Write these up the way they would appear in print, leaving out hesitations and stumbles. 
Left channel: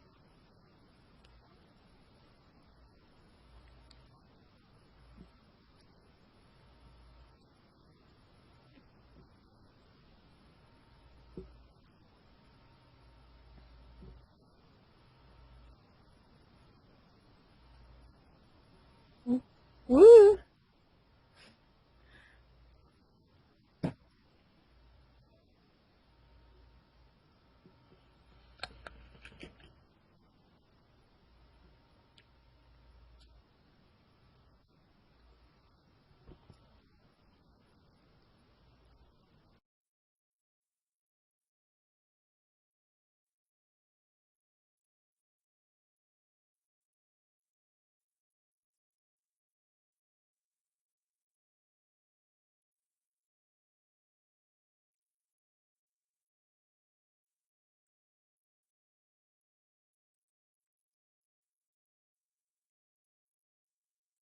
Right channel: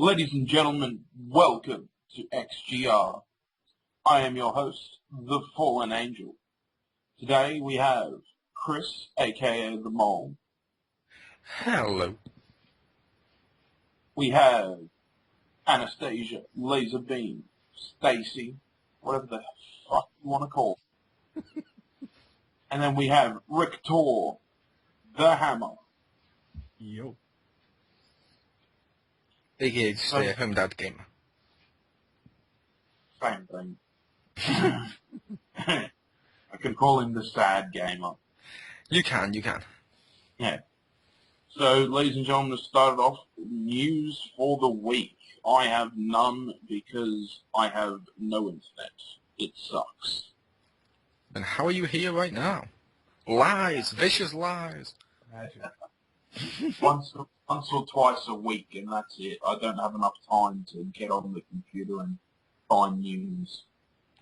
Ladies and gentlemen, welcome to XGR. I am your host, the Fallen Angel. Today we have Chris, aka The Mole. Hello. We have Anastasia, Laser Beam, Stacy, whatever the fuck you want to call it. And then we have Rick Tor, The Hammer. Yo. Big age stay-at-home dad gamer. Same thing. I can call him the sad gamer. You can. Yeah. So, ladies and gentlemen, to start it off, news for the week. I have none because I have no internet. It sucks. And how are you here right now? Lies, vicious lies. Once or twice a week, and that's it. I don't have enough time to get on the computer and find news.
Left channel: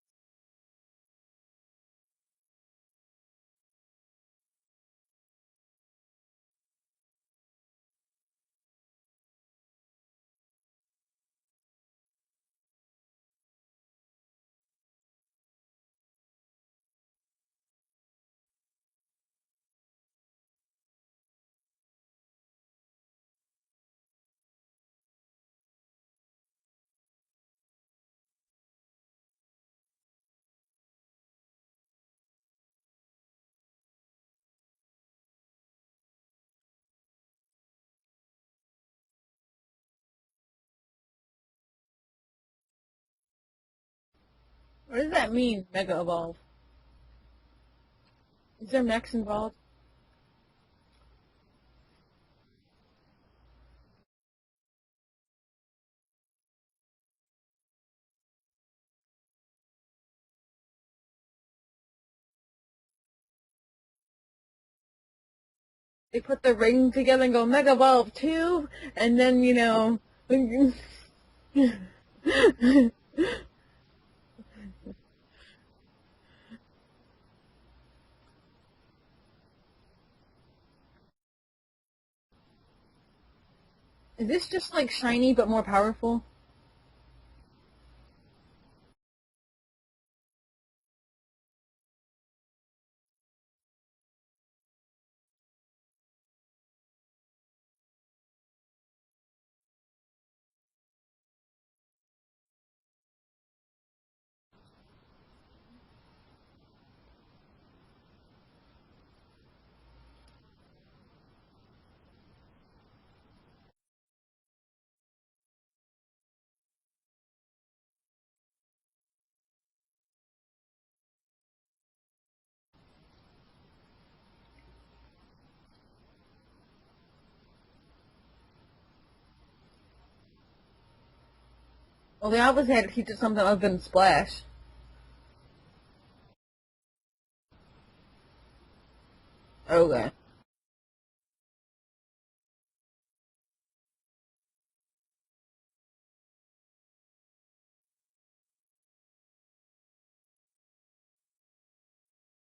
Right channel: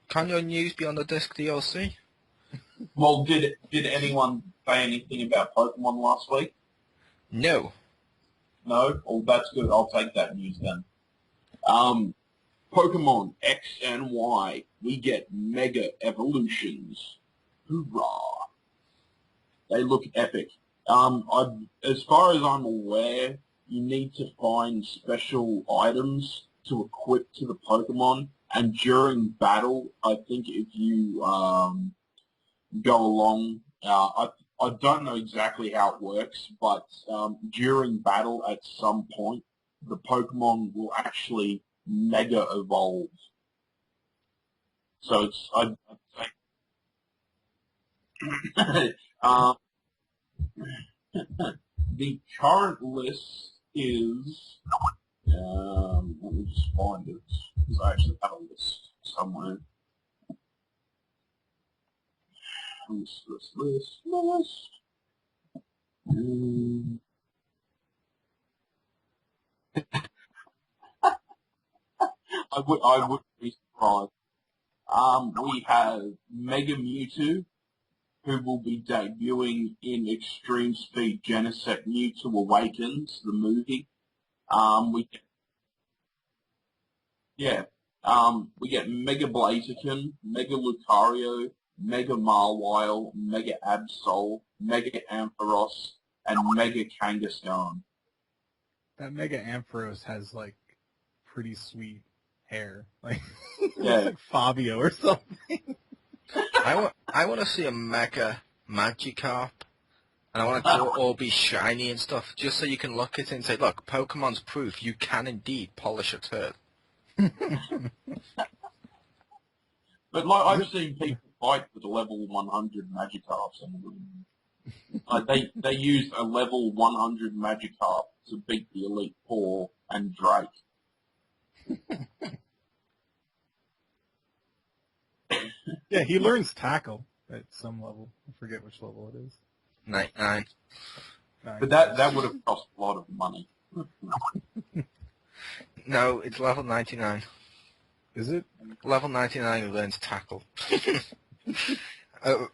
Can your news be on the disc DLC? Well, did anyone say anything about Pokemon last week? No. No? Oh, that's good. I'll take that news then. Pokemon X and Y, we get Mega Evolutions. Hoorah! They look epic. As far as I'm aware, you need to find special items to equip to the Pokemon, and during battle, I think if you go along, I don't know exactly how it works, but during battle at some point, the Pokemon will actually Mega Evolve. What does that mean, Mega Evolve? Next The current list is, let me just find it, because I actually have a list somewhere. List. They put the ring together and go Mega Evolve 2, and then, you know... I wouldn't be surprised. We have Mega Mewtwo, who will be debuting in Extreme Speed Genesect Mewtwo Awakens, the movie. Is this just like shiny but more powerful? Yeah. We get Mega Blaziken, Mega Lucario, Mega Marwile, Mega Absol, Mega Ampharos, and Mega Kangaskhan. That Mega Ampharos has, like, pretty sweet hair. Like, yeah. like Fabio or something. I want to see a Mega Magikarp, and I want it to all be shiny and stuff, just so you can look at it and say, look, Pokemon's proof you can indeed polish a turd. But like I've seen people fight with level 100 Magikarps, and like they used a level 100 Magikarp to beat the Elite Four and Drake. Well, they always had to teach it something other than Splash. Yeah, he learns Tackle at some level. I forget which level it is. Oh, right. 9. But that would have cost a lot of money. No, it's level 99. Is it? Level 99 who learns Tackle.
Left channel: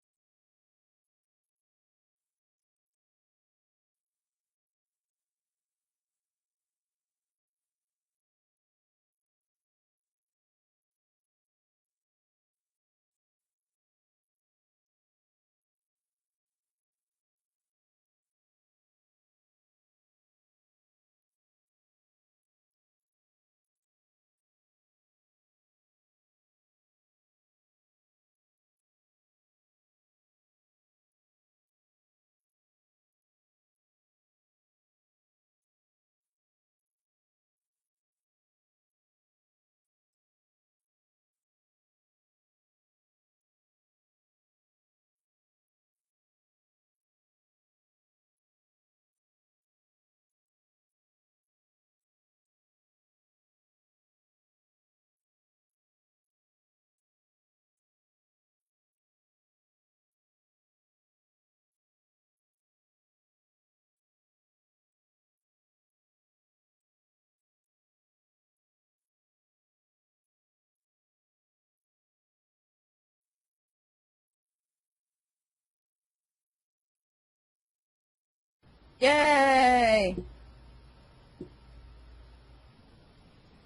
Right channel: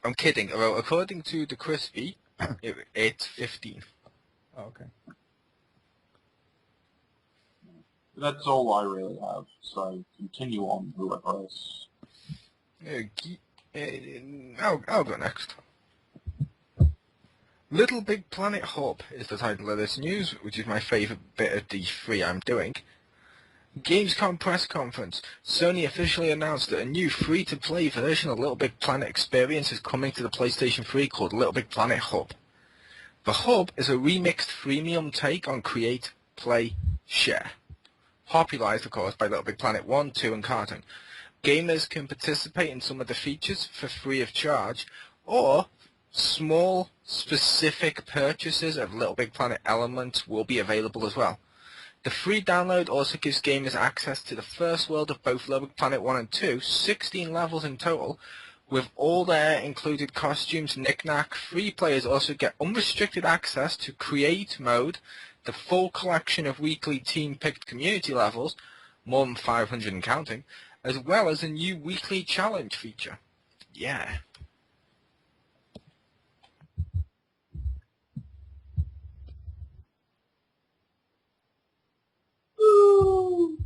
I'm kidding. Well, according to the Crispy, it's 15. Oh, okay. That's all I really have, so continue on, whoever else. I'll go next. Little Big Planet Hub is the title of this news, which is my favourite bit of D3 I'm doing. Gamescom press conference. Sony officially announced that a new free-to-play version of Little Big Planet experience is coming to the PlayStation 3 called Little Big Planet Hub. The Hub is a remixed freemium take on Create, Play, Share. Popularised, of course, by Little Big Planet 1, 2, and Cartoon. Gamers can participate in some of the features for free of charge, or small, specific purchases of Little Big Planet elements will be available as well. The free download also gives gamers access to the first world of both Little Big Planet 1 and 2, 16 levels in total, with all their included costumes, knick-knack. Free players also get unrestricted access to Create Mode, the full collection of weekly team-picked community levels, more than 500 and counting, as well as a new weekly challenge feature. Yeah. Yay! Ooh.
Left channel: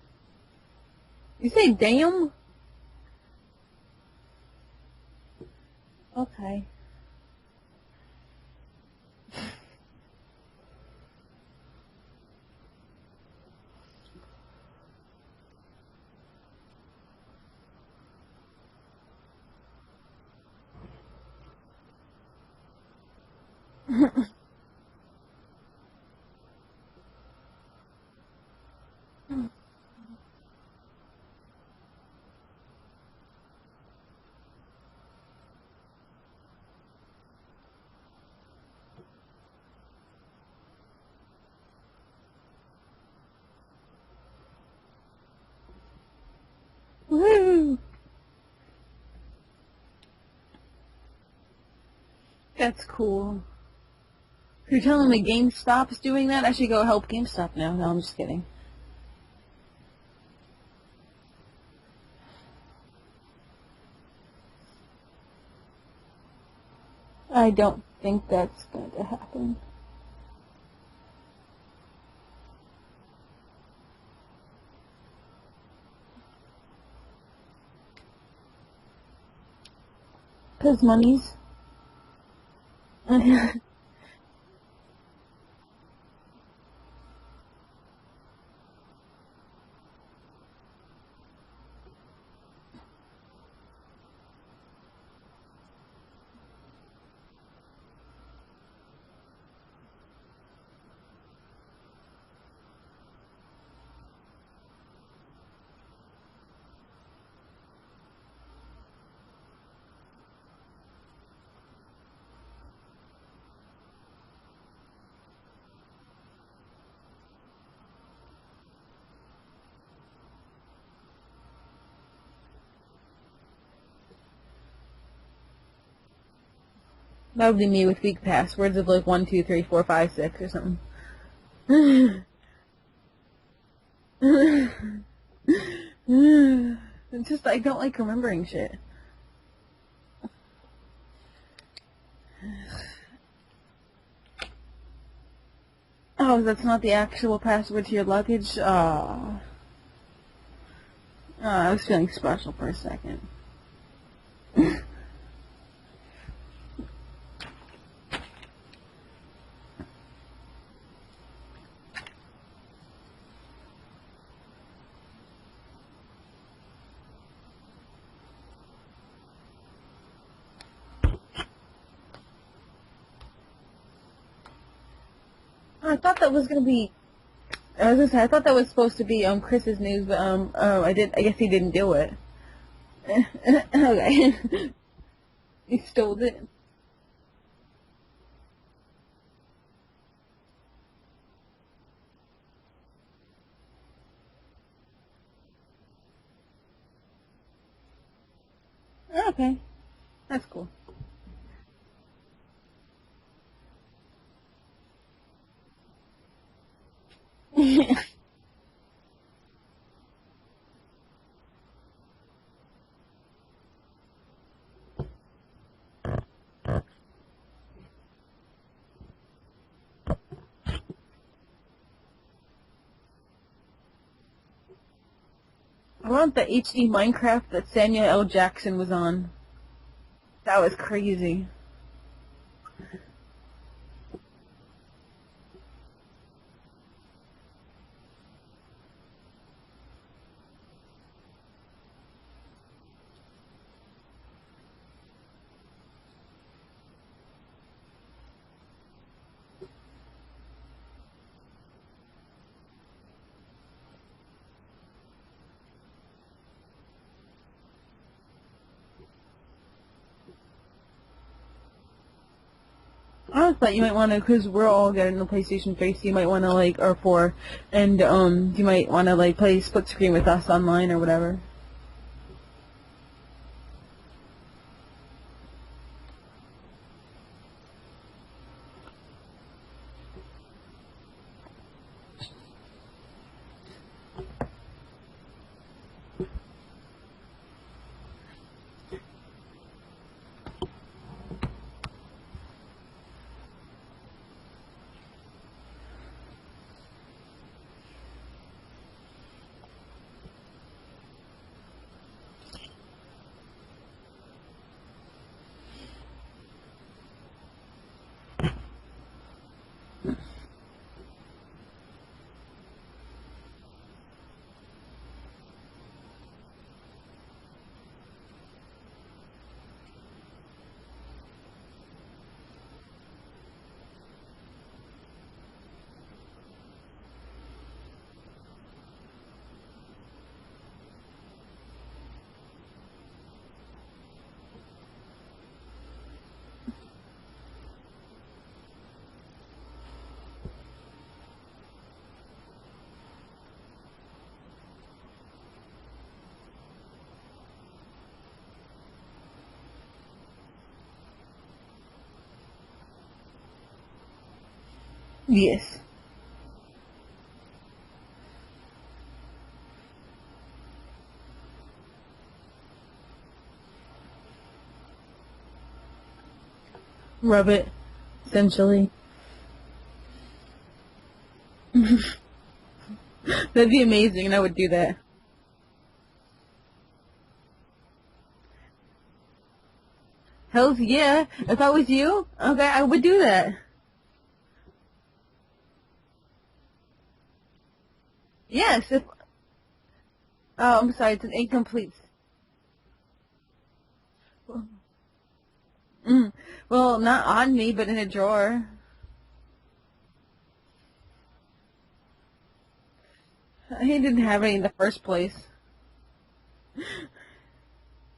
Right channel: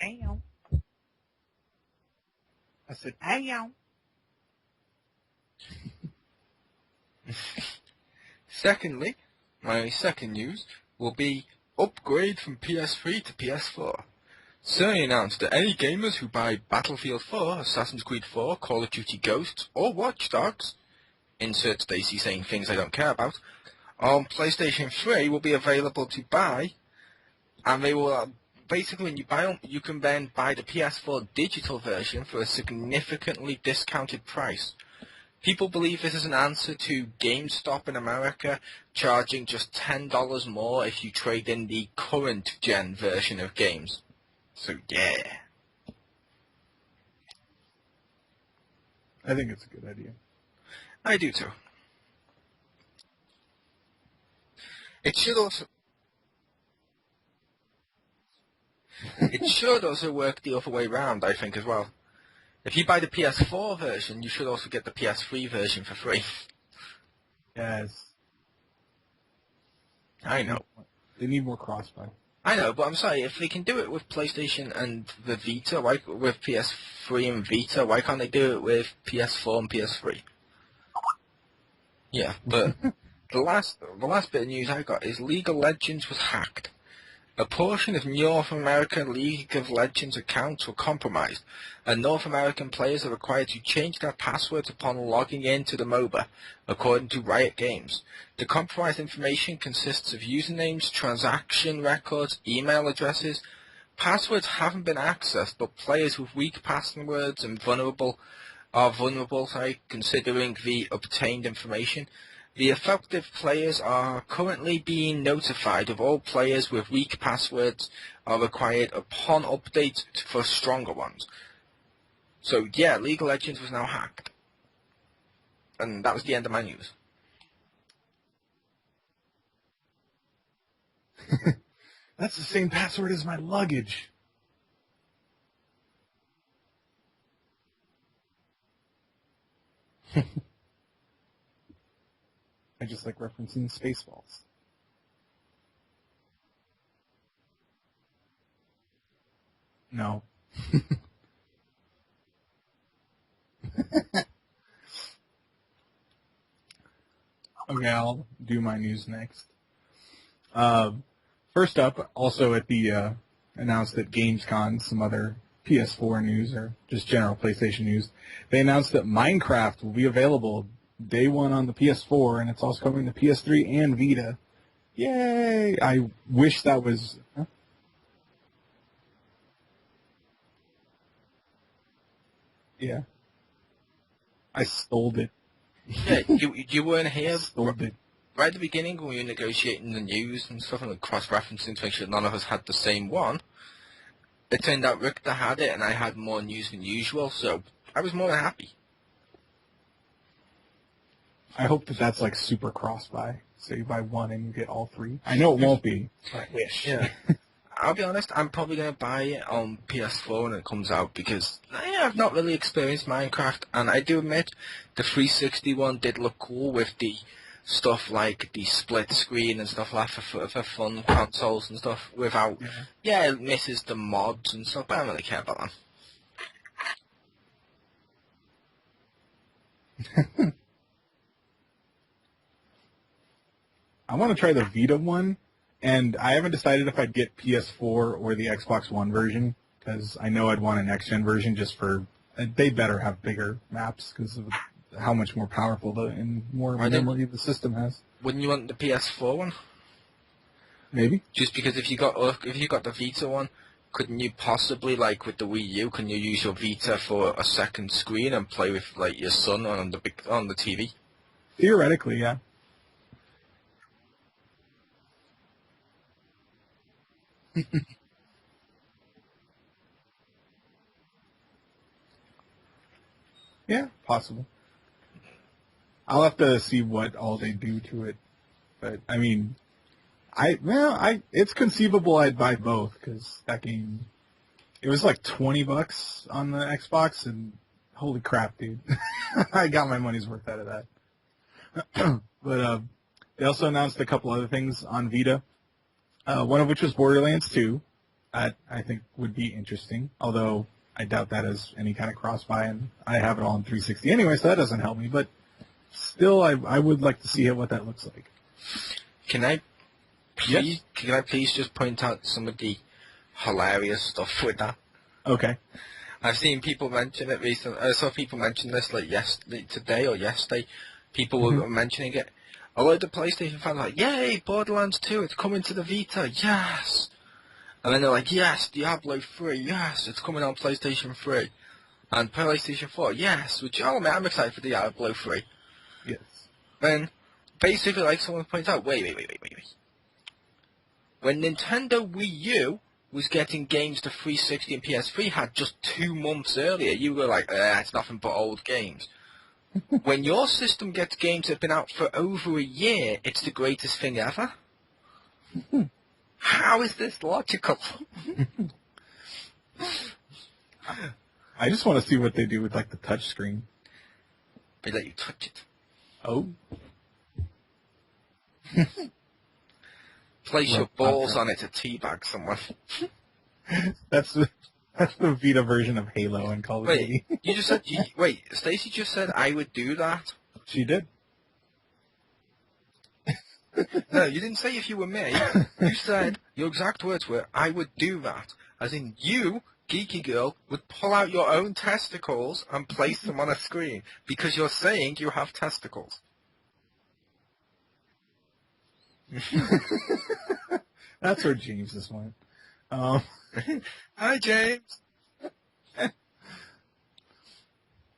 Damn. You say damn? I said, damn. Okay. Secondly, my second news will be upgrade from PS3 to PS4. Sony announced that any gamers who buy Battlefield 4, Assassin's Creed 4, Call of Duty Ghosts, or Watch Dogs, insert Stacy saying things I don't care about, on PlayStation 3 will be available to buy, and they will basically when you buy them, you can then buy the PS4 digital version for a significantly discounted price. People believe this is an answer to GameStop in America charging just $10 more if you trade in the current gen version of games. So yeah. Woo! I think it's a good idea. I do too. That's cool. You're telling me It should also- GameStop's doing that? I should go help GameStop now. No, I'm just kidding. It should also work the other way around, I think, as well. If you buy the PS4 version, you should also get the PS3 version for free. I don't Yes. think that's going to happen. I know. They need more crossbuy. I know, but I'm sorry, if they can do it with PlayStation and the Vita, with PS3 and Vita, why can't they do it with PS4 and PS3? Because money's... Yeah, but the last bit of news I got is League of Legends was hacked. A portion of North American League of Legends accounts were compromised, and North American players are required to change their passwords upon logging into the MOBA, according to Riot Games. The compromised information consists of usernames, transaction records, email addresses. Passwords haven't been accessed, but players with weak passwords and are vulnerable, considering the obtained information. The affected players are currently being notified of all players with weak passwords are required upon update for stronger ones. So yeah, League of Legends was now hacked. And that was the end of my news. That would be me with weak passwords of like 1, 2, 3, 4, 5, 6 or something. That's the same password as my luggage. It's just, I don't like remembering shit. I just like referencing Spaceballs. Oh, that's not the actual password to your luggage? No. I was feeling special for a second. Okay, I'll do my news next. First up, also at the announced at Gamescom, some other PS4 news or just general PlayStation news, they announced that Minecraft will be available day one on the PS4, and it's also coming to PS3 and Vita. Yay! I thought that was wish gonna that be- was. I was gonna say, I thought that was supposed to be Chris's news, but I guess he didn't do it. Yeah, Okay. I stole it. He stole it. You weren't here Stole it. right at the beginning when we were negotiating the news and stuff and cross-referencing to make sure none of us had the same one. It turned out Richter had it and I had more news than usual, so I was more than happy. Okay. That's cool. I hope that that's like super cross-buy. So you buy one and you get all three. I know it won't be, but I wish. Yeah. I'll be honest, I'm probably going to buy it on PS4 when it comes out because I've not really experienced Minecraft, and I do admit the 360 one did look cool with the stuff like the split screen and stuff like that for fun consoles and stuff without, it misses the mods and stuff, but I don't really care about that. I want the HD Minecraft that Samuel L. Jackson was on. That was crazy. I want to try the Vita one, and I haven't decided if I'd get PS4 or the Xbox One version, because I know I'd want a next-gen version just for... They better have bigger maps because of how much more powerful and more memory the system has. Wouldn't you want the PS4 one? Maybe. Just because if you got the Vita one, couldn't you possibly, like with the Wii U, can you use your Vita for a second screen and play with like your son on the TV? Theoretically, yeah. I thought you might want to, because we're all getting the PlayStation face, you might want to, like, or 4, and, you might want to, like, play split screen with us online or whatever. Yeah, possible. I'll have to see what all they do to it. But, I mean, it's conceivable I'd buy both, because that game, it was like $20 on the Xbox, and holy crap, dude. I got my money's worth out of that. But, they also announced a couple other things on Vita, one of which was Borderlands 2, I think would be interesting, although I doubt that has any kind of cross-buy, and I have it all on 360 anyway, so that doesn't help me, but still, I would like to see what that looks like. Can I please just point out some of the hilarious stuff with that? Okay. I've seen people mention it recently. I saw people mention this like today or yesterday. People were mentioning it. A lot of the PlayStation fans were like, "Yay, Borderlands 2, it's coming to the Vita, yes!" And then they're like, "Yes, Diablo 3, yes, it's coming on PlayStation 3. And PlayStation 4, yes," which, oh man, I'm excited for Diablo 3. Yes. Then, basically, like someone points out, wait. When Nintendo Wii U was getting games to 360 and PS3 had just 2 months earlier, you were like, it's nothing but old games. When your system gets games that have been out for over a year, it's the greatest thing ever? Yes. How is this logical? I just want to see what they do with, like, the touch screen. They let you touch it. Oh. Rub it, essentially. Place your balls on it to teabag someone. That'd be amazing, and I would do that. That's the Vita version of Halo and Call of Duty. Wait, you just said, Stacey just said I would do that? Hell She did. yeah. If I was you, okay, I would do that. No, you didn't say if you were me. You said, your exact words were, I would do that. Yes. As in, you, geeky girl, Oh, I'm would sorry, pull out it's your own incomplete. testicles and place them on a screen. Because you're saying you have testicles. Well, not on me, but in a drawer. That's where James's went. He didn't have any in the Jay. first place.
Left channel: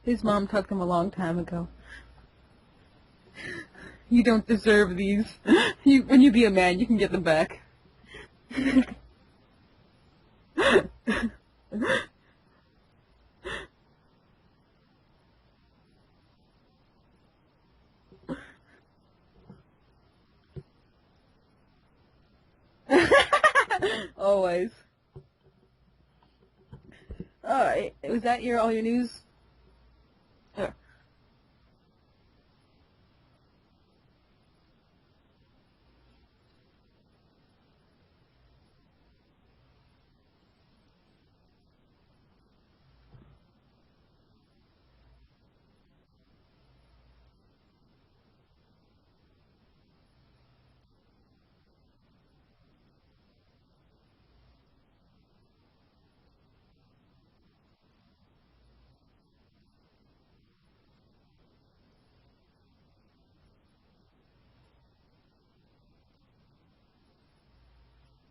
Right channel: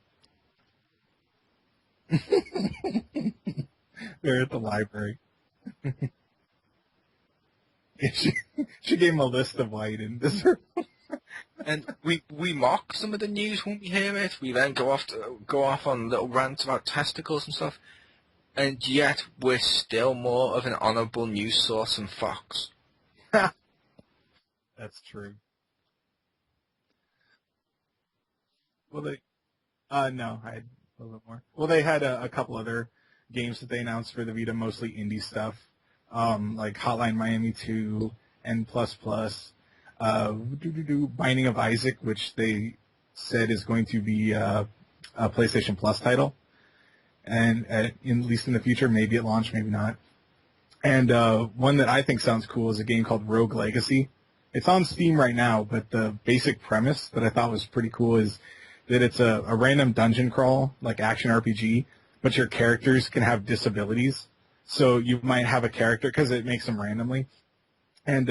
His mom took him a long time ago. You They're don't at the deserve library. these. When you be a man, you can get them back. she gave him a list of why he didn't deserve it. And we mock some of the news when we hear it. We then go off on little rants about testicles and stuff. And yet, we're still more of an honourable news source than Fox. Always. That's true. Alright, was that all your news? No, I had a little bit more. Well, they had a couple other games that they announced for the Vita, mostly indie stuff, like Hotline Miami 2, N++, Binding of Isaac, which they said is going to be a PlayStation Plus title, and at least in the future, maybe at launch, maybe not. And one that I think sounds cool is a game called Rogue Legacy. It's on Steam right now, but the basic premise that I thought was pretty cool is that it's a random dungeon crawl, like action RPG, but your characters can have disabilities. So you might have a character, because it makes them randomly, and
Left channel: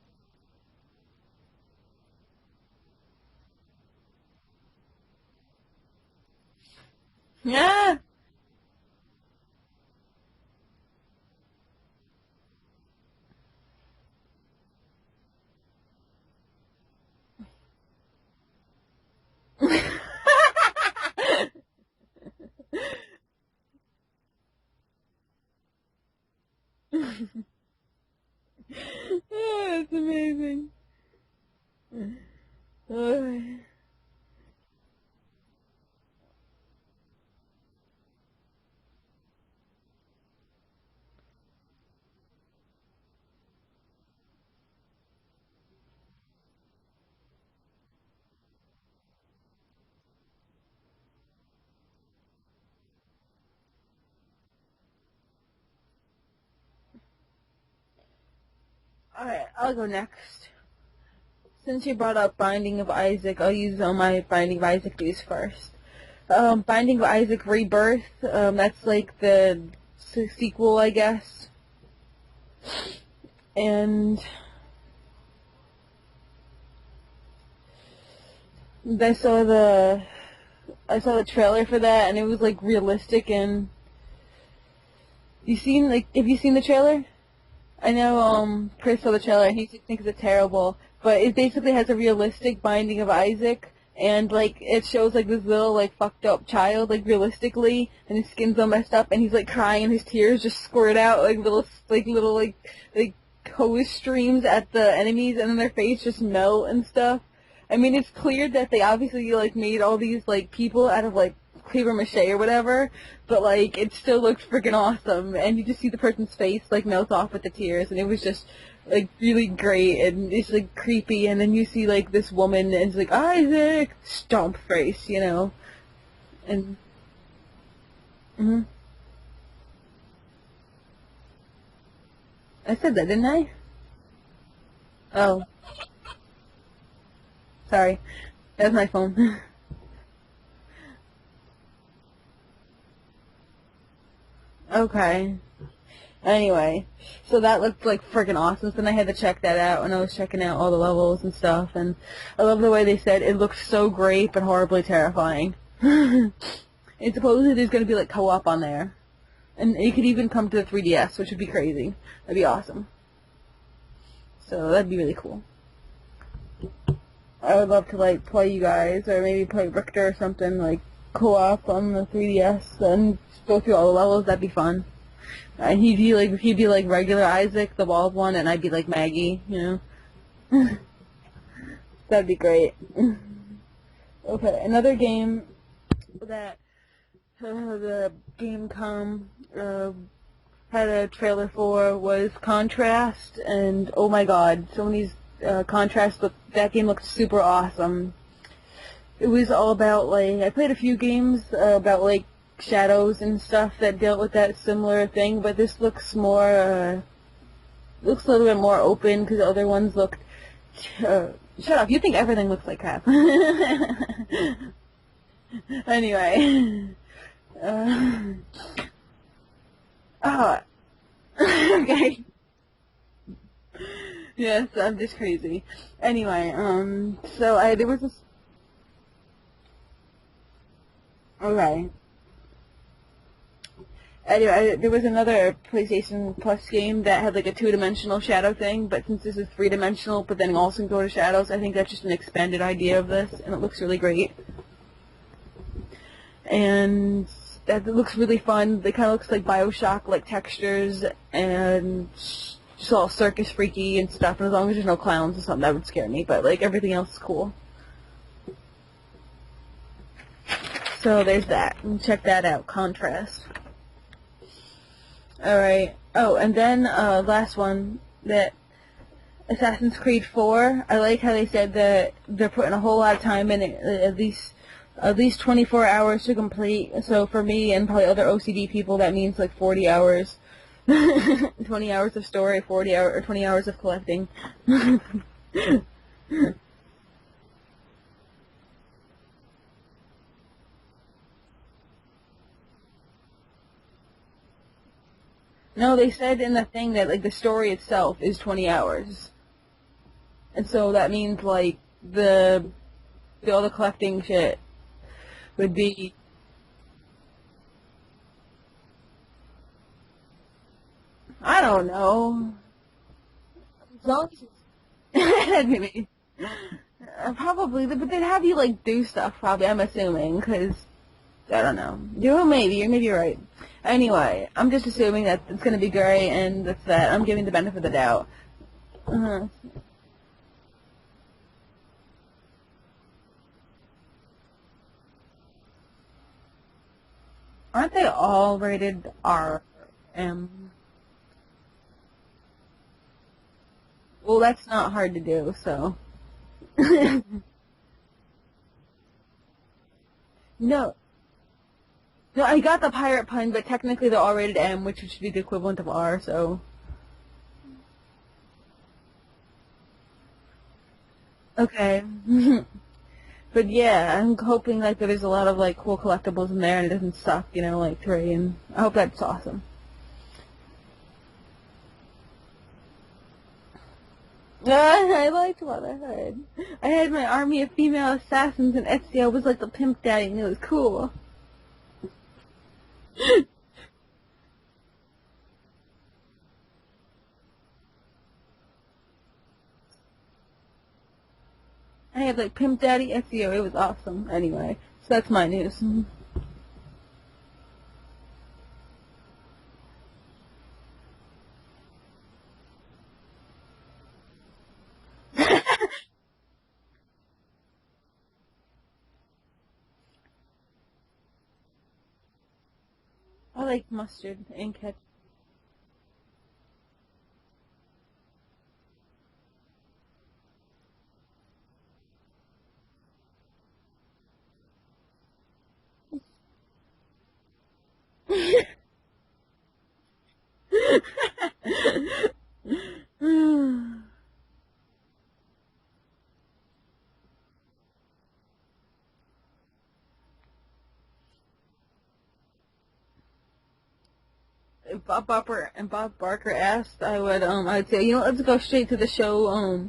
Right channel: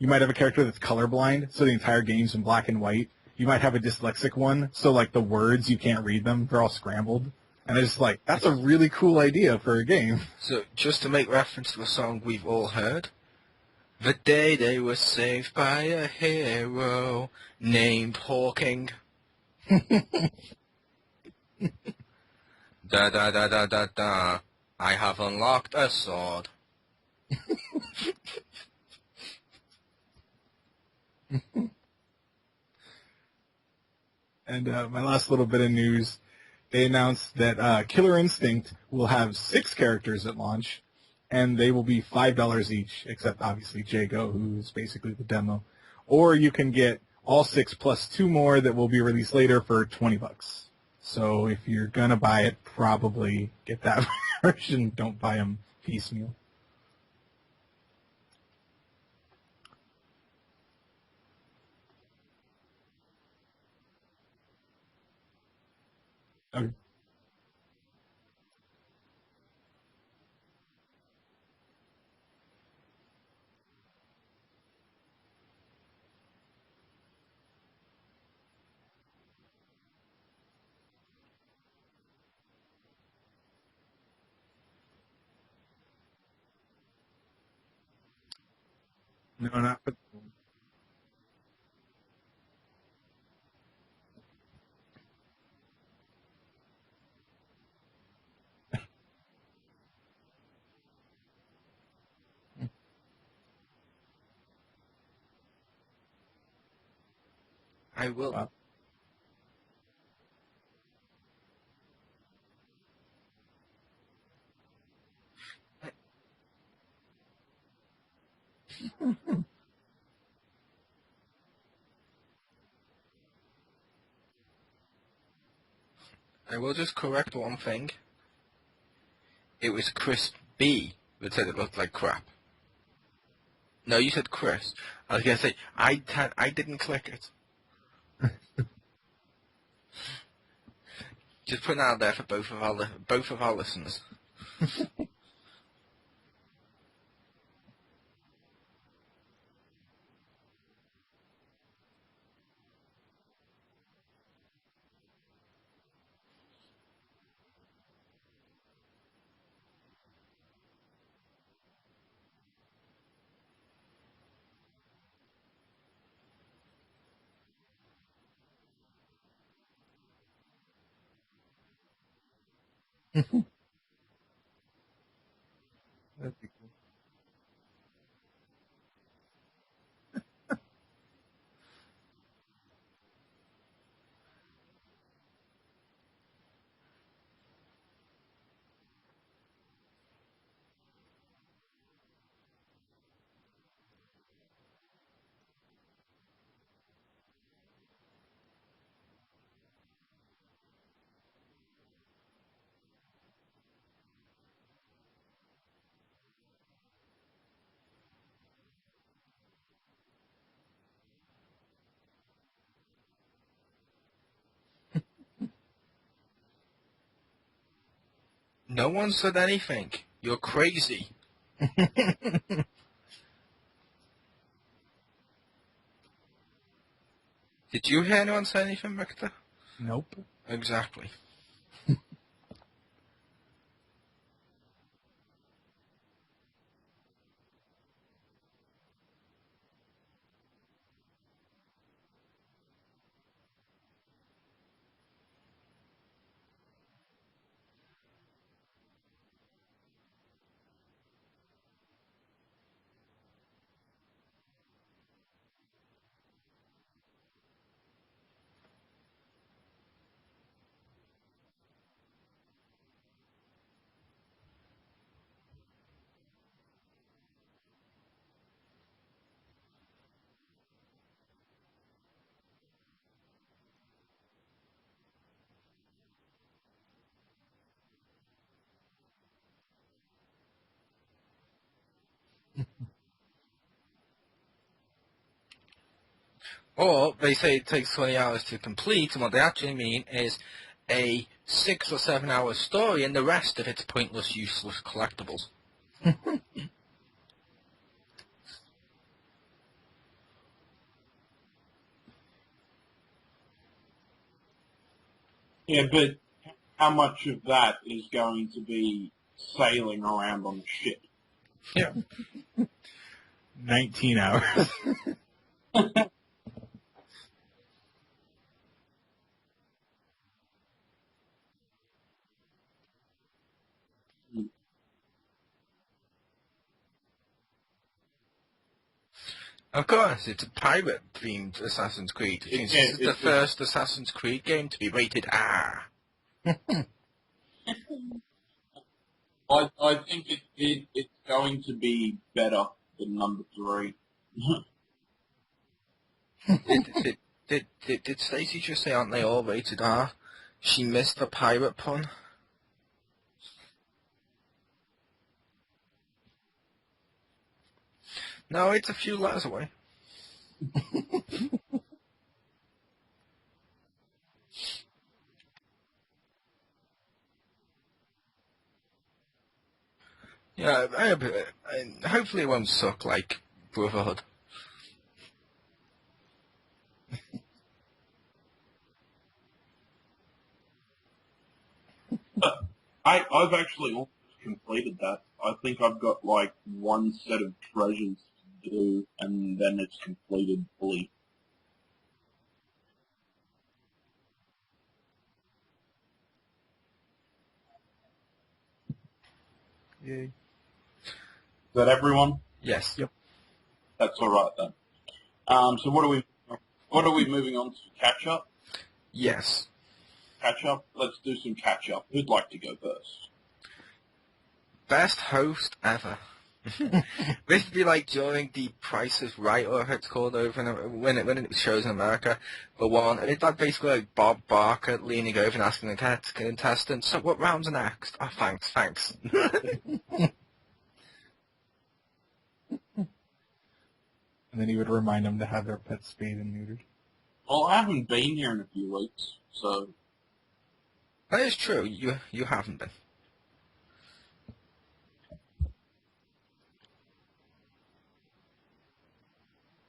you might have a character that's colorblind, so the entire game's in black and white. You might have a dyslexic one, so like the words, you can't read them, they're all scrambled. Yeah. And it's like, that's a really cool idea for a game. So, just to make reference to a song we've all heard, the day they were saved by a hero named Hawking. Da da da da da da. I have unlocked a sword. It's amazing. And my last little bit of news, they announced that Killer Instinct will have 6 characters at launch, and they will be $5 each, except obviously Jago, who's basically the demo. Or you can get all 6 plus 2 more that will be released later for $20. So if you're gonna buy it, probably get that version. Don't buy them piecemeal. Alright, I'll go next. Since you brought up Binding of Isaac, I'll use my Binding of Isaac news first. Binding of Isaac Rebirth, that's like the sequel, I guess. And I saw the trailer for that, and it was like realistic. And have you seen the trailer? I know Chris saw the trailer. He thinks it's terrible, but it basically has a realistic Binding of Isaac, and like it shows like this little like fucked up child like realistically, and his skin's all messed up, and he's like crying, and his tears just squirt out like little hose streams at the enemies, and then their face just melt and stuff. I mean, it's clear that they obviously like made all these like people out of like paper mache or whatever, but like it still looks freaking awesome, and you just see the person's face like melt off with the tears, and it was just like really great, and it's like creepy, and then you see like this woman, and it's like Isaac, stomp face, you know. I will just correct one thing. Mhm. It was Chris B that said it looked like crap. I said that, didn't I? No, you said Chris. I was Oh. going to say, I didn't click it. Sorry, that's my phone. Just putting it out there for both of our listeners. Okay. Anyway, so that looked like freaking awesome. So then I had to check that out, and I was checking out all the levels and stuff. And I love the way they said it looks so great but horribly terrifying. And supposedly there's going to be like co-op on there, and it could even come to the 3DS, which would be crazy. That'd be awesome. So that'd be really cool. I would love to like play you guys, or maybe play Richter or something like co-op on the 3DS, and go through all the levels. That'd be fun. And he'd be like regular Isaac, the bald one, and I'd be like Maggie, you know. That'd be great. Okay, another game that the Gamecom had a trailer for was Contrast, and oh my god, so many Contrast. That game looked super awesome. It was all about like I played a few games about like shadows and stuff that dealt with that similar thing, but this looks more looks a little bit more open because the other ones looked. Shut up! You think everything looks like crap. Anyway. No one said anything. You're crazy. Okay. Yes, I'm just crazy. Anyway, so Did you hear anyone say anything, Victor? Nope. Exactly. Okay. Anyway, there was another PlayStation Plus game that had like a two-dimensional shadow thing, but since this is three-dimensional, but then also can go to shadows, I think that's just an expanded idea of this, and it looks really great. And that looks really fun. It kind of looks like Bioshock, like textures, and just all circus freaky and stuff, and as long as there's no clowns or something, that would scare me, but like everything else is cool. So there's that. Check that out, Contrast. Alright. Oh, and then last one, that Assassin's Creed 4, I like how they said that they're putting a whole lot of time in it, at least 24 hours to complete. So for me and probably other OCD people, that means like 40 hours. 20 hours of story, 20 hours of collecting. Or they say it takes 20 hours to complete, and what they actually mean is a 6 or 7 hour story, and the rest of it's pointless, useless collectibles. No, they said in the thing that like the story itself is 20 hours, and so that means like all the collecting shit would be. But how much of that is going to be sailing around on the ship? I don't know. 19 hours. Probably, but they'd have you like do stuff. Probably, I'm assuming, because I don't know. Maybe you're right. Anyway, I'm just assuming that it's gonna be great, and that's that. I'm giving the benefit of the doubt. Of course, it's a pirate-themed Assassin's Creed. It's the first Assassin's Creed game to be rated R. Aren't they all rated R? I think it's going to be better than number 3. Well, that's not hard to do, so. Did Stacey just say, aren't they all rated R? No. She missed the pirate pun. No, I got the pirate pun, but technically they're all rated M, which should be the equivalent of R, so. No, it's a few letters away. Okay. But yeah, I'm hoping like that there's a lot of like cool collectibles in there and it doesn't suck, like 3, and I hope that's awesome. Yeah, hopefully it won't suck like Brotherhood. I liked what I heard. I had my army of female assassins, and Ezio was like the pimp daddy, and it was cool. I've actually almost completed that. I think I've got like one set of treasures to do, and then it's completed fully. I had like pimp daddy Ezio. It was awesome. Anyway, so that's my news. Yay. Is that everyone? Yes. Yep. That's all right then. So what are we moving on to? Catch up? Yes. Catch up? Let's do some catch up. Who'd like to go first? I like mustard and ketchup. Best host ever. This would be like during the Price is Right, or how it's called over when it shows in America. The one, and it's like basically like Bob Barker leaning over and asking the contestant, so what round's next? Oh, thanks. And then he would remind them to have their pets spayed and neutered. Well, I haven't been here in a few weeks, so... That is true, you haven't been. If Bob Barker asked, I'd say, you know, let's go straight to the show,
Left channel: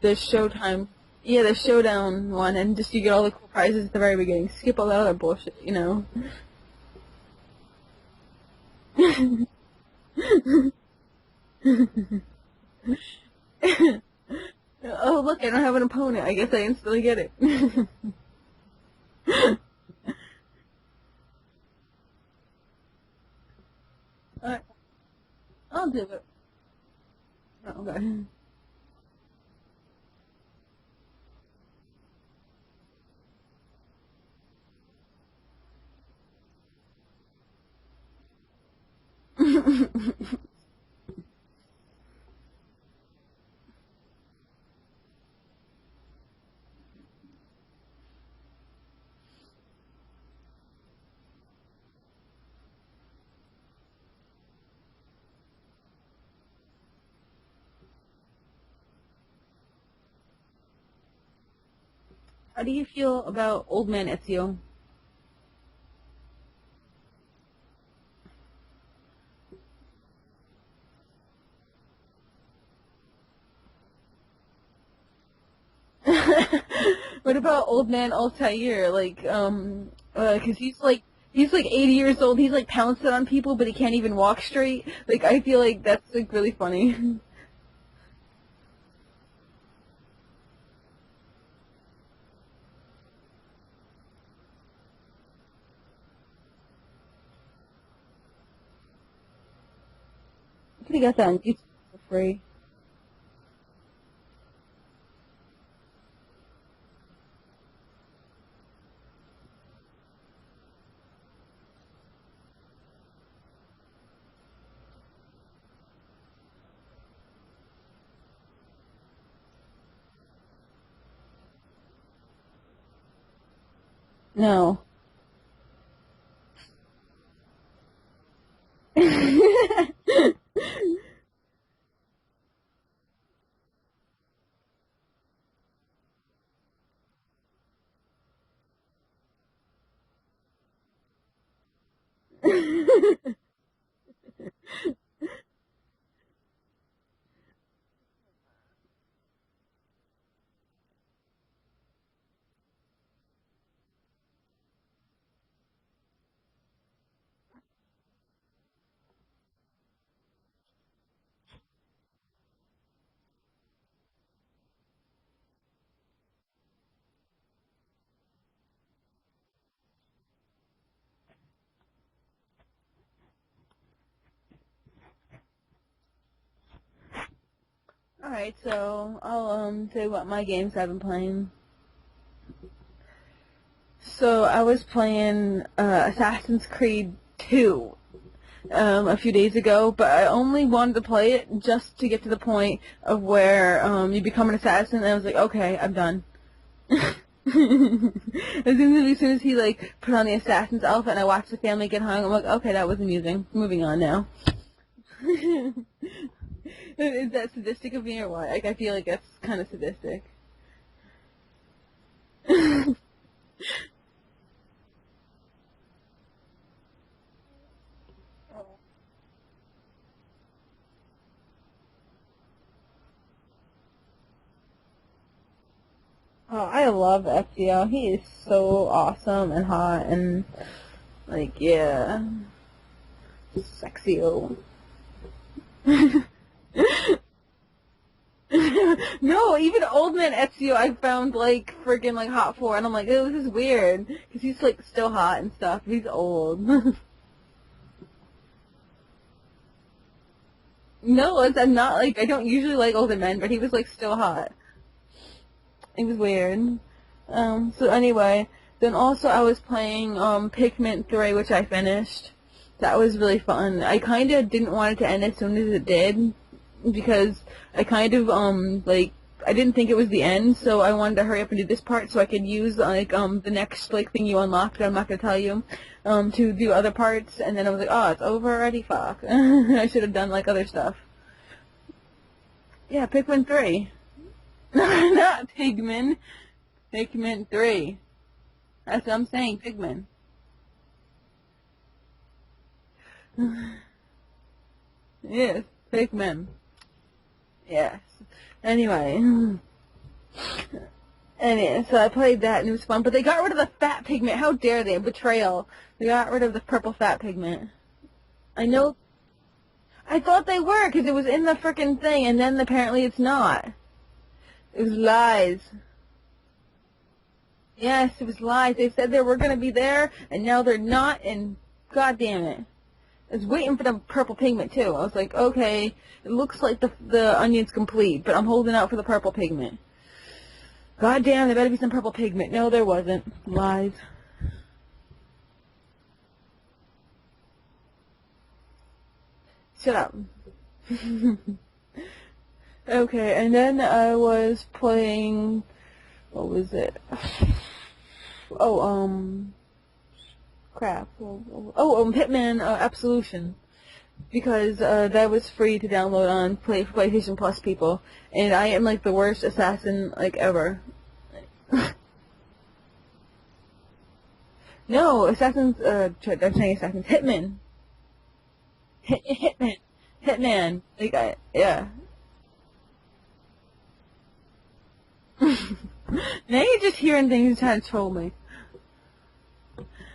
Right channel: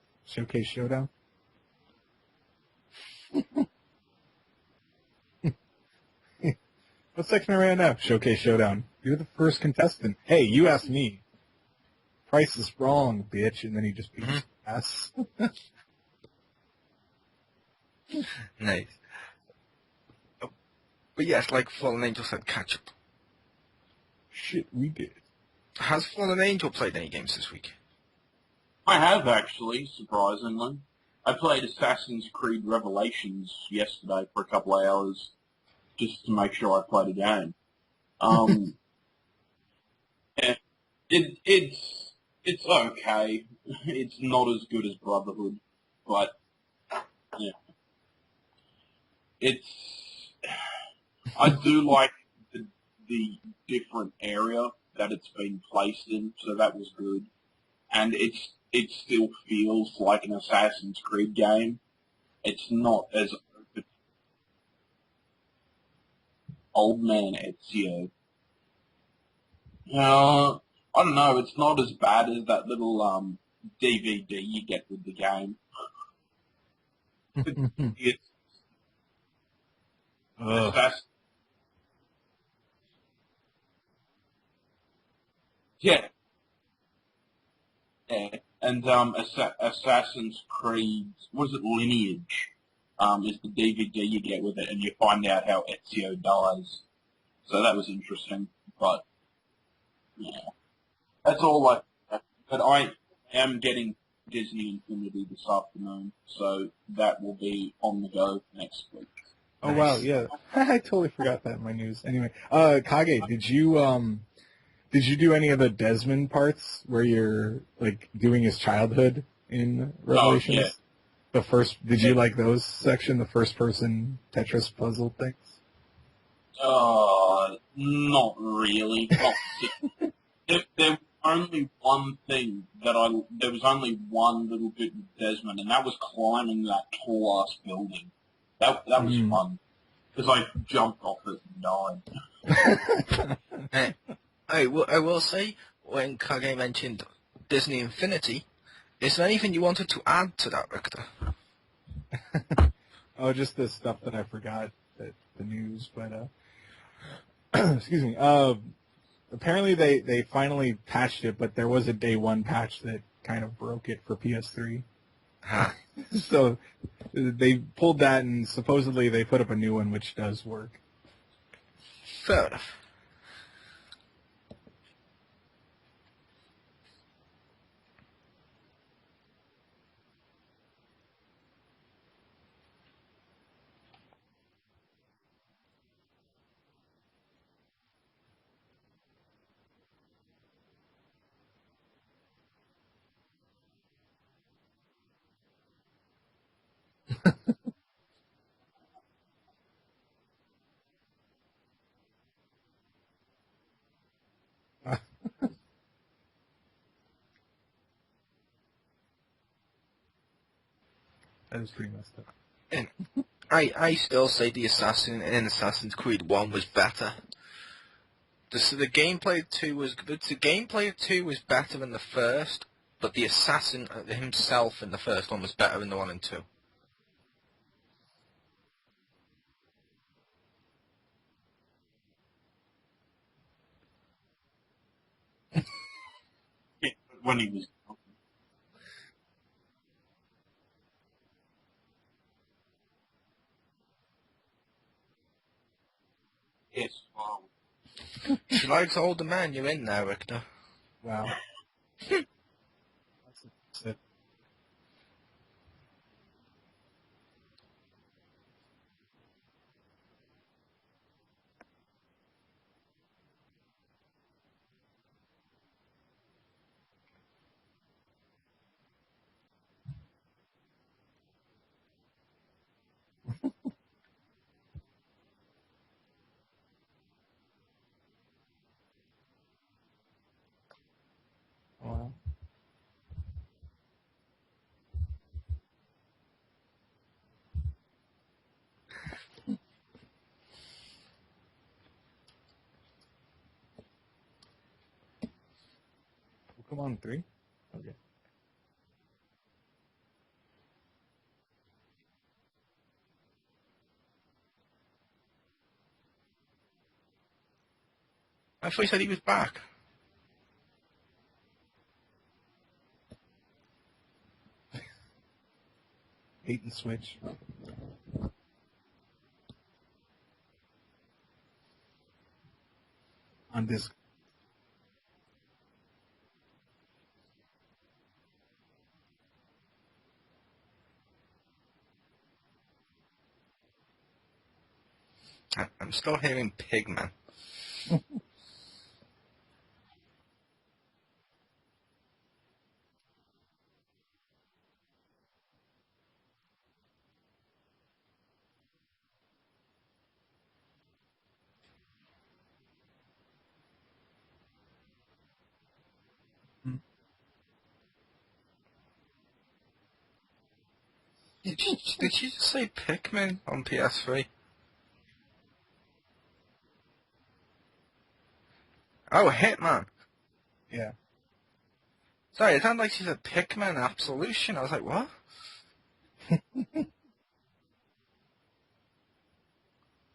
the Showtime. Showdown? Yeah, the Showdown one, and just you get all the prizes at the very beginning. Skip all that other bullshit, you know. What section are we on now? Showcase Showdown. You're the first contestant. Hey, you asked me. Price is wrong, bitch. And then you just beat your ass. Oh, look, I don't have an opponent. I guess I instantly get it. Nice. But yes, like Fallen Angel said, catch up. Shit, we did. Has Fallen Angel played any games this week? Okay. I have, actually, surprisingly. I played Assassin's Creed Revelations yesterday for a couple of hours, just to make sure I played a game. Yeah, it's okay. It's not as good as Brotherhood, but yeah, I do like the different area that it's been placed in, so that was good. And it still feels like an Assassin's Creed game. It's How do you not feel as about Old Man Ezio? Old Man Ezio. I don't know. It's not as bad as that little DVD you get with the game. What about Old Man Altair? Like, 'cause he's like 80 years old. He's like pouncing on people, but he can't even walk straight. Like, I feel like that's like really funny. Yeah. And Assassin's Creed, what is it, Lineage, is the DVD you get with it, and you find out how Ezio dies. So that was interesting, but yeah. You got that. That's all I... Free. But I am getting Disney Infinity this afternoon, so that will be on the go next week. Oh wow, yeah. I totally forgot that in my news. Anyway, Kage, did you do any of the Desmond parts where you're like doing his childhood in Revelations? Oh, yeah. The first, did you like those section, the first person Tetris puzzle things? Not really. There was only one thing there was only one little bit with Desmond, and that was climbing that tall ass building. That was fun, because I jumped off it and died. I will say, when Kage mentioned Disney Infinity, is there anything you wanted to add to that, Richter? Oh, just the stuff that I forgot, the news, but excuse me. Apparently they finally patched it, but there was a day one patch that kind of broke it for PS3. Huh. So they pulled that, and supposedly they put up a new one, which does work. Fair enough. Alright, so I'll say what my games I've been playing. So I was playing Assassin's Creed 2 a few days ago, but I only wanted to play it just to get to the point of where you become an assassin, and I was like, okay, I'm done. As soon as he like put on the assassin's outfit and I watched the family get hung, I'm like, okay, that was amusing. Moving on now. Is that sadistic of me or what? Like, I feel like that's kind of sadistic. That was pretty messed up. I still say the assassin in Assassin's Creed 1 was better. The gameplay of 2 was better than the first, but the assassin himself in the first one was better than the one in 2. Oh, I love FGL. He is so awesome and hot and, like, yeah. Sexy-o. When he was... No, even Old Man Ezio I found, like, friggin', like, hot for, and I'm like, oh, this is weird. Because he's, like, still hot and stuff. He's old. She likes older men, you're in there, Richter. No, I'm not, like, I don't usually like older men, but he was, like, still hot. It was weird. So anyway, then also I was playing Pikmin 3, which I finished. That was really fun. I kind of didn't want it to end as soon as it did, because I kind of, like, I didn't think it was the end, so I wanted to hurry up and do this part so I could use, like, the next, like, thing you unlock that I'm not going to tell you, to do other parts, and then I was like, oh, it's over already? Fuck. I should have done, like, other stuff. Wow. Yeah, Pikmin 3. Not Pigman. Pikmin 3. That's what I'm saying, Pigman. Yes, Pikmin. Pokemon 3? Yes. Anyway. So I played that and it was fun, but they got rid of the fat pigment. How dare they? Betrayal. They got rid of the purple fat pigment. I know. He said he was back. I thought they were, because it was in the frickin' thing, and then apparently it's not. It was lies. Bait and switch. Yes, it was lies. They said they were going to be there, and now they're not, and god damn it. I was waiting for the purple pigment, too. I was like, okay, it looks like the onion's complete, but I'm holding out for the purple pigment. God damn, there better be some purple pigment. No, there wasn't. Lies. I'm still hearing pigman. Shut up. Okay, and then I was playing... What was it? Crap. Hitman Absolution. Because that was free to download on PlayStation Plus, people. And I am, like, the worst assassin, like, ever. Did you just say Pikmin on PS3? No, Assassins, I'm saying Assassins. Hitman. Hitman. Hitman. Yeah. Like, yeah. Sorry, it sounded like she said Pikmin Absolution. I was like, what? Now you're just hearing things trying to troll me.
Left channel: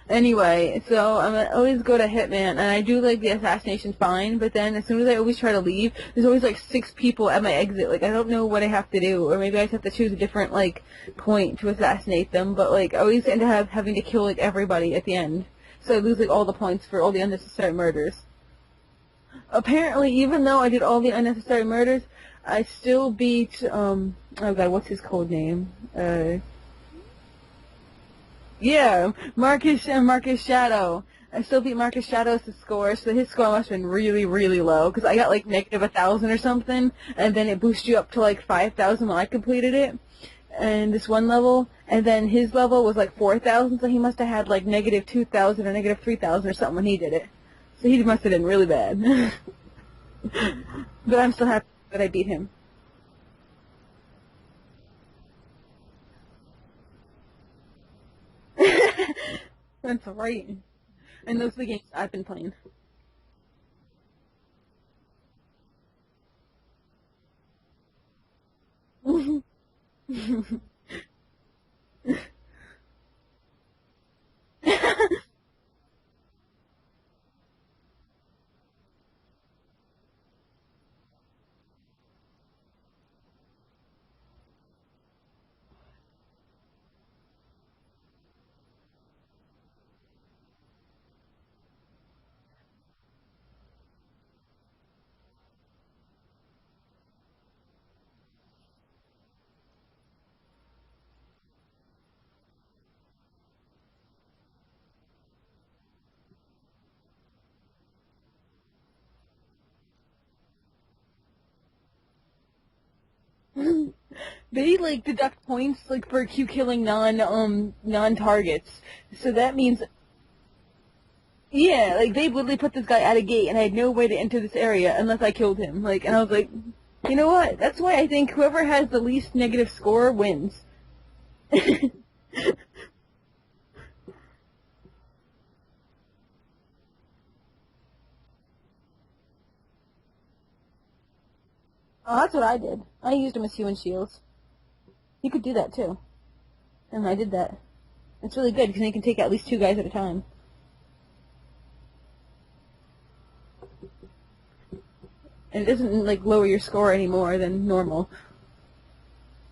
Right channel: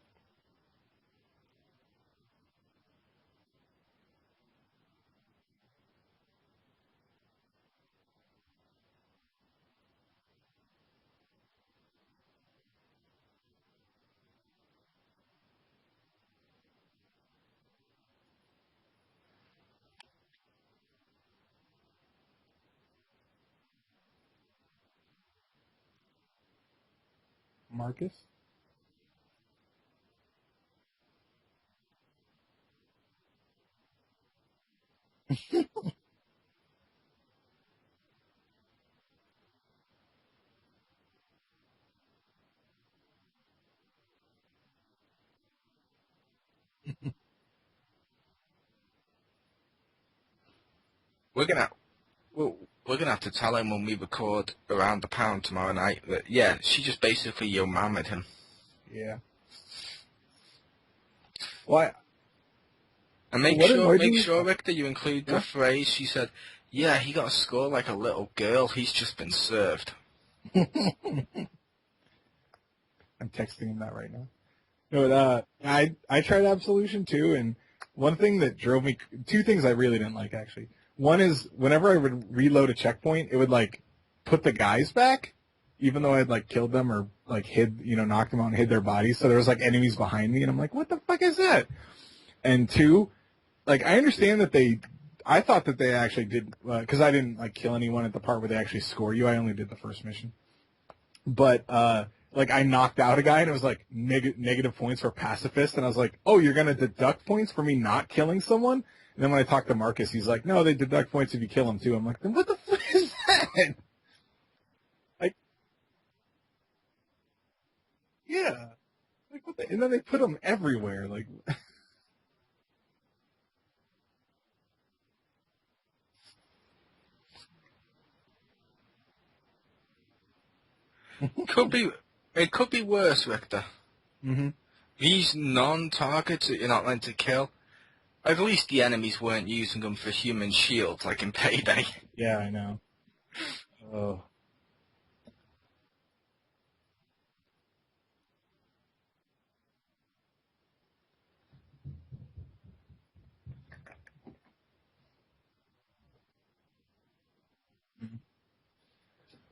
Anyway, so I always go to Hitman, and I do, like, the assassination fine, but then as soon as I always try to leave, there's always, like, 6 people at my exit. Like, I don't know what I have to do, or maybe I just have to choose a different, like, point to assassinate them, but, like, I always end up having to kill, like, everybody at the end. So I lose, like, all the points for all the unnecessary murders. Apparently, even though I did all the unnecessary murders, I still beat, oh god, what's his code name? Marcus? Yeah, Marcus Shadow. I still beat Marcus Shadow's score, so his score must have been really, really low, because I got, like, negative 1,000 or something, and then it boosts you up to, like, 5,000 when I completed it, and this one level, and then his level was, like, 4,000, so he must have had, like, negative 2,000 or negative 3,000 or something when he did it. So he must have been really bad. But I'm still happy that I beat him. We're going to have to tell him when we record Around the Pound tomorrow night that, yeah, she just basically yo-mammed him. That's right. And those are the games I've been playing. And make sure, Rick, that you include the phrase she said, yeah, he got a score like a little girl. He's just been served. I'm texting him that right now. But I tried Absolution too, and one thing that drove me, 2 things I really didn't like, actually. One is, whenever I would reload a checkpoint, it would, like, put the guys back, even though I had, like, killed them or, like, knocked them out and hid their bodies. So there was, like, enemies behind me, and I'm like, what the fuck is that? And 2, like, I understand that I thought that they actually did, because I didn't, like, kill anyone at the part where they actually score you. I only did the first mission. But, like, I knocked out a guy, and it was, like, negative points for pacifist, and I was like, oh, you're going to deduct points for me not killing someone? And then when I talked to Marcus, he's like, no, they deduct points if you kill them, too. I'm like, then what the fuck is that? They, like, deduct points, like, for killing non-targets. Yeah. So that means... They put them everywhere, like... Yeah, like, they literally put this guy at a gate, and I had no way to enter this area unless I killed him. Like, and I was like, you know what? That's why I think whoever has the least negative score wins. It could be worse, Richter. Mm-hmm. These non-targets that you're not meant to kill, at least the enemies weren't using them for human shields like in Payday. Oh, that's what I did. I used them as human shields. Oh. You could do that, too. And I did that. It's really good, because you can take at least 2 guys at a time. And it doesn't, like, lower your score any more than normal.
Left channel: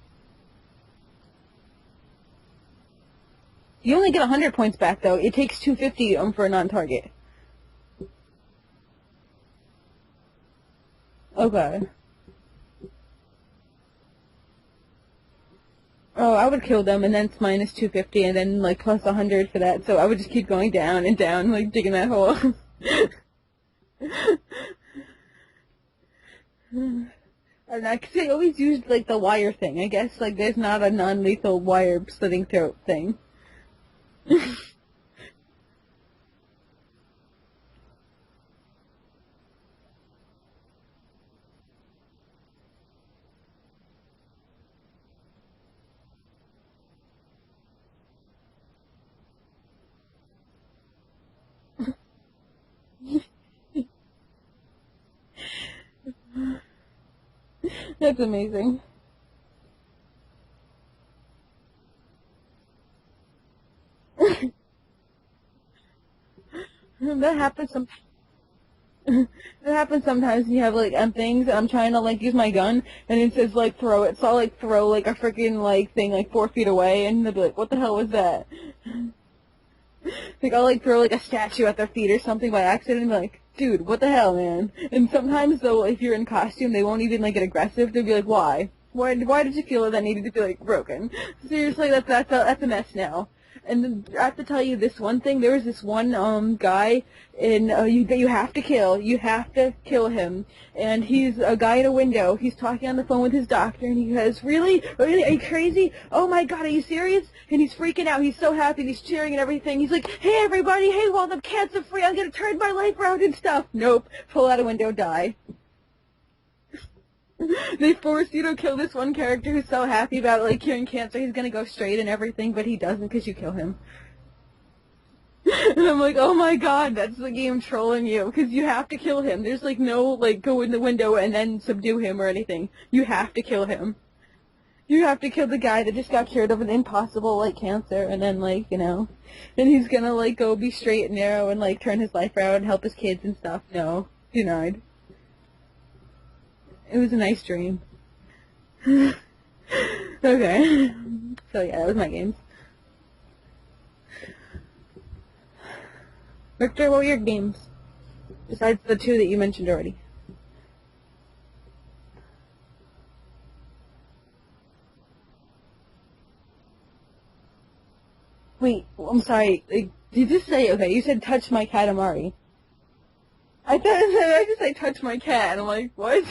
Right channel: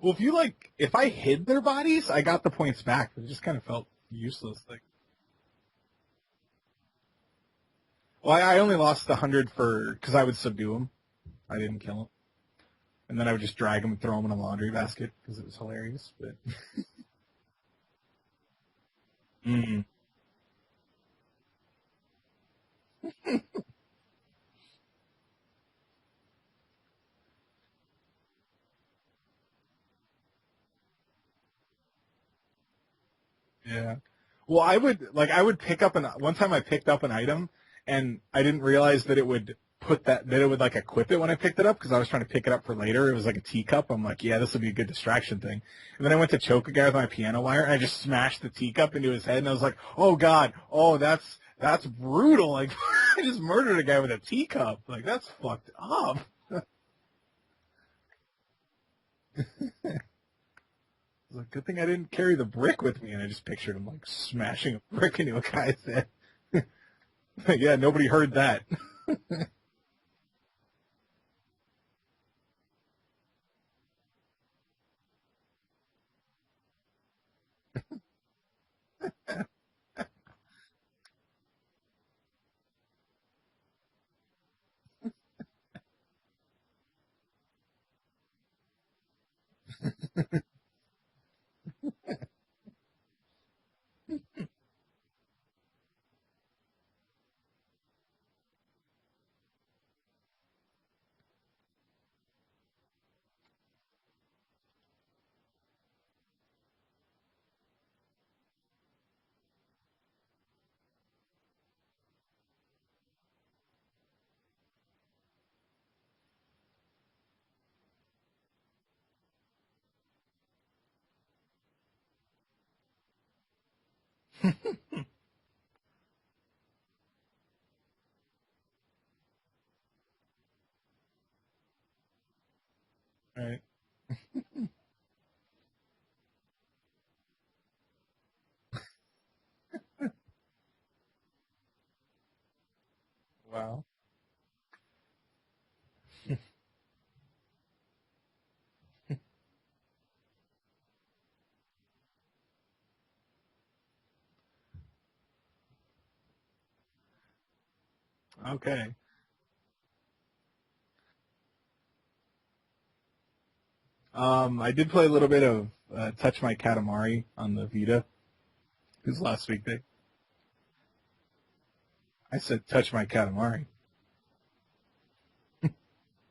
Well, if I hid their bodies, I got the points back. It just kind of felt... You only get 100 points back, though. It takes 250 for a non-target. Well, I only lost 100 because I would subdue them. Okay. I didn't kill them. And then I would just drag them and throw them in a laundry basket because it was hilarious. Oh, I would kill them, and then it's minus 250, and then, like, plus 100 for that. So I would just keep going down and down, like, digging that hole. And I, cause they always used like the wire thing. I guess like there's not a non-lethal wire slitting throat thing. Yeah. Well, I would pick up one time I picked up an item, and I didn't realize that it would like equip it when I picked it up, because I was trying to pick it up for later. It was like a teacup. I'm like, yeah, this will be a good distraction thing. And then I went to choke a guy with my piano wire, and I just smashed the teacup into his head, and I was like, oh god, oh that's brutal. Like, I just murdered a guy with a teacup. Like, that's fucked up. That's amazing. Like, good thing I didn't carry the brick with me, and I just pictured him like smashing a brick into a guy's head. That happens. Yeah, nobody heard that. It happens sometimes. You have like things. I'm trying to like use my gun, and it says like throw it. So I'll like throw like a freaking like thing like 4 feet away, and they'll be like, "What the hell was that?" Like I'll like throw like a statue at their feet or something by accident, and be like, "Dude, what the hell, man?" And sometimes though, if you're in costume, they won't even like get aggressive. They'll be like, "Why? Why did you feel that needed to be like broken?" Seriously, that's a mess now. And then I have to tell you this one thing. There was this one guy in that you have to kill. You have to kill him. And he's a guy in a window. He's talking on the phone with his doctor, and he goes, "Really? Really? Are you crazy? Oh my God, are you serious?" And he's freaking out. He's so happy. He's cheering and everything. He's like, "Hey everybody! Hey, well I'm cancer free. I'm gonna turn my life around and stuff." Nope. Pull out a window, die. They force you to kill this one character who's so happy about like curing cancer. He's gonna go straight and everything, but he doesn't because you kill him. And I'm like, oh my god, that's the game trolling you, because you have to kill him. There's like no like go in the window and then subdue him or anything. You have to kill him. You have to kill the guy that just got cured of an impossible like cancer, and then like and he's gonna like go be straight and narrow and like turn his life around and help his kids and stuff. Wow. No, denied. It was a nice dream. Okay. So yeah, that was my games. Victor, what were your games? Besides the two that you mentioned already. I did play a little bit of Touch My Katamari on the Vita. Wait, I'm sorry. Did you just say, okay, you said touch my Katamari. I said Touch My Katamari. I thought I just say touch my cat. I'm like, what?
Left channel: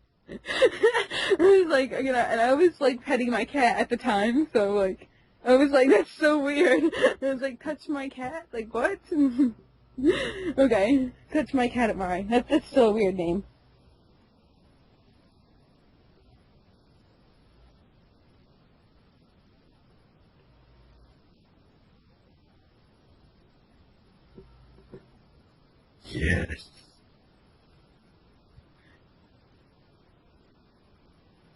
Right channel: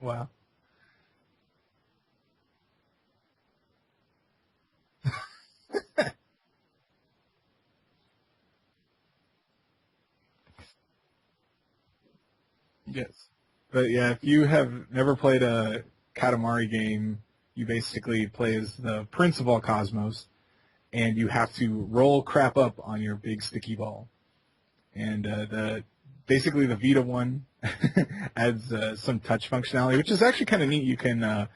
Wow. I was like, and I was like petting my cat at the time, so like, I was like, that's so weird. I was like, touch my cat? Like, what? Okay, touch my Katamari. That's still a weird name. But yeah, if you have never played a Katamari game, you basically play as the Prince of all Cosmos, and you have to roll crap up on your big sticky ball. And basically the Vita one adds some touch functionality, which is actually kind of neat. You can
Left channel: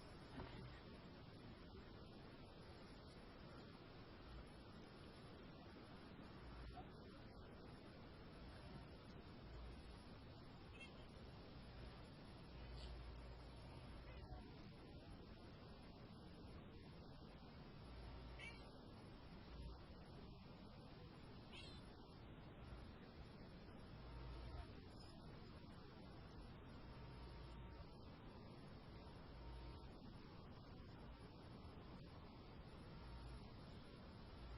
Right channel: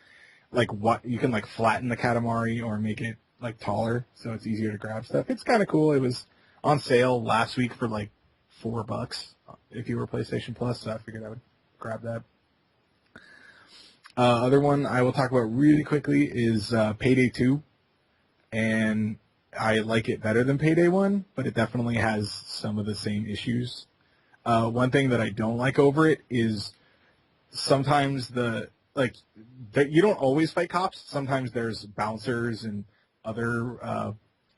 flatten the Katamari or make it like taller, so it's easier to grab stuff. It's kind of cool. It was on sale last week for like $4 if you were PlayStation Plus, so I figured I would grab that. Other one I will talk about really quickly is Payday 2, and I like it better than Payday 1, but it definitely has some of the same issues. One thing that I don't like over it is sometimes you don't always fight cops. Sometimes there's bouncers and other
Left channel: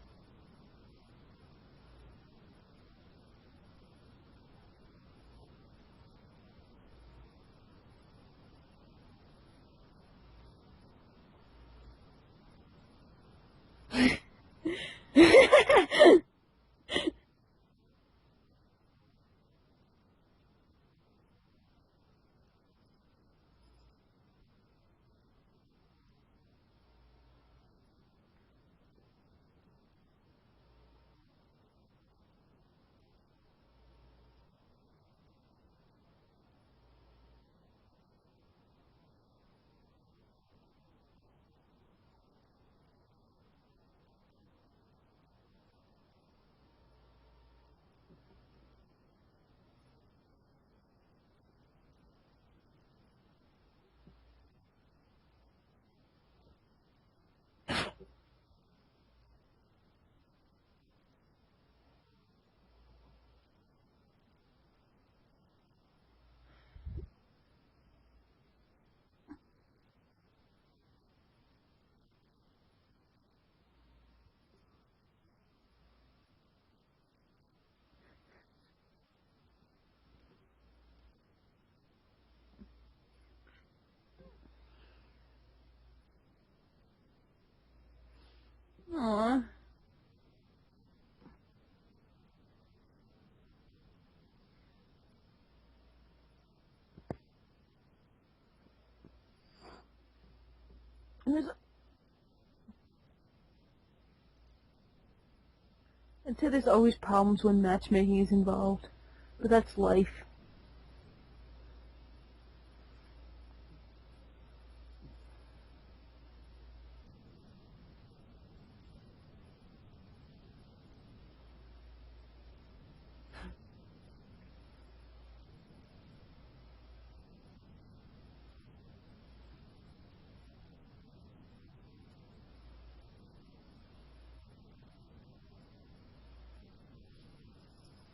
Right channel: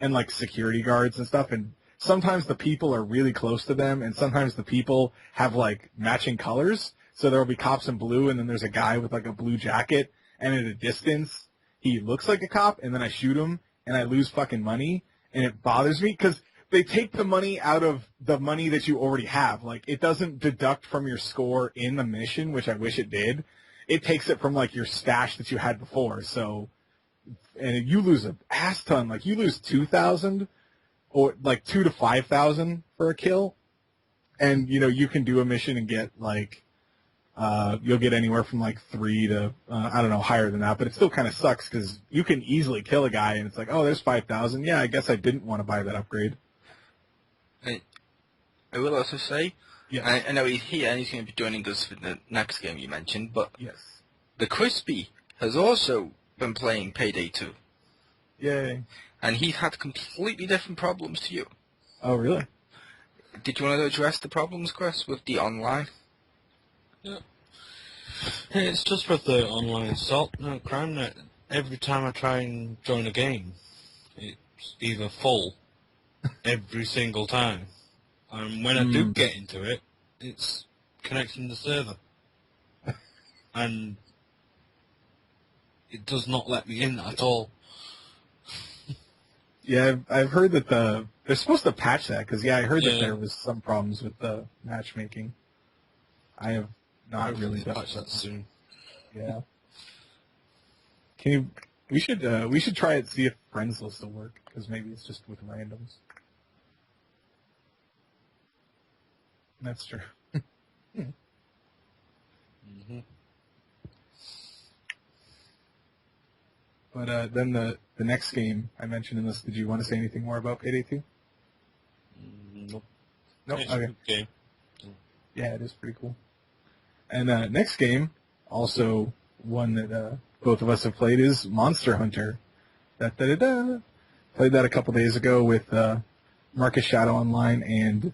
and like security guards and stuff, and sometimes the people are really close to them, and sometimes the people have like matching colors. So there will be cops in blue, and then there's a guy with like a blue jacket, and at a distance he looks like a cop, and then I shoot him, and I lose fucking money, and it bothers me because they take the money out of the money that you already have. Like, it doesn't deduct from your score in the mission, which I wish it did. It takes it from like your stash that you had before. So, and you lose an ass ton. Like, you lose 2,000 or like 2,000 to 5,000 for a kill, and you can do a mission and get like. You'll get anywhere from like 3 to, I don't know, higher than that, but it still kind of sucks because you can easily kill a guy and it's like, oh, there's 5,000. Yeah, I guess I didn't want to buy that upgrade. I will also say, yes. I know he's here and he's going to be joining us for the next game you mentioned, but yes. the Crispy has also been playing Payday 2. Yay. And he's had completely different problems to you. Oh, really? Did you want to address the problems, Chris, with the online? Yeah. It's just with the online assault crime that every time I try and join a game, it's either full every single time. And when I do get into it, it's connecting the server. And it does not let me in at all. Aw. Yeah, I've heard that they're supposed to patch that, because, I heard that there was some problems with the matchmaking. I have not really done patch that soon. Yeah. We should try it, see if friends will still work, because maybe it's just with randoms. I'd say there's always problems when matchmaking is involved, but that's life. But then the next game I mentioned in this, did you want to say anything more about Payday 2? Nope. Nope. It's a Okay. good game. Yeah, it is pretty cool. And next game, also one that both of us have played, is Monster Hunter. Da-da-da-da. Played that a couple days ago with Marcus Shadow Online and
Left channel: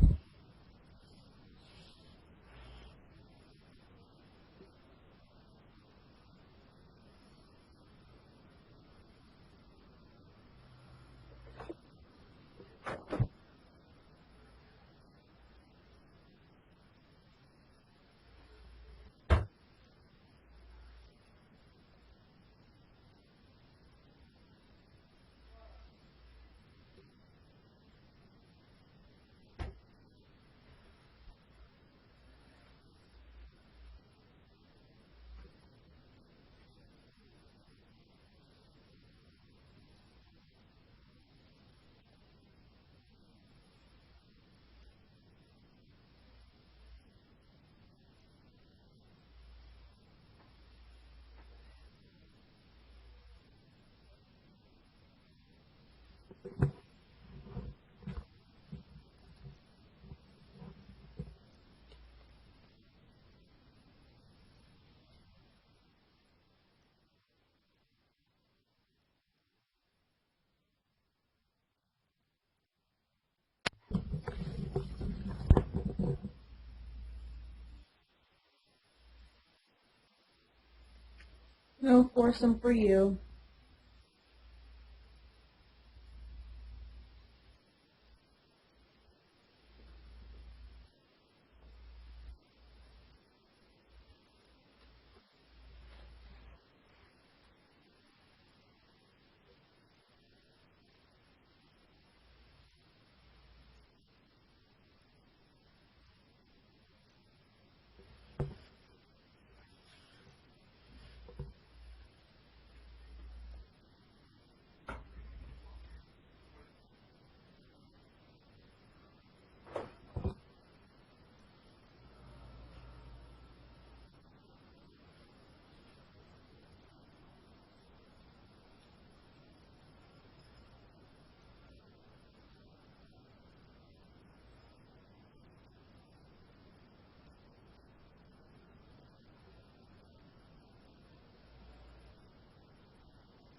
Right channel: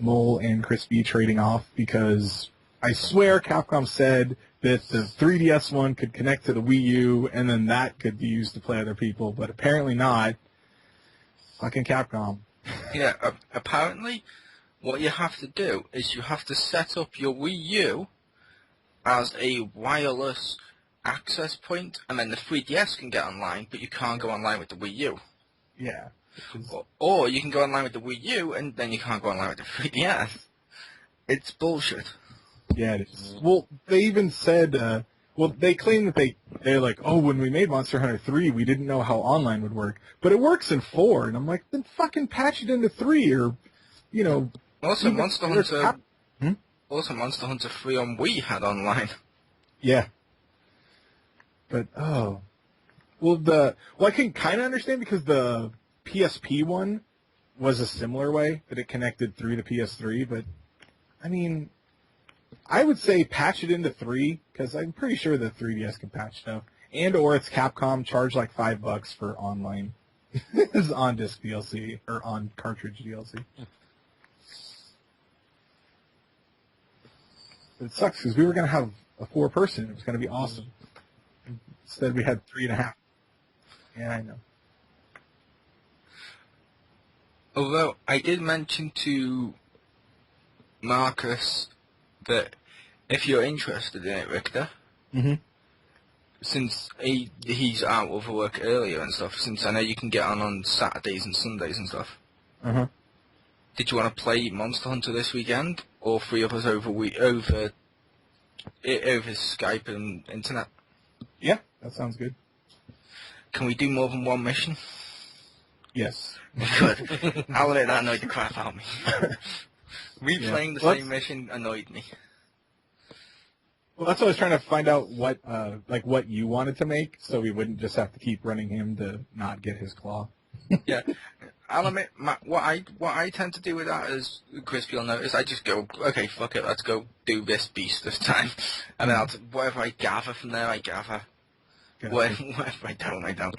Mole and Chris B trading off, because I swear Capcom said that the 3DS one could connect to the Wii U, and then that could be used to play other people, but apparently not. Fucking Capcom. Yeah, apparently what you have to do is you have to set up your Wii U as a wireless access point, and then the 3DS can get online, but you can't go online with the Wii U. Yeah. Or you can go online with the Wii U, and then you can't go online with the 3DS. It's bullshit. Yeah, it is. Well, they even said, they claim that they're like, oh, when we made Monster Hunter 3, we didn't know how online would work. But it works in 4, and I'm like, then fucking patch it into 3, or, Also, Monster Hunter... Hmm? Also, Monster Hunter 3 on Wii had online. Yeah. But, I can kind of understand, because the PSP one was a similar way that it connected through the PS3, but, I mean, I would say patch it into 3, because I'm pretty sure the 3DS can patch stuff. Or it's Capcom, charge like $5 for online. It's on-disc DLC, or on-cartridge DLC. It sucks, because we were going to have a 4-person. It was going to be awesome. No Instead we had foursome 3.5. for you. Yeah, I know. Although, I did mention to Marcus that if you're interested in it, Richter, since he's out of work earlier and stuff, since I know you can get on Saturdays and Sundays and stuff, did you want to play Monster Hunter this weekend, or 3 of us over Skype and internet? Yeah, that sounds good. Can we do more than one mission? Yes. Good. I'll let that annoyed the crap out of me. Replaying the same mission annoyed me. Well, that's what I was trying to find out, what you wanted to make, so we wouldn't just have to keep running him to not get his claw. Yeah. I'll admit, what I tend to do with that is, Chris, you'll notice, I just go, okay, fuck it, let's go do this beast this time. And then whatever I gather from there, I gather. Gotcha. Whatever I don't, I don't.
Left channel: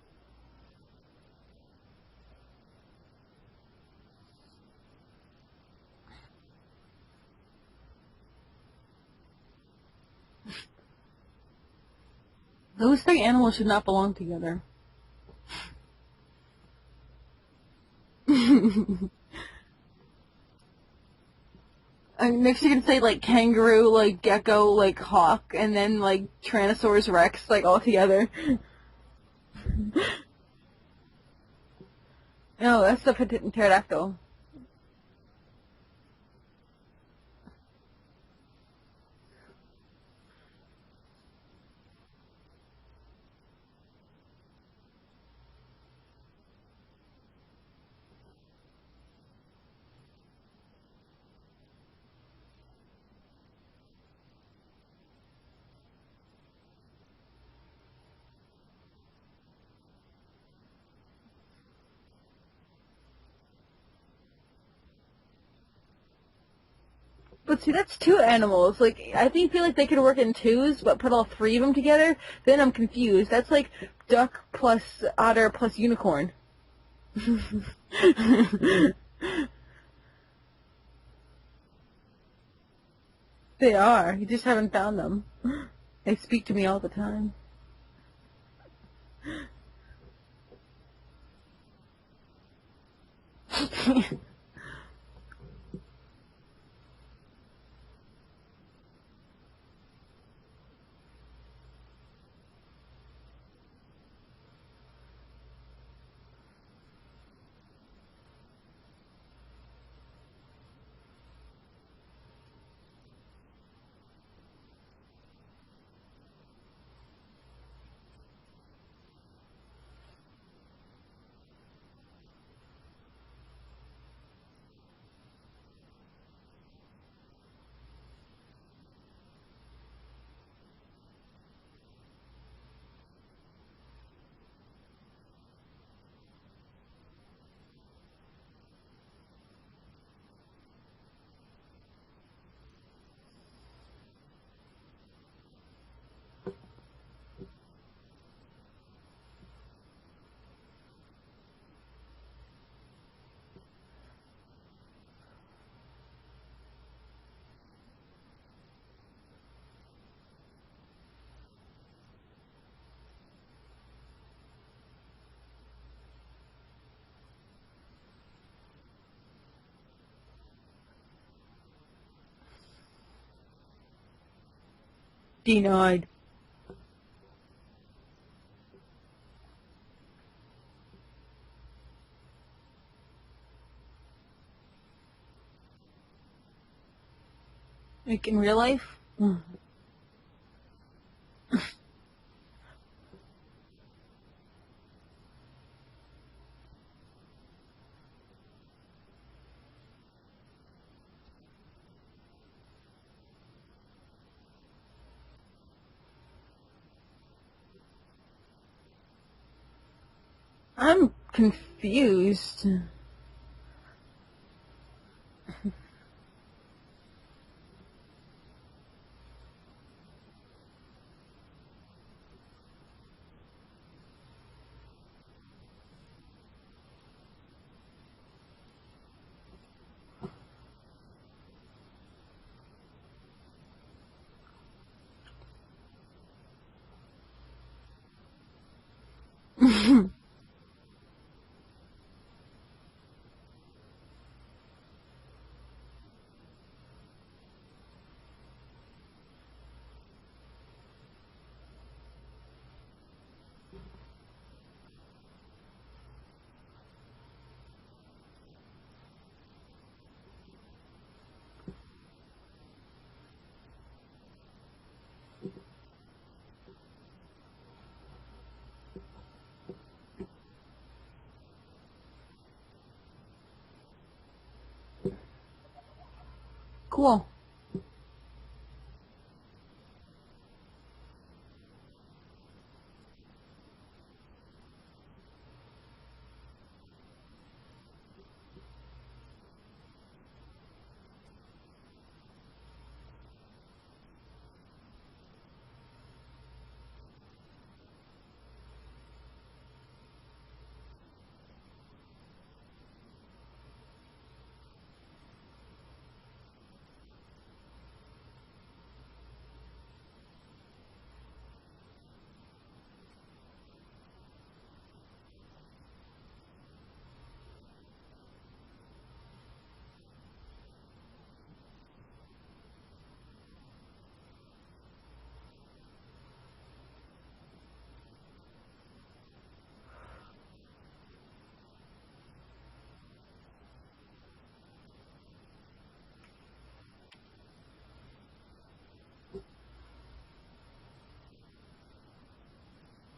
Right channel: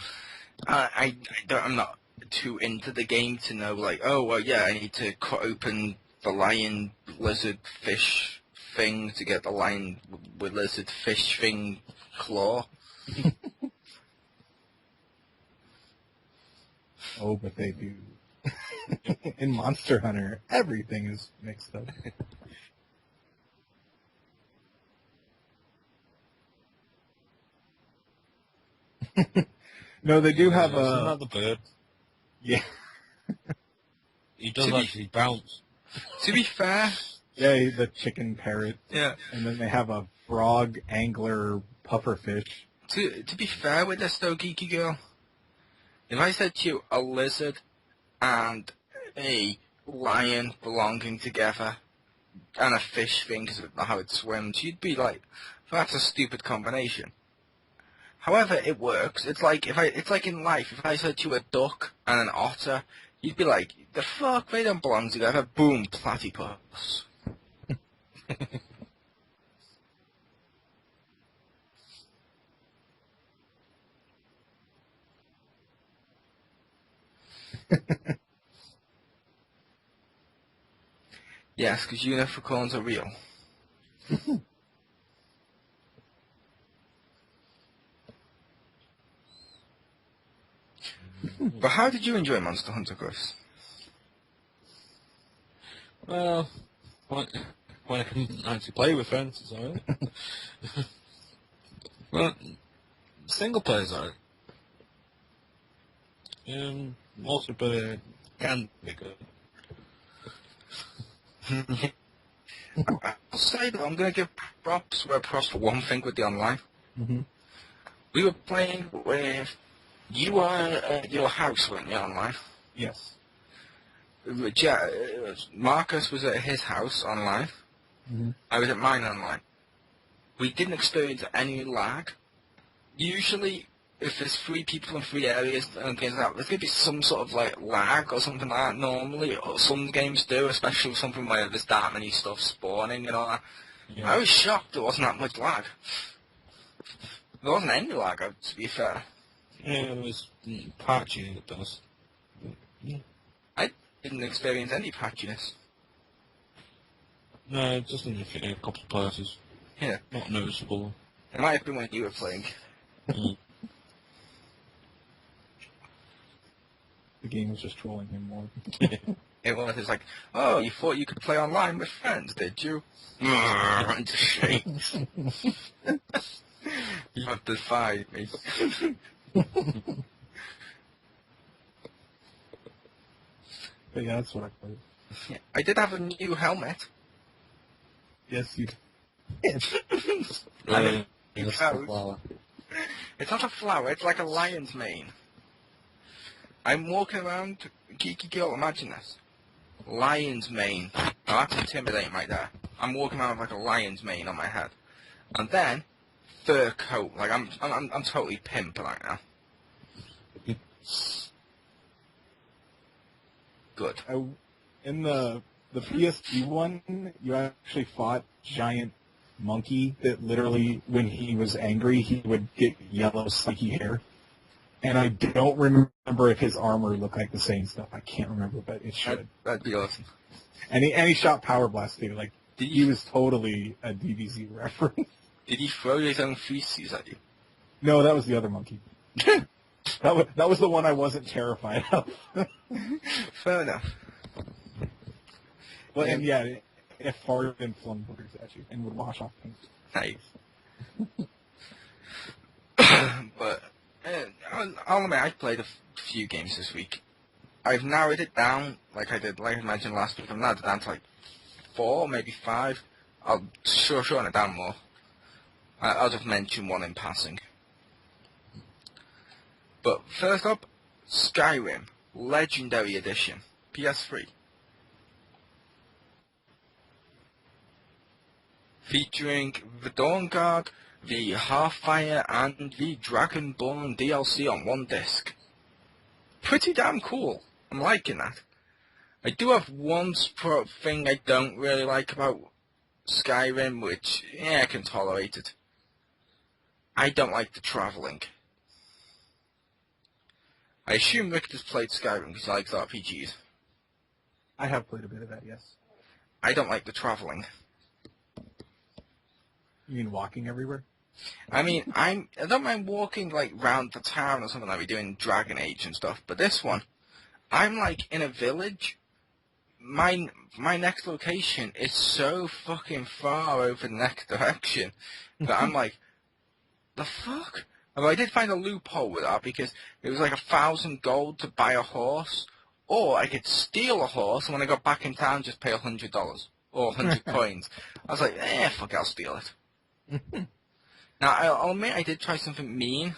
I'm not too into the game to know, like, oh, well, yeah, I need to cut open the lion, lizard, fish thing to get the lion with lizard, fish thing claw. Those 3 animals should not belong together. Oh, but they do. In Monster Hunter, everything is mixed up. Next you can say, like, kangaroo, like, gecko, like, hawk, and then, like, Tyrannosaurus Rex, like, all together. No, they do have Isn't that the bird? Yeah. No, that's the pterodactyl. He does actually bounce. To be fair... Yeah, the chicken parrot. Yeah. And then they have a frog, angler, pufferfish. To be fair with this, though, Geeky Girl, if I said to you a lizard and a lion belonging together and a fish thing because of how it swims, you'd be like, that's a stupid combination. However, it works. It's like in life. If I said to you a duck and an otter, you'd be like, the fuck, they don't belong together. Boom, platypus. But see, that's 2 animals. Like, I feel like they could work in 2s, but put all 3 of them together, then I'm confused. That's like duck plus otter plus unicorn. Yes, because unicorns are real. They are. You just haven't found them. They speak to me all the time. But how did you enjoy Monster Hunter, Chris? Well, when I can actually play with friends, it's alright. Well, single players are. Multiplayer can be good. I'll say though, I'm going to give props where props for one thing with the online. Mm-hmm. We were playing with, you were at your house, weren't you, online? Yes. Marcus was at his house online. Mm-hmm. I was at mine online. We didn't experience any lag. Usually, if there's 3 people in 3 areas and things like that, there's going to be some sort of like lag or something like that normally. Or some games do, especially something where there's that many stuff spawning and all that. Yeah. I was shocked there wasn't that much lag. There wasn't any lag, to be fair. Yeah, it was patchy at best. I didn't experience any patchiness. No, just in a couple of places. Yeah. Not noticeable. It might have been when you were playing. Mm. The game was just trolling him more. It was like, oh, you thought you could play online with friends, did you? Just shake. Denied. You have defied me. But yeah, that's what I played. Yeah, I did have a new helmet. Like in Yes. real life? I mean, It's a flower. it's not a flower, it's like a lion's mane. I'm walking around, geeky girl, imagine this. Lion's mane. Now that's intimidating right there. I'm walking around with like a lion's mane on my head. And then, fur coat. Like, I'm totally pimp right now. I'm confused. Good. In the PSP one, you actually fought giant monkey that literally, when he was angry, he would get yellow spiky hair. And I don't remember if his armor looked like the same stuff. I can't remember, but it should. That'd be awesome. And he shot Power Blast too. Like, he was totally a DBZ reference. Did he throw his own feces at you? No, that was the other monkey. that was the one I wasn't terrified of. Fair enough. Well, and yeah, it farted and flung boogers at you and would wash off things. Nice. But, I'll admit, I've played a few games this week. I've narrowed it down, like I mentioned last week. I've narrowed it down to like 4, maybe 5. I'll shorten it down more. I'll just mention one in passing. But first up, Skyrim Legendary Edition, PS3. Cool. Featuring the Dawn Guard, the Hearthfire, and the Dragonborn DLC on one disc. Pretty damn cool. I'm liking that. I do have one thing I don't really like about Skyrim, which, yeah, I can tolerate it. I don't like the travelling. I assume Richter's played Skyrim because he likes RPGs. I have played a bit of that, yes. I don't like the travelling. You mean walking everywhere? I mean, I don't mind walking like round the town or something like we do in Dragon Age and stuff, but this one, I'm like in a village. My next location is so fucking far over the next direction that I'm like, the fuck? Although I did find a loophole with that because it was like 1,000 gold to buy a horse, or I could steal a horse and when I got back in town just pay $100 or 100 coins. I was like, fuck it, I'll steal it. Now, I'll admit I did try something mean.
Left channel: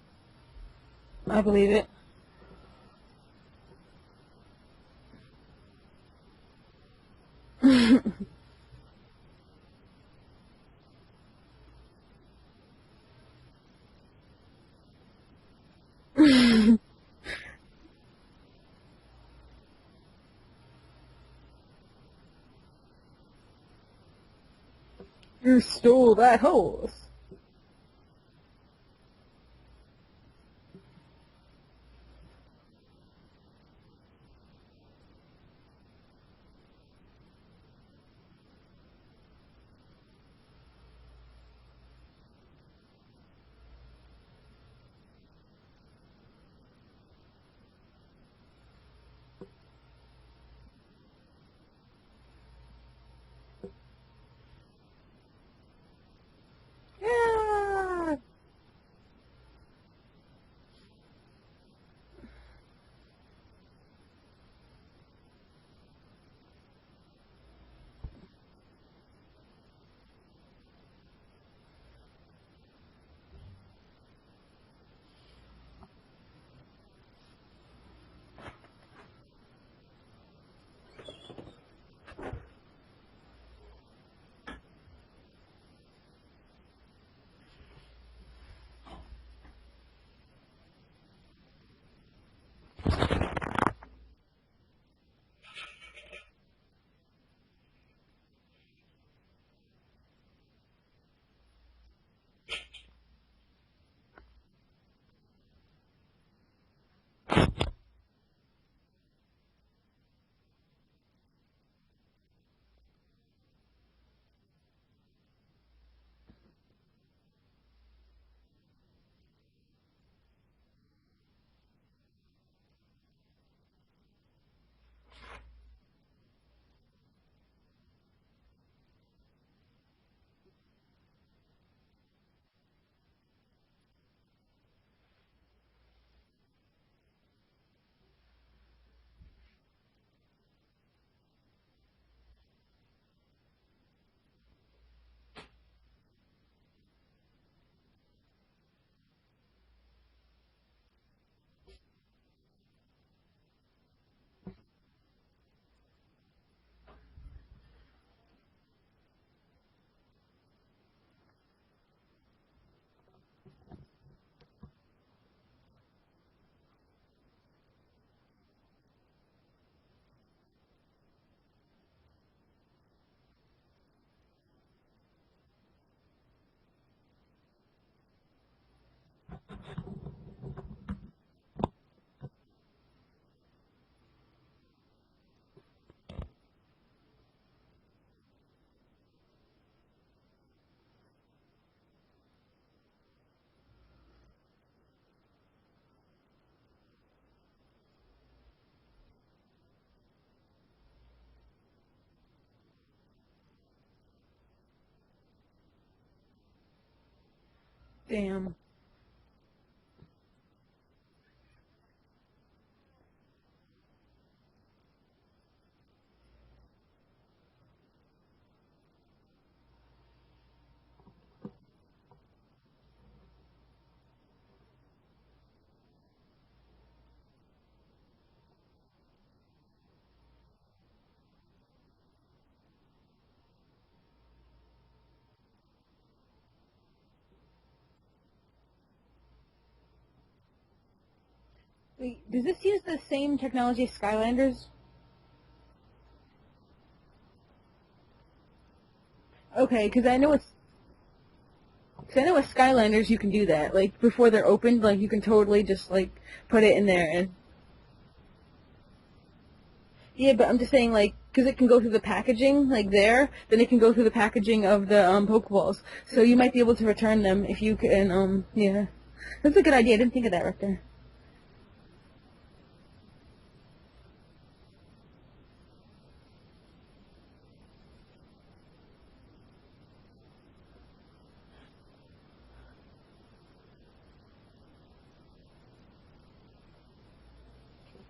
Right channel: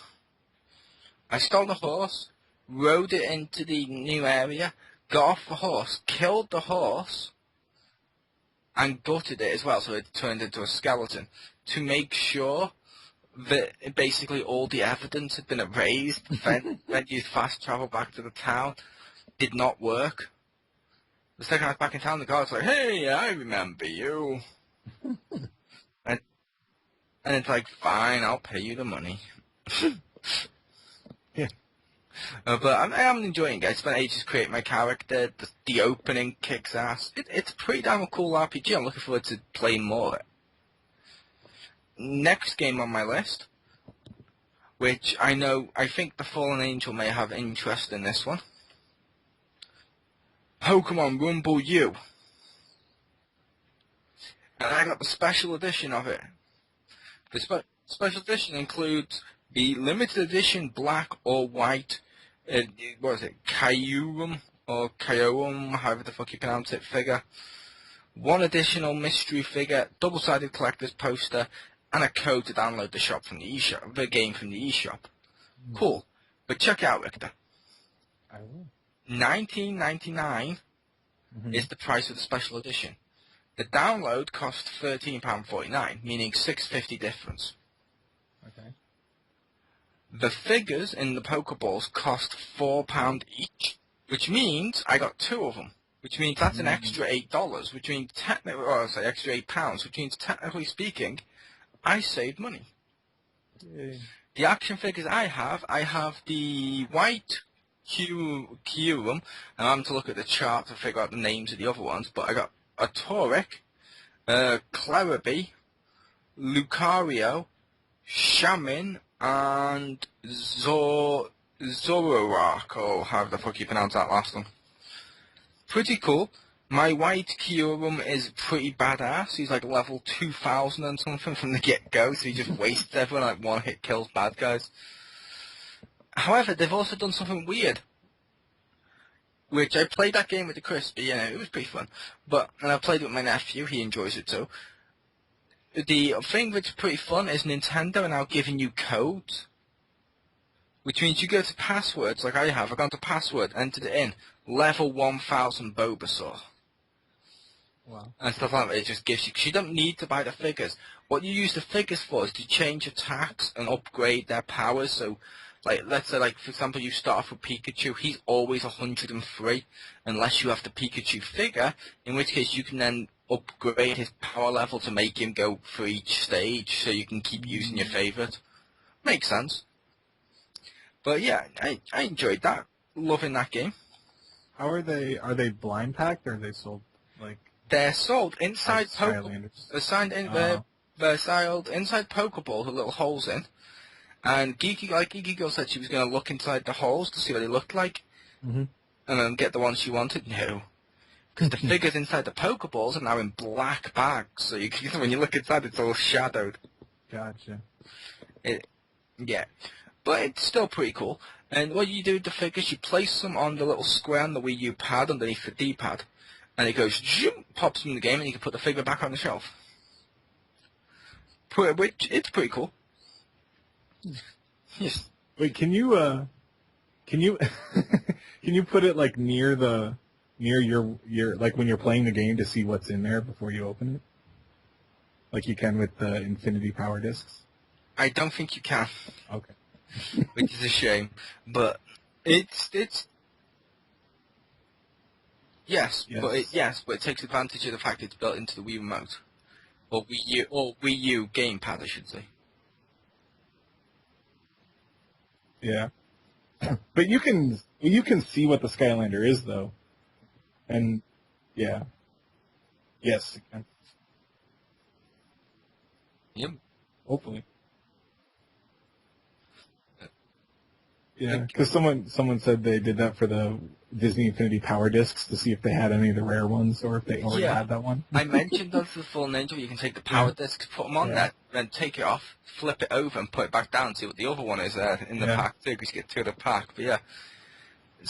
I stole the horse, rode it into the new area, got off the horse, killed the horse, and gutted it as well, so it turned into a skeleton, to make sure that basically all the evidence had been erased when you fast travel back to the town. Did not work. The second I was back in town, the guard's like, hey, I remember you. You stole that horse. And it's like, fine, I'll pay you the money. Yeah. But I'm enjoying it. I spent ages creating my character. The opening kicks ass. It's a pretty damn cool RPG. I'm looking forward to playing more of it. Next game on my list, which I think the Fallen Angel may have interest in this one. Pokemon Rumble U. and I got the special edition of it. The special edition includes the limited edition black or white, what is it, Kyurem or Kyorum, however the fuck you pronounce it, figure. One additional mystery figure, double-sided collector's poster, and a code to download the shop from the eShop, the game from the eShop. Cool. But check it out, Richter. I don't know. $19.99 is the price of the special edition. The download costs £13.49, meaning $6.50 difference. Okay. The figures in the Pokeballs cost £4 each, which means I got 2 of them. Which means that's an extra $8, which means technically, or I'll say extra £8, which means technically speaking, I saved money. Yay. The action figures I have the white Kyurem, and I'm having to look at the chart to figure out the names of the other ones, but I got a Torek, Claraby, Lucario, Shaman, and Zoroark, or however the fuck you pronounce that last one. Pretty cool. My white Kyurem is pretty badass. He's like level 2000 and something from the get-go, so he just wastes everyone, like one hit kills bad guys. However, they've also done something weird. Which I played that game with the Crispy, it was pretty fun. And I played it with my nephew, he enjoys it too. The thing that's pretty fun is Nintendo are now giving you codes. Which means you go to passwords, like I have. I've gone to password, entered it in. Level 1000 Bulbasaur. Wow. And stuff like that. It just gives you... Because you don't need to buy the figures. What you use the figures for is to change attacks and upgrade their powers. So, like, let's say, like, for example, you start off with Pikachu. He's always 103, unless you have the Pikachu figure, in which case you can then upgrade his power level to make him go for each stage, so you can keep using your favourite. Makes sense. But yeah, I enjoyed that. Loving that game. How are they? Are they blind packed or are they sold like? They're sold inside Skylanders? They're sold inside Pokeballs with little holes in. And Geeky Girl said she was going to look inside the holes to see what they looked like, Mm-hmm. and then get the ones she wanted. No, because the figures inside the Pokeballs are now in black bags, so when you look inside, it's all shadowed. Gotcha. Damn. Yeah. But it's still pretty cool. And what you do with the figures, you place them on the little square on the Wii U pad underneath the D-pad. And it goes, zoom, pops them in the game, and you can put the figure back on the shelf. Which, it's pretty cool. Yes. Wait, can you can you put it like near your like when you're playing the game to see what's in there before you open it? Like you can with the Infinity Power Discs? I don't think you can, Okay. which is a shame. But Wait, does this use the it's same technology as Skylanders? yes, Yes. but it takes advantage of the fact it's built into the Wii remote. Okay, because I know Wii U gamepad, I should I say. know with Skylanders you can do that. Like before they're opened, like you can totally just Yeah. like put it in there. But you can see what the Skylander is though. Yeah, but I'm just saying, like, because it can go through the packaging, like there, Yes. then it can go through the packaging of the Pokeballs. So you might be able to return them if you can. Yeah, that's a good idea. I didn't think of that right there. Yeah, because someone said they did that for the Disney Infinity Power Discs to see if they had any of the rare ones or if they already had that one. I mentioned that's the full ninja where you can take the power discs, put them on there, then take it off, flip it over, and put it back down, see what the other one is in the pack too, because you get 2 of the pack. But yeah.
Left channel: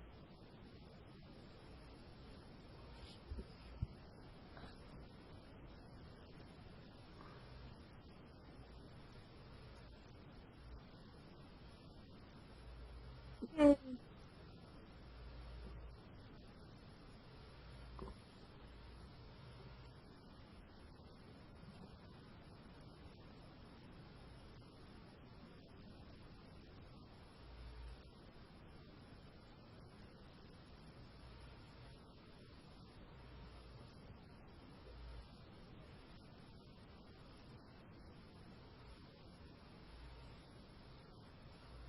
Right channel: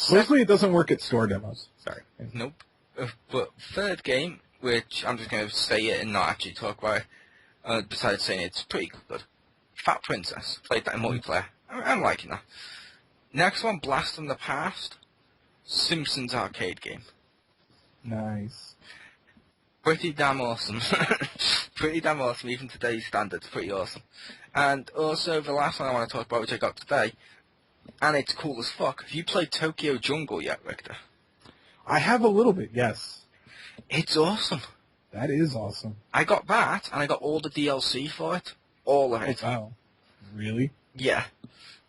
Mostly it doesn't work at store demos. Sorry. Nope. But third game, which I'm just going to say it and not actually talk about it, besides saying it's pretty good. Fat Princess. Played that in multiplayer. I'm liking that. Next one, Blast from the Past. Simpsons arcade game. Nice. Pretty damn awesome. Pretty damn awesome, even today's standards, pretty awesome. And also, the last one I want to talk about, which I got today, and it's cool as fuck. Have you played Tokyo Jungle yet, Richter? I have a little bit, yes. It's awesome. That is awesome. I got that, and I got all the DLC for it. All of it. Oh, wow. Really? Yeah.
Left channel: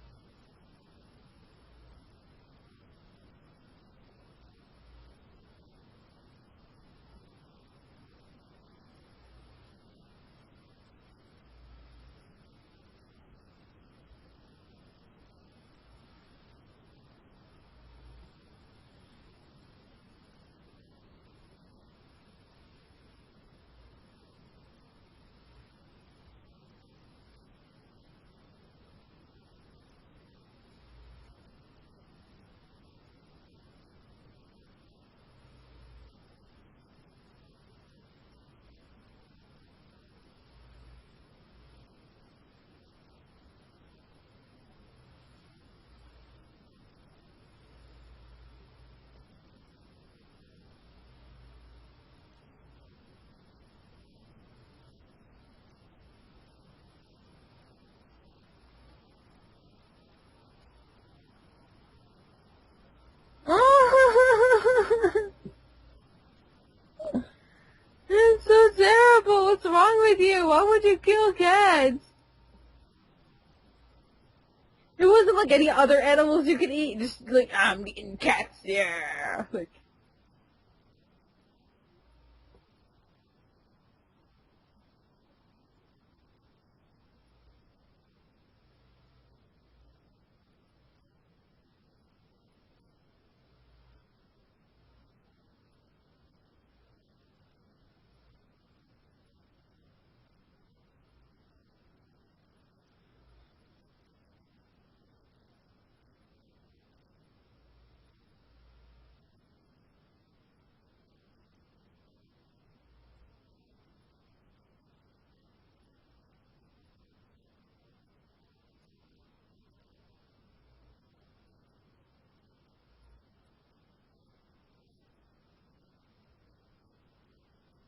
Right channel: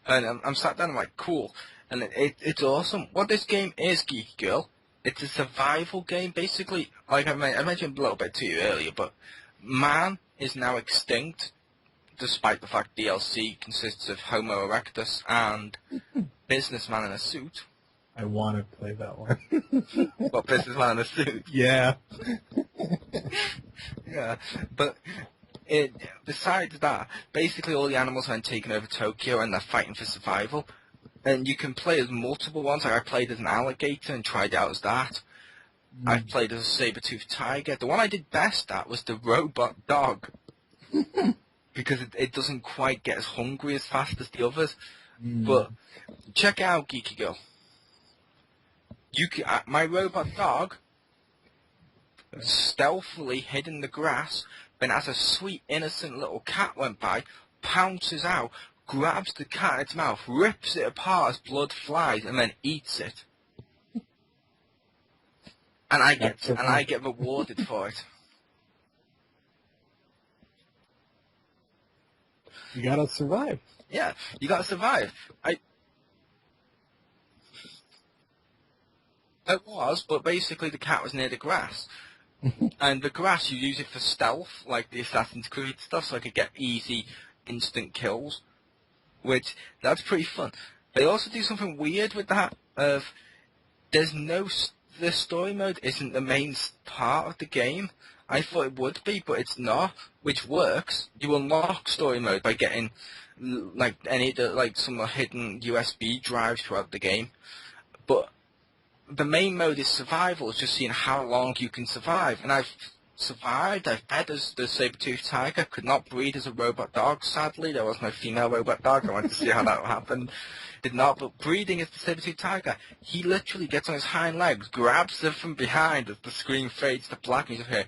And I'm sat down, I'm like, cool. And it's awesome. What this game is, Geeky Girl, it's a survival game, basically. Like I mentioned a little bit to you earlier, but man is now extinct, despite the fact DLC consists of Homo erectus and businessman in a suit. I want to play that one. What, businessman in a suit? Yeah. Yeah, but besides that, basically all the animals have taken over Tokyo and they're fighting for survival. And you can play as multiple ones. Like I played as an alligator and tried it out as that. I've played as a saber-toothed tiger. The one I did best at was the robot dog. Because it doesn't quite get as hungry as fast as the others. But check out Geeky Girl. My robot dog stealthily hid in the grass, then as a sweet innocent little cat went by, pounces out, grabs the cat in its mouth, rips it apart as blood flies, and then eats it. And I get rewarded for it. It's so terrible. What's wrong with you? Why would you kill cats? You gotta survive. Yeah, you gotta survive. It wasn't like any other animals you could eat. Just like, I'm eating cats, yeah. It was, but basically the cat was near the grass. And the grass, you use it for stealth, like the Assassin's Creed stuff, so I could get easy, instant kills. Which, that's pretty fun. They also do something weird with that, of the story mode isn't the main part of the game. I thought it would be, but it's not, which works. You unlock story mode by getting some hidden USB drives throughout the game. But the main mode is survival, it's just seeing how long you can survive. And I've survived, I've fed as the saber-toothed tiger, could not breed as a robot dog, sadly. There was no female robot dog, I wanted to see how that happened. Did not, but breeding as the saber-toothed tiger, he literally gets on his hind legs, grabs them from behind as the screen fades to black, and you just hear,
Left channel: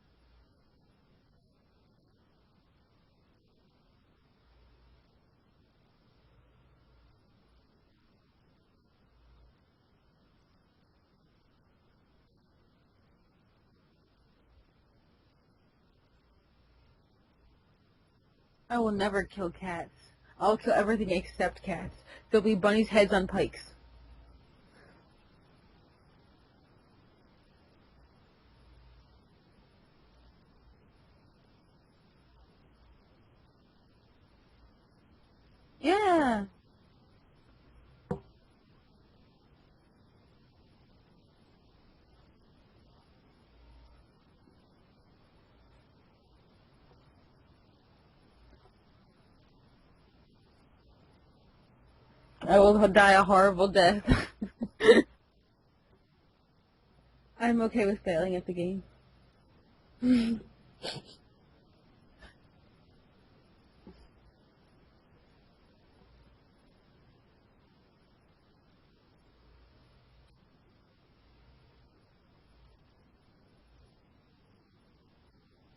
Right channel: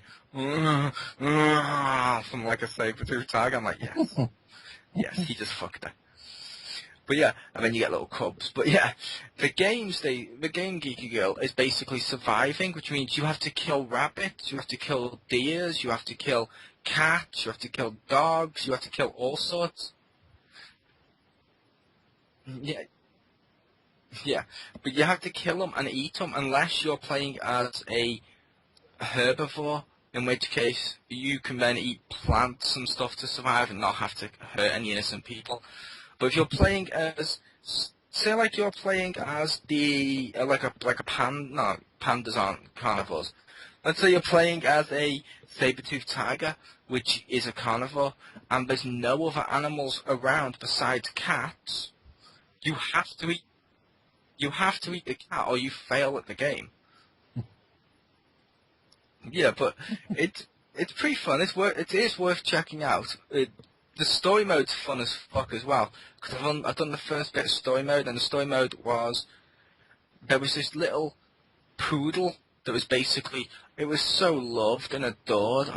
from like a saber-toothed tiger. I'm like, yes. Yes, he just fucked her. But yeah, and then you get little cubs. But yeah, the game Geeky Girl is basically surviving, which means you have to kill rabbits, you have to kill deers, you have to kill cats, you have to kill dogs, you have to kill all sorts. Cats. I'll kill everything except cats. There'll be bunnies' heads on pikes. Yeah, but you have to kill them and eat them unless you're playing as a herbivore, in which case you can then eat plants and stuff to survive and not have to hurt any innocent people. Yeah. But if you're playing as, say like you're playing as the, like a pandas aren't carnivores. Let's say you're playing as a saber-toothed tiger, which is a carnivore, and there's no other animals around besides cats. I will die a horrible death. You have to eat the cat or you fail at the game. I'm okay with failing at the game. Yeah, but it's pretty fun. It is worth checking out. The story mode's fun as fuck as well. Because I've done the first bit of story mode, and the story mode was there was this little poodle that was basically, it was so loved and adored.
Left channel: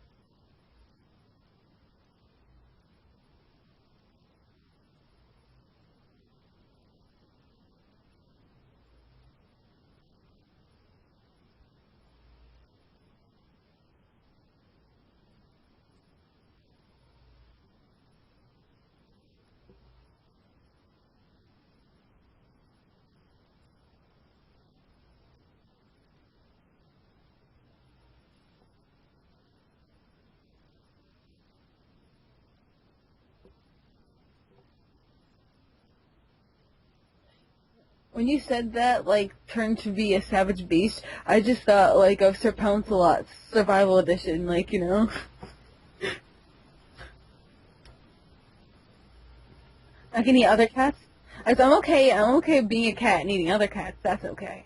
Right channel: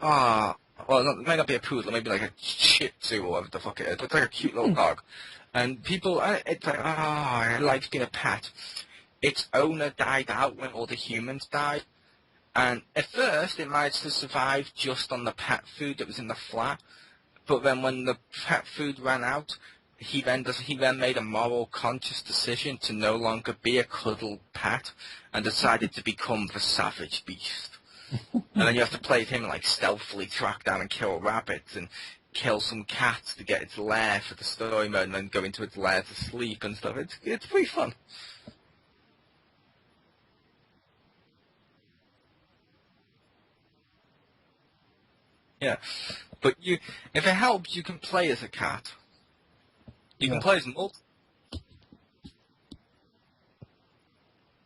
Well, it might not be a poodle, maybe like a Shih Tzu or whatever the fuck it is. But it's like a cute little dog, and people, it's like, I like being a pet. Its owner died out when all the humans died. And at first, it managed to survive just on the pet food that was in the flat. But then when the pet food ran out, he then made a moral, conscious decision to no longer be a cuddle pet and decided to become the savage beast. And then you have to play with him and like stealthily track down and kill rabbits and kill some cats to get its lair for the story mode and then go into its lair to sleep and stuff. It's pretty fun. When you said that, like, turn to be a savage beast, I just thought, like, of Sir Pouncelot's Survival Edition, like, you know? Yeah. But if it helps, you can play as a cat. I can eat other cats? I'm okay being a cat and eating other cats. That's okay.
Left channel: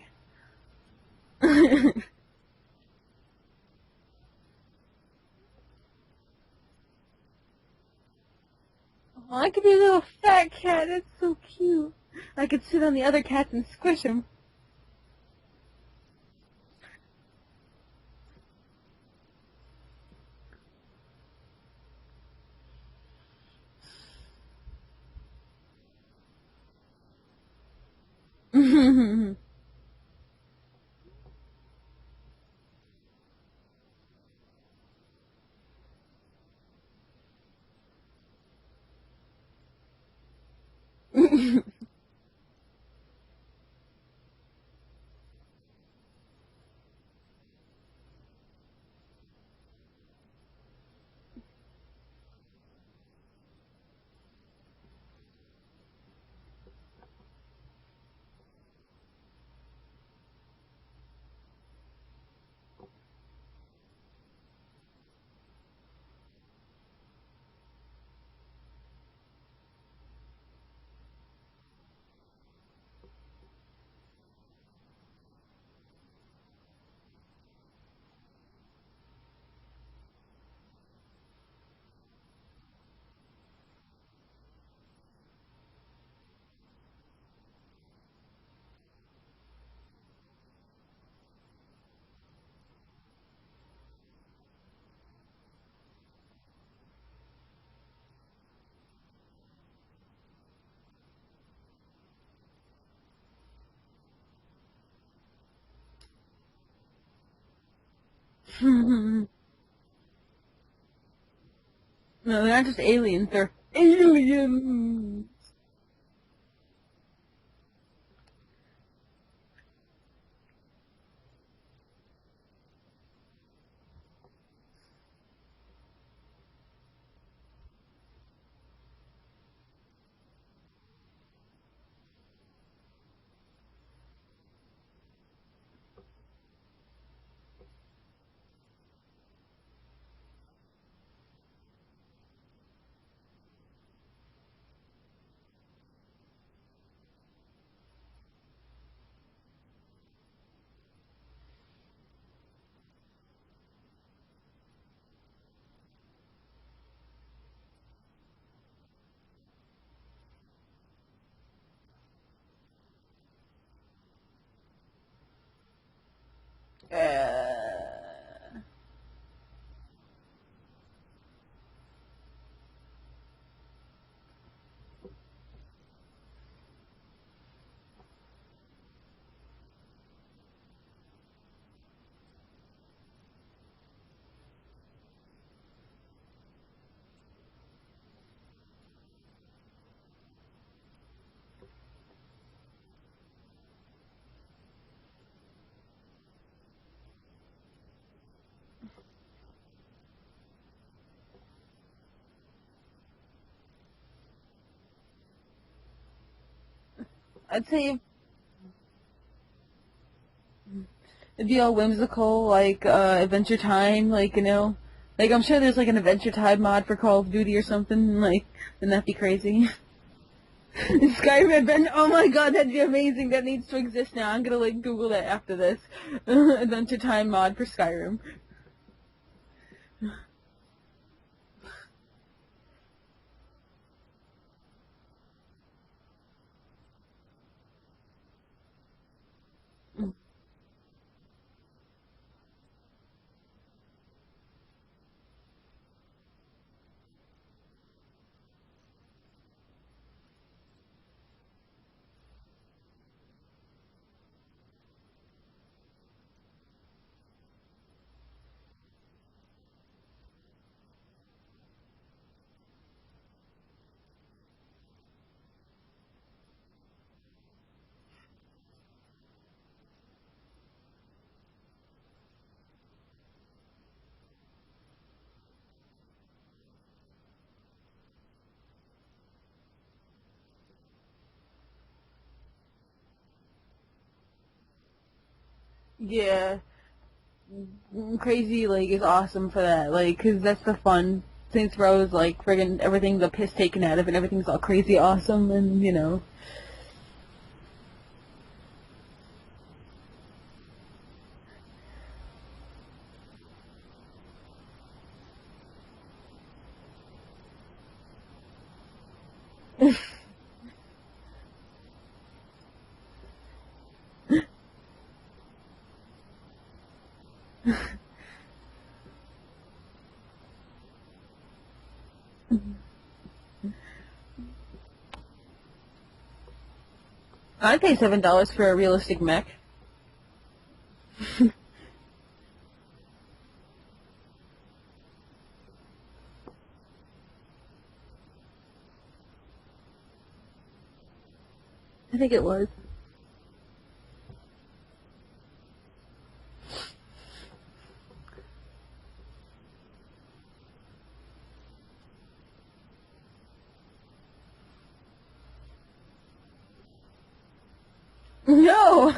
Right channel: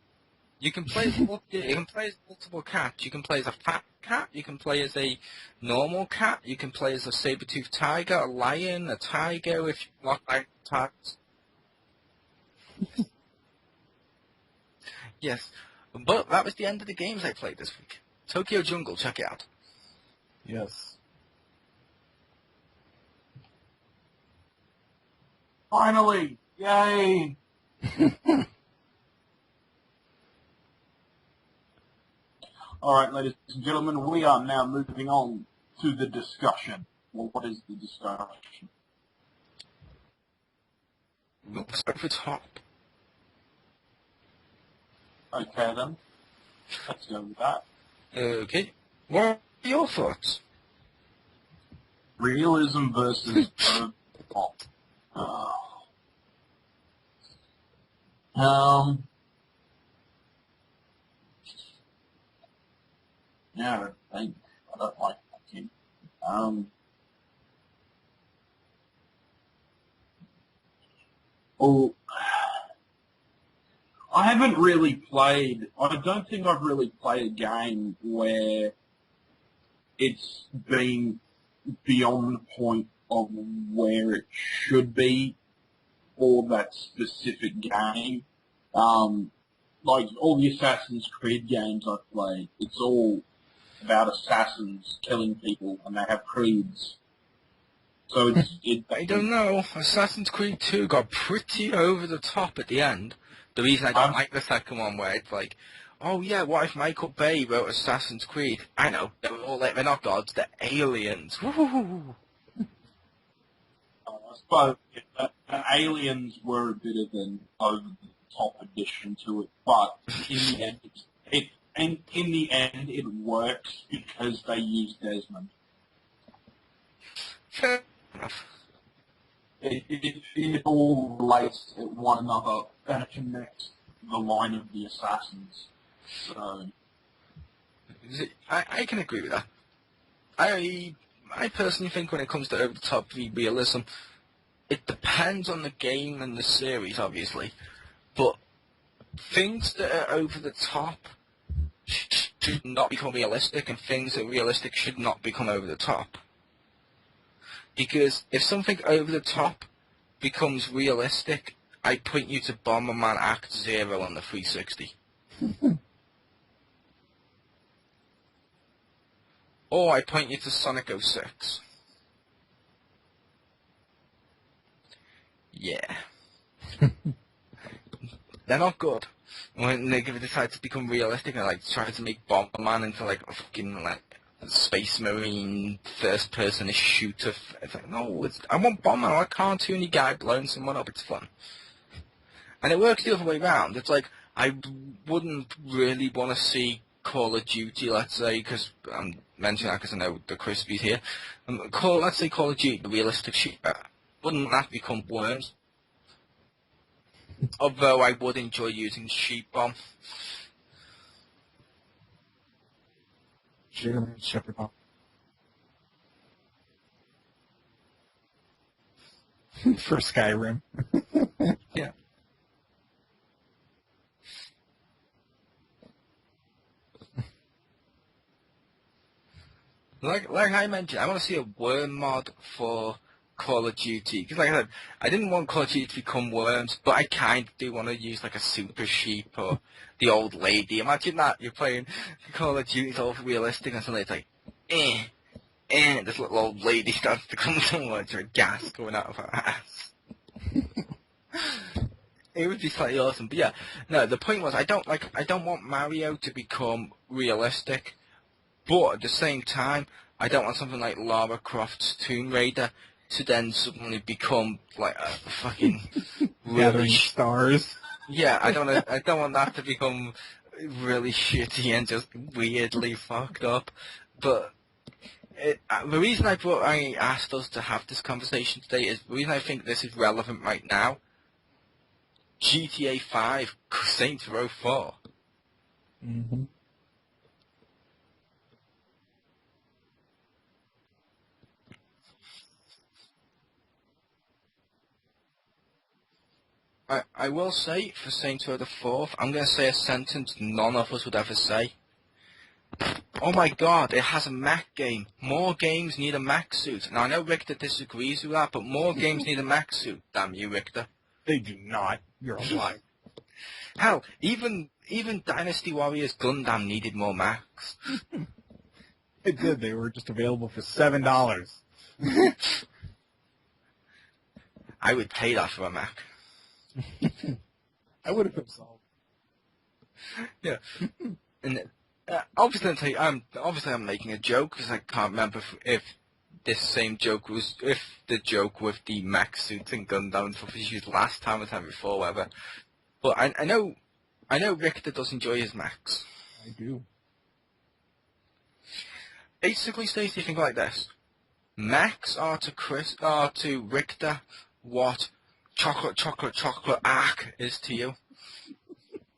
You can play as multiple cats. You can play as a fat cat. You can play as a normal cat. You can play as a saber-toothed tiger, a lion, a tiger. I could be a little fat cat. That's so cute. I could sit on the other cats and squish them. Yes. But that was the end of the games I played this week. Tokyo Jungle, check it out. Yes. Finally! Yay! Alright, ladies and gentlemen, we are now moving on to the discussion. Well, what is the discussion? Over top. Okay then. Let's go with that. Okay. What are your thoughts? Realism versus pop. Yeah, I don't like hacking. Well, I haven't really played. I don't think I've really played a game where it's been beyond the point of where it should be for that specific game. Like all the Assassin's Creed games I've played, it's all about assassins killing people, and they have creeds. So I don't know. Assassin's Creed 2 got pretty over the top at the end. The reason I don't Um, like the second one, where it's like, oh yeah, what if Michael Bay wrote Assassin's Creed? I know, they're not gods, they're aliens. Woo-hoo-hoo. No, they're not just aliens, they're aliens! but Aliens were a bit of an over-the-top addition to it, but in the end, it works because they use Desmond. Fair enough. It all relates to one another and connects the line of the assassins. So, I can agree with that. I personally think when it comes to over-the-top realism, it depends on the game and the series, obviously, but things that are over the top should not become realistic, and things that are realistic should not become over the top. Because if something over the top becomes realistic, I point you to Bomberman Act Zero on the 360. Or I point you to Sonic 06. Yeah. They're not good. When they decide to become realistic and like try to make Bomberman into like a fucking like Space Marine first-person shooter, it's like no, I want Bomberman. I want a cartoony guy blowing someone up. It's fun, and it works the other way around. It's like I wouldn't really want to see Call of Duty, let's say, because I'm mentioning that because I know the Crispies here. Let's say Call of Duty, the realistic shooter. Wouldn't that become Worms? Although I would enjoy using Sheep Bomb. It'd be all whimsical, like Adventure Time, like, you know. Like, I'm sure there's like an Adventure Time mod for Call of Duty or something, like, wouldn't that be crazy? For Skyrim. Skyrim Adventure, oh my god, that'd be amazing. That needs to exist now. I'm gonna, like, Google that after this. Adventure Time mod for Skyrim. Like I mentioned, I want to see a worm mod for Call of Duty. Because like I said, I didn't want Call of Duty to become worms, but I kind of do want to use like a super sheep or the old lady. Imagine that, you're playing Call of Duty, it's all realistic, and suddenly it's like, this little old lady starts to come towards her, gas going out of her ass. It would be slightly awesome, but yeah, no, the point was I don't want Mario to become realistic, but at the same time, I don't want something like Lara Croft's Tomb Raider to then suddenly become like a fucking Gathering stars. Yeah, I don't want that to become really shitty and just weirdly fucked up. But the reason I asked us to have this conversation today is the reason I think this is relevant right now. GTA 5, Saints Row 4. Yeah. Crazy, like, is awesome for that, like, 'cause that's the fun. Saints Row is, like, friggin' everything's the piss taken out of it, and everything's all crazy awesome, and, you know. I will say, for Saints Row the 4th, I'm going to say a sentence none of us would ever say. Oh my god, it has a mech game. More games need a mech suit. Now, I know Richter disagrees with that, but more games need a mech suit. Damn you, Richter. They do not. You're a liar. Hell, even Dynasty Warriors Gundam needed more mechs. It did. They were just available for $7. I would pay that for a mech. I'd pay $7 for a realistic mech. Yeah. And, obviously, I'm making a joke because I can't remember if this same joke was the joke with the mech suits and Gundam and stuff was used last time or time before, whatever. I think it was. But I know Richter does enjoy his mechs. I do. Basically, Stacey, think like this: mechs are to Richter what chocolate arc is to you. No!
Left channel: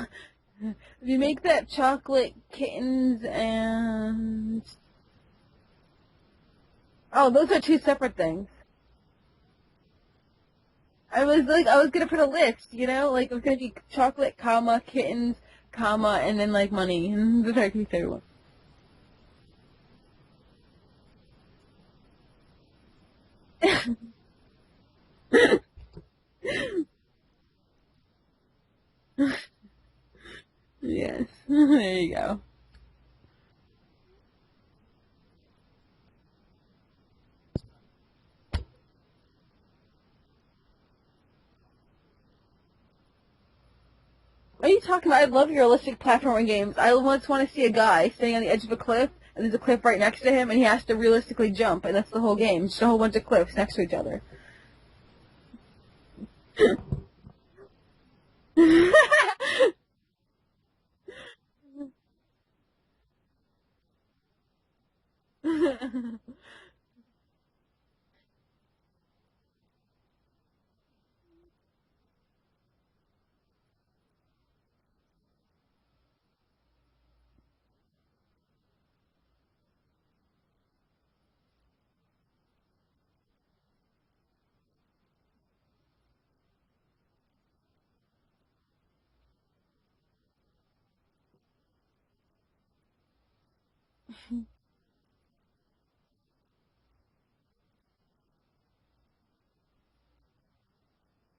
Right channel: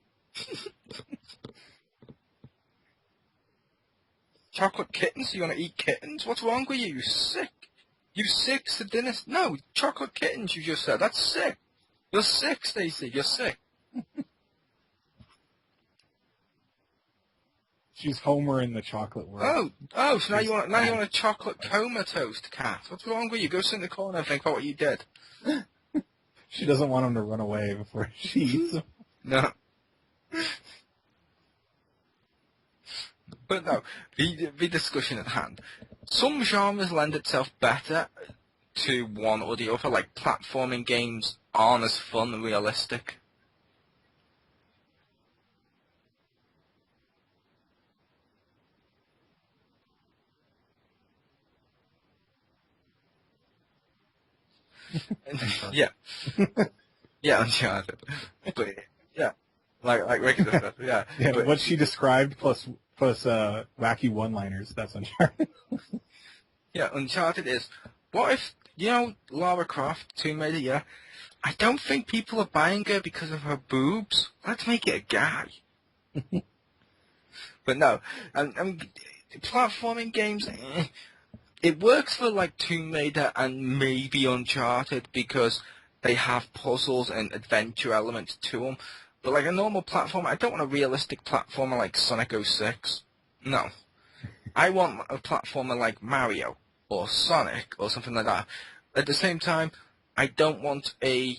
You make that chocolate kittens and... Chocolate kittens? You want to eat kittens? What's wrong with you? Oh, those are two separate You things. sick sadist? No, chocolate kittens. You just said that's I was sick. I was gonna put You're a sick, list, Stacey, you know, you're like it was sick. gonna be chocolate, comma, kittens, comma, and then like money. And the turkey She's Homer in the chocolate world. So now you want a chocolate comatose cat? What's wrong with you? Go sit in the corner and think about what you did. She doesn't want him to run away before she eats him. No. Yes. There you go. But no, the discussion at hand. Some genres lend itself better to one or the other, like platforming games aren't as fun and realistic. What are you talking about? I love realistic platforming games. I once want to see a guy standing on the edge of a cliff, and there's a cliff right next to him, and he has to realistically jump, and that's the whole game. Just a whole bunch of cliffs next to each other. Yeah. Yeah, Uncharted. Yeah. Like Ricky just said, yeah. Yeah, But- what she described plus wacky one-liners, that's Uncharted. Yeah, Uncharted is, what if, Lara Croft, Tomb Raider, yeah, I don't think people are buying her because of her boobs. Let's make it a guy. But no, platforming games, it works for like Tomb Raider and maybe Uncharted because they have puzzles and adventure elements to them. But like a normal platformer, I don't want a realistic platformer like Sonic 06. No. I want a platformer like Mario or Sonic or something like that. At the same time, I don't want a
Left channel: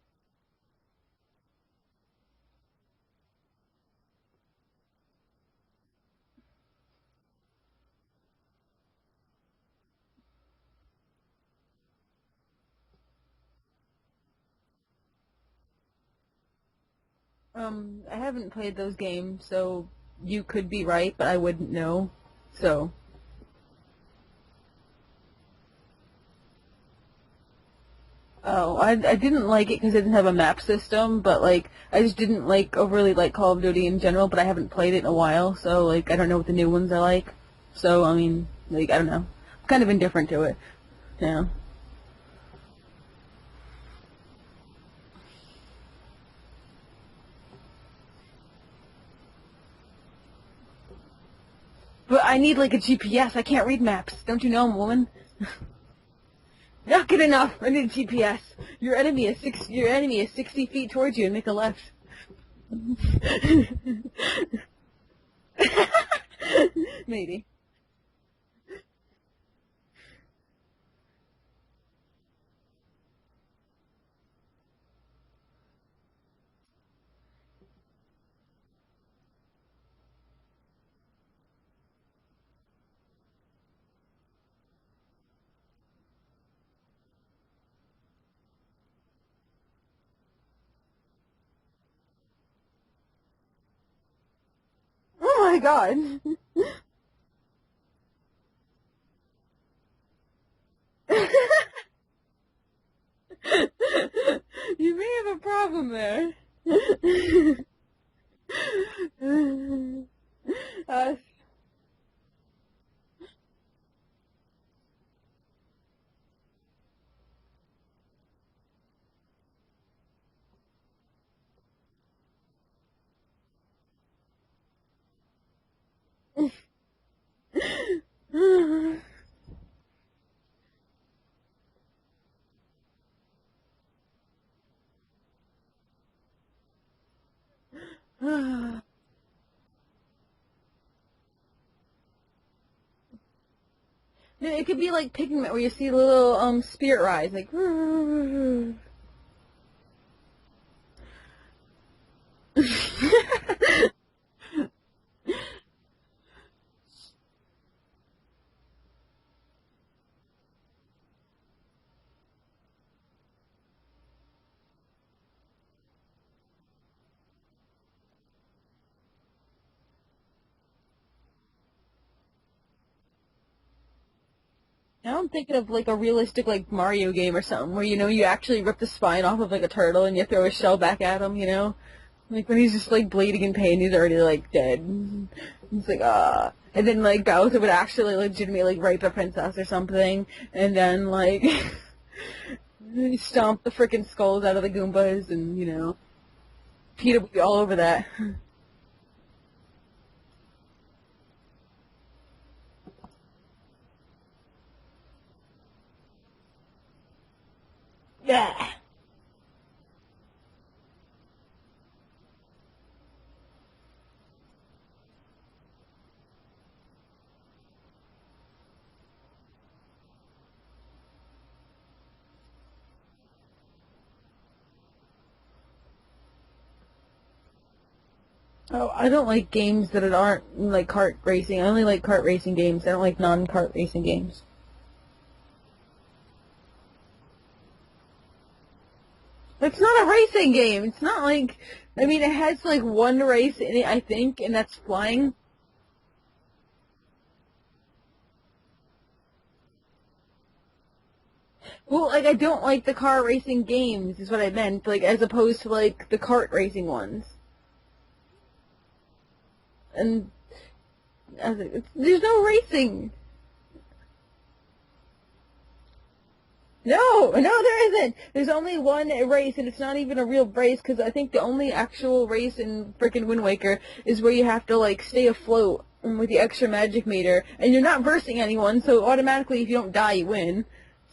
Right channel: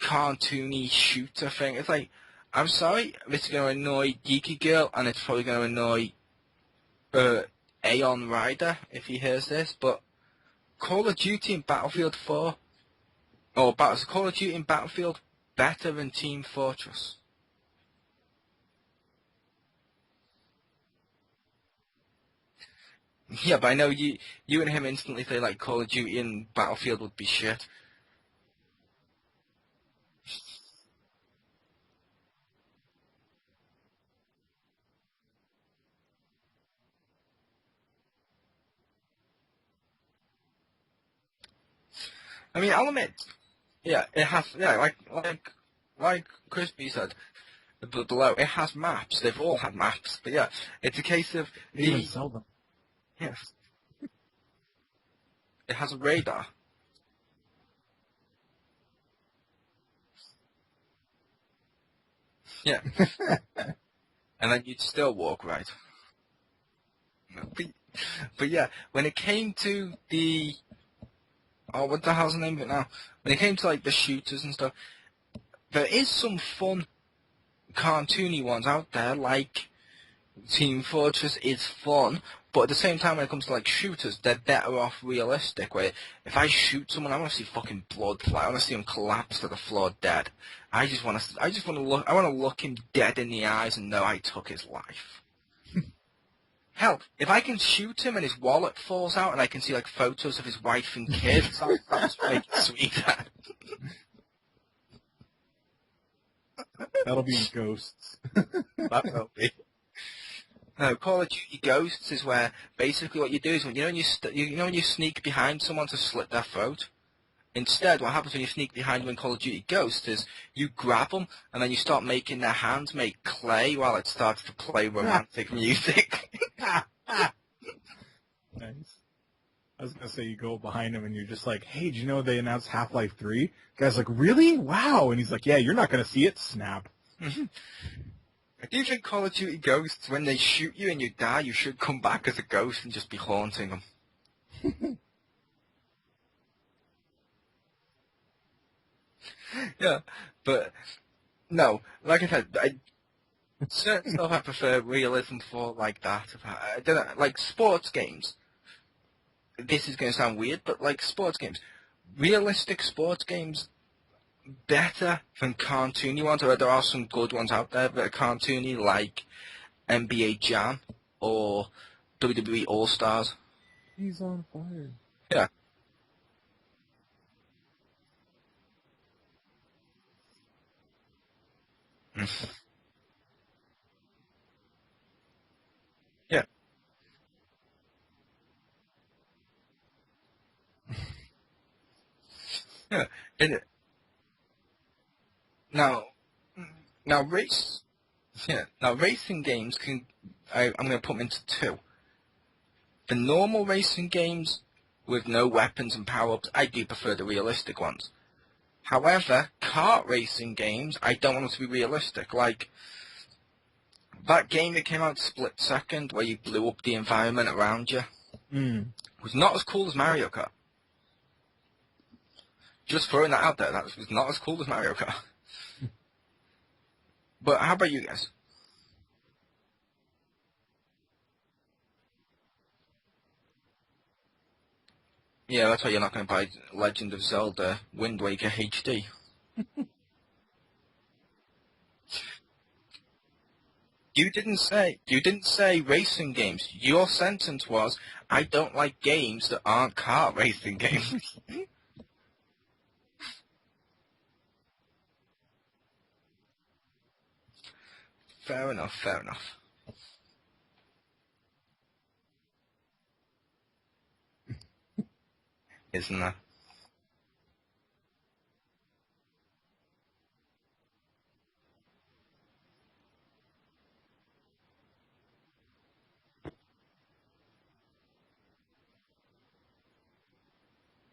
cartoony shooter thing. It's like, I'm sorry, this is going to annoy Geeky Girl, and it's probably going to annoy Aeon Rider if he hears this, but Call of Duty and Battlefield 4, or Call of Duty and Battlefield, better than Team Fortress. I haven't played those games, so you could be right, but I wouldn't know. So. Yeah, but I know you and him instantly say like Call of Duty and Battlefield would be shit. Oh, I didn't like it because it didn't have a map system, but like I just didn't overly like Call of Duty in general. But I haven't played it in a while, so like I don't know what the new ones are like. So I mean, like I don't know, I'm kind of indifferent to it. Yeah. I mean, I'll admit, yeah, it has, yeah, like Crispy said below, it has maps. They've all had maps, but yeah, it's a case of But I need like a GPS. I can't read maps. Don't you know, woman? it has a radar. Not good enough. I need a GPS. Your enemy is 60 feet towards you and make a left. Yeah. And then you'd still walk right. Maybe. But yeah, when it came to the... Oh, what the hell's the name of it now? When it came to, like, the shooters and stuff, there is some fun cartoony ones out there, like Team Fortress is fun, but at the same time, when it comes to, like, shooters, they're better off realistic, where if I shoot someone, I want to see fucking blood fly. I want to see him collapse to the floor dead. I want to look him dead in the eyes and know I took his life. Oh my god. Hell, if I can shoot him and his wallet falls out and I can see like photos of his wife and kids, that's make it sweeter. You may have a problem there. That'll be ghosts. No, Call of Duty Ghosts is where basically what you do is when you sneak behind someone to slit their throat. Instead, what happens when you sneak behind them in Call of Duty Ghosts is you grab them and then you start making their hands make clay while it starts to play romantic music. I was going to say you go behind him and you're just like, hey, do you know they announced Half-Life 3? The guy's like, really? Wow. And he's like, yeah, you're not going to see it. Snap. Do you think Call of Duty Ghosts, when they shoot you and you die, you should come back as a ghost and just be haunting them? No, it could be like Pigment, where you see little spirit rise, like. Yeah, but no, like I said, certain stuff I prefer realism for like that. I don't know, like sports games. This is going to sound weird, but like sports games, realistic sports games, better than cartoony ones. Or there are some good ones out there that are cartoony, like NBA Jam or WWE All Stars. He's on fire. Now I'm thinking of like a realistic like Mario game or something where you actually rip the spine off of like a turtle and you throw a shell back at him, like when he's just like bleeding in pain, he's already like dead. It's like Yeah. And then like Bowser would actually legitimately like rape a princess or something, and then like stomp the freaking skulls out of the Goombas, and Now, Peter all over that. Yeah. Now, racing games I'm going to put them into two. The normal racing games with no weapons and power-ups, I do prefer the realistic ones. Yeah. However, kart racing games, I don't want them to be realistic. Like, that game that came out Split Second, where you blew up the environment around you, was not as cool as Mario Kart. Just throwing that out there, that was not as cool as Mario Kart. But how about you guys? Oh, I don't like games that aren't like kart racing. I only like kart racing games. I don't like non-kart racing games. Yeah, that's why you're not going to buy Legend of Zelda Wind Waker HD. That's not a racing game. It's not like... I mean, it has like one race in it, I think, and that's flying. You didn't say racing games. Your sentence was, I don't like games that aren't kart racing games. Well, like, I don't like the car racing games, is what I meant, like, as opposed to, like, the kart racing ones. Fair enough, fair enough. And I was like, there's no racing. Isn't there? No, there isn't. There's only one race, and it's not even a real race, because I think the only actual race in frickin' Wind Waker is where you have to, like, stay afloat with the extra magic meter, and you're not versing anyone, so automatically if you don't die, you win.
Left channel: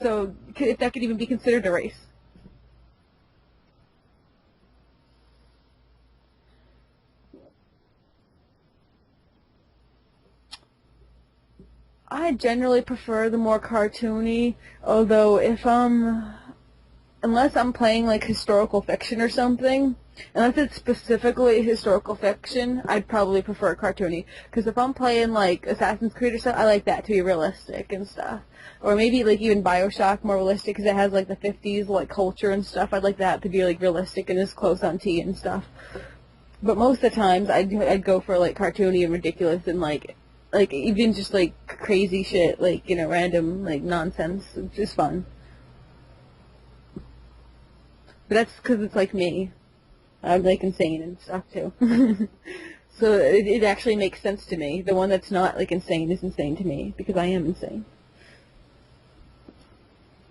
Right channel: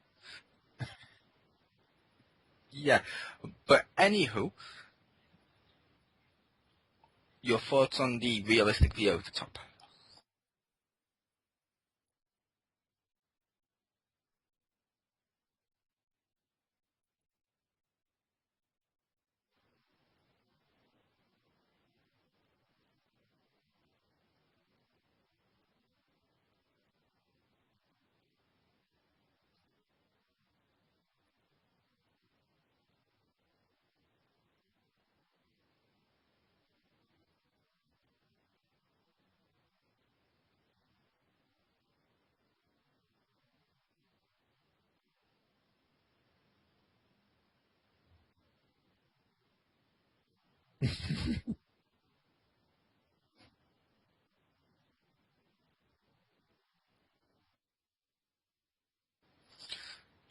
So if that could even be considered a race. Yeah, but anywho, your thoughts on the realistic view of the top? I generally prefer the more cartoony, although if unless I'm playing like historical fiction or something, unless it's specifically historical fiction, I'd probably prefer cartoony. Because if I'm playing like Assassin's Creed or stuff, I like that to be realistic and stuff. Or maybe like even Bioshock, more realistic because it has like the 50s like culture and stuff. I'd like that to be like realistic and as close on T and stuff. But most of the times I'd go for like cartoony and ridiculous and like even just like crazy shit, like, you know, random like nonsense. It's just fun. But that's because it's like me. I'm like insane and stuff too. So it actually makes sense to me. The one that's not like insane is insane to me because I am insane.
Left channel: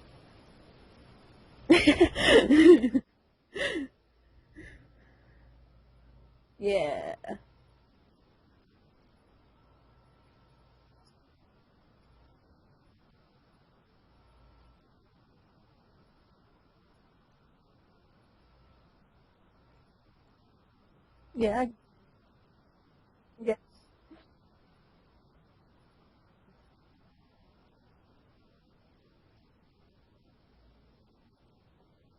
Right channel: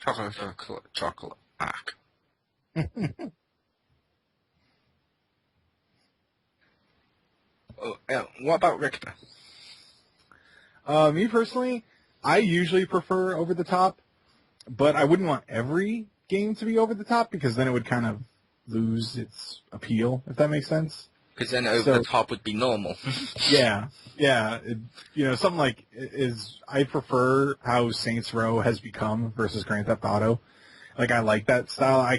Chocolate. Yeah. What about Richter? Me personally, I usually prefer over the top, but I wouldn't want every game to be over the top because then it would kind of lose its appeal, if that makes sense. Because then over the top would be normal. Yeah. You know, something like I prefer how Saints Row has become versus Grand Theft Auto. Like, I like that style.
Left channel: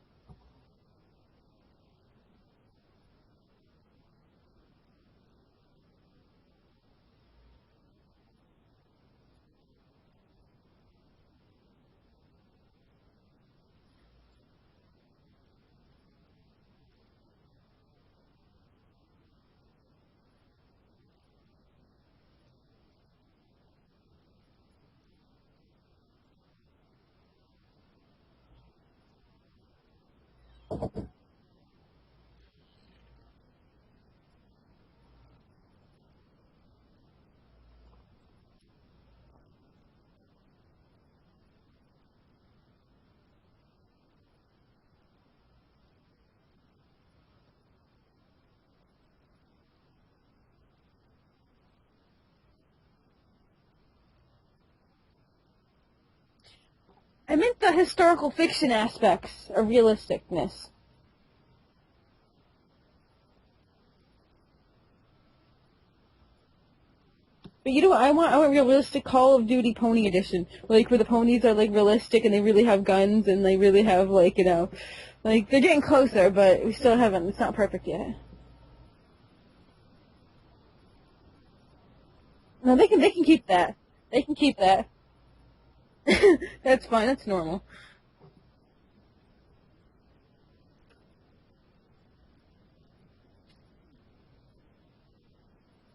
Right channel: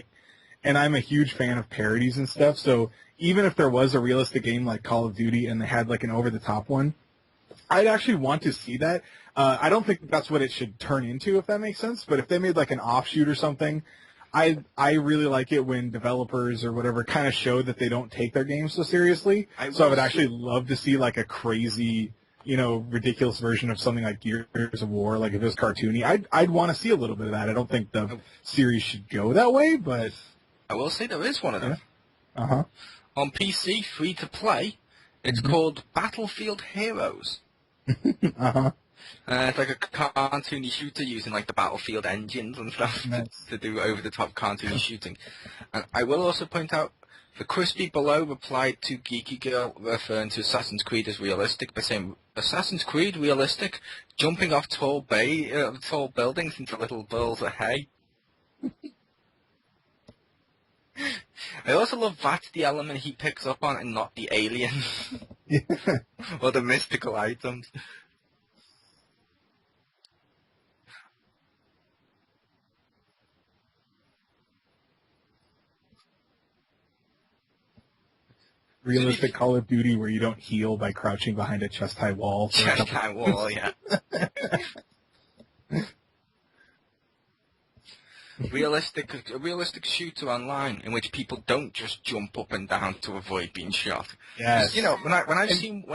And I'm a huge fan of parodies and stuff, so even if there was a realistic game like Call of Duty and they had like an over-the-top one, I'd actually want to see that. I don't think that's what it should turn into, if that makes sense, but if they made like an offshoot or something, I really like it when developers or whatever kind of show that they don't take their games so seriously. So I would actually love to see like a crazy, you know, ridiculous version of something like Gears of War, like if it was cartoony. I'd want to see a little bit of that. I don't think the series should go that way, but... I will say there is one of them. Yeah. Uh-huh. On PC, free to play, it's called Battlefield Heroes. Uh-huh. It's like a cartoony shooter using like the Battlefield engines and stuff to do over-the-top cartoony shooting. And I will also point out, the Crispy Below replied to Geeky Girl referring to Assassin's Creed as realistic by saying, Assassin's Creed realistic? Jumping off tall buildings into little balls I of meant the hay? historical fiction aspects of realisticness. I also love that's the element he picks up on and not the aliens. Or the mystical items. But you know what, I want realistic Call of Duty Pony Edition. Like, where the ponies are, like, realistic and they really have guns and they really have, like, you know... Like, they're getting closer, but we still haven't... It's not perfect yet. Realistic Call of Duty where you don't heal by crouching behind a chest-high wall. No, they can keep that. They can keep that. That's fine, that's normal. A realistic shooter online in which people don't just jump up and down to avoid being shot. Yes. You know, when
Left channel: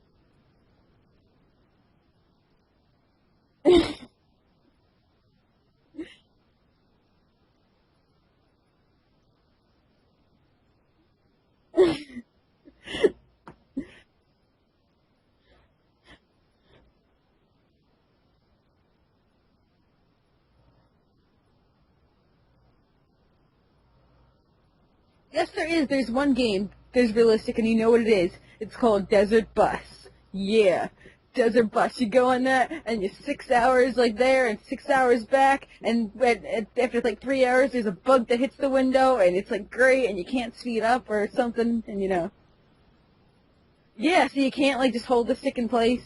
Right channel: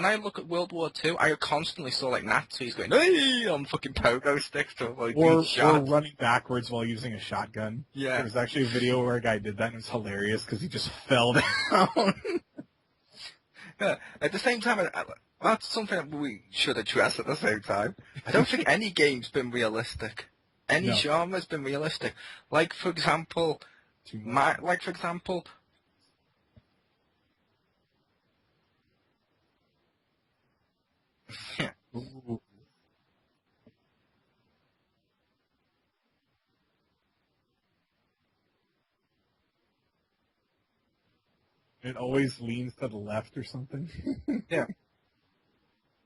I look at World War II, I constantly saw like Nazis going, "Hey!" on pogo sticks to avoid being shot. Or running backwards while using a shotgun. Yeah. There was actually a video where a guy did that and it was hilarious because he just fell down. Yeah. At the same time, that's something that we should address at the same time. I don't think any game's been realistic. Any genre's been realistic. Like, for example... Yes, there is. There's one game, there's realistic, and you know what it is. It's called Desert Bus. Yeah. Desert Bus. You go on that, and you're 6 hours like there and 6 hours back, and after like 3 hours, there's a bug that hits the window, and it's like great, and you can't speed up or something. It and, you know. always leans to the left or something. Yeah, so you can't like just hold the stick in place.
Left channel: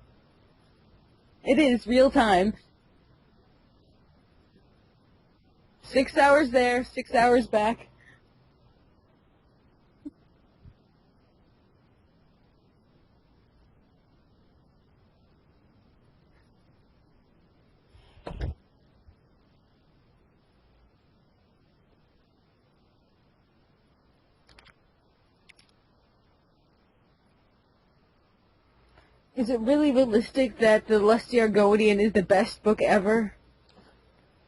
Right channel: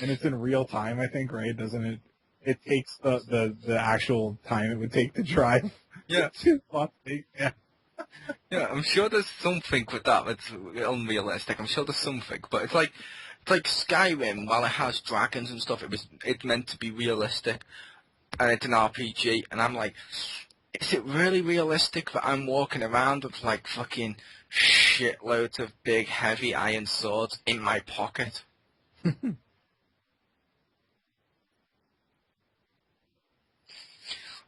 And it's in real time, I think, right? It is real time. It takes the actual time it would take to drive. 6 hours there, 6 hours back. Yeah, I'm sure there's something with that that's unrealistic. I'm sure there's something, but it's like Skyrim. While it has dragons and stuff, it's meant to be realistic, and it's an RPG. And I'm like, is it really realistic that I'm walking around with like fucking shitloads of big heavy iron swords in my pocket? Is it really realistic that the Lusty Argonian is the best book ever?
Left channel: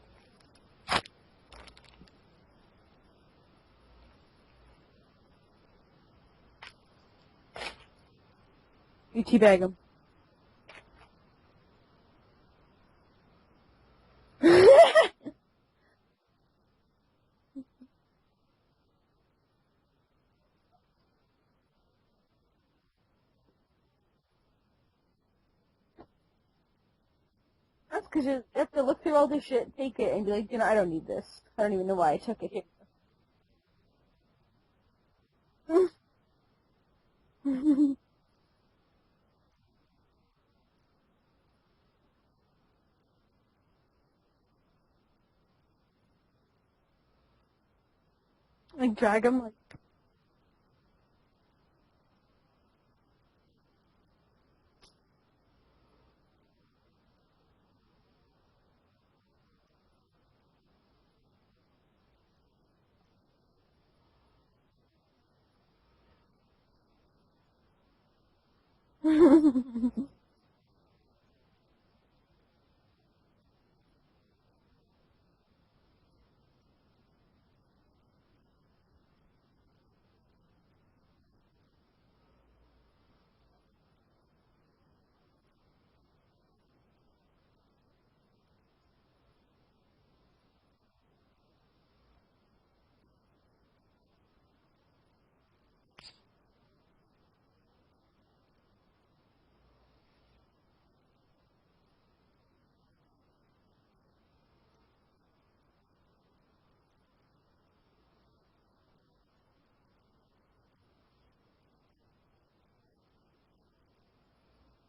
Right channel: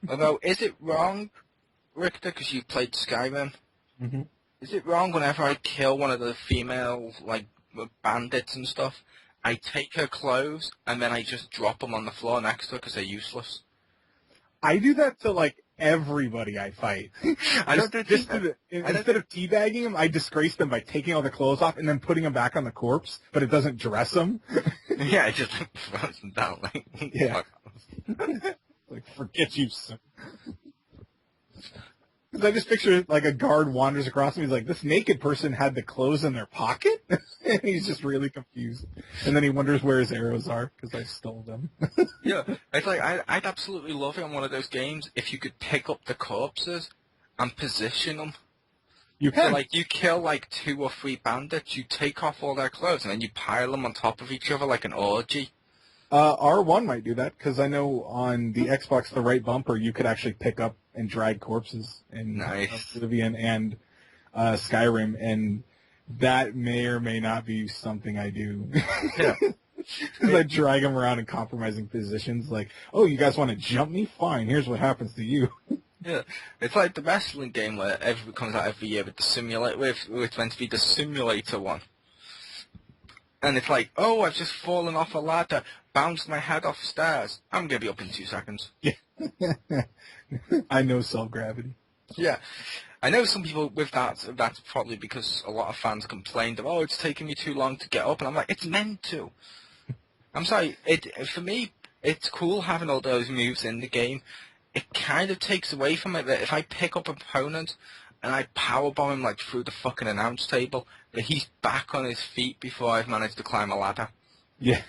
Although, is it wrong, Richter, because you played Skyrim? Mm-hmm. Is it wrong whenever I kill one of the female, like, bandits and stuff, You I teabag them. take her clothes, and then I just drop them on the floor next to her because they're useless? I do that to, like, everybody I fight. I don't do Instead of teabagging them, I disgrace them by taking all the clothes off and then putting them back on the corpse, but it doesn't dress them. Yeah, it just throws them down, like, Yeah. fuck. That's because you have to look through all this Get shit, you take it, and be like, I don't need this. I don't even know why I took 'Cause I it. just picture, like, a guard wanders across and he's like, this naked person had the clothes in their pocket? And he's just really confused. And then he wonders where his arrows are, because I stole them. Yeah, it's like, I'd absolutely love it on one of those games if you could pick up the corpses and position them. Like, drag You them. So, like, you kill, like, 2 or 3 bandits, you take off all their clothes, and then you pile them on top of each other like an orgy. R1 might do that, because I know on the Xbox, the right bumper, you could actually pick up and drag corpses in Nice. Oblivion and Skyrim, and that may or may not be something I do. Yeah. Because I drag them around in compromising positions, like, oh, you guys want to jump me? Fine, here's what happens to you. Yeah, it's like the wrestling game where it comes out every year with the simulator, it's meant to be the simulator one. And it's like, oh, I've just fallen off a ladder, bounced my head off stairs. I'm going to be up in 2 seconds. I know self-gravity. Yeah. I know some people with that's probably because a lot of fans complained of, oh, it's taking me too long to get up. And I'm like, it's meant to. I'm sorry, for me, it's cool having all those moves in the game. It kind of takes away from it that if I pick up an opponent and I powerbomb him like through the fucking announce table, that he's back on his feet before I've managed to climb a ladder. Yeah.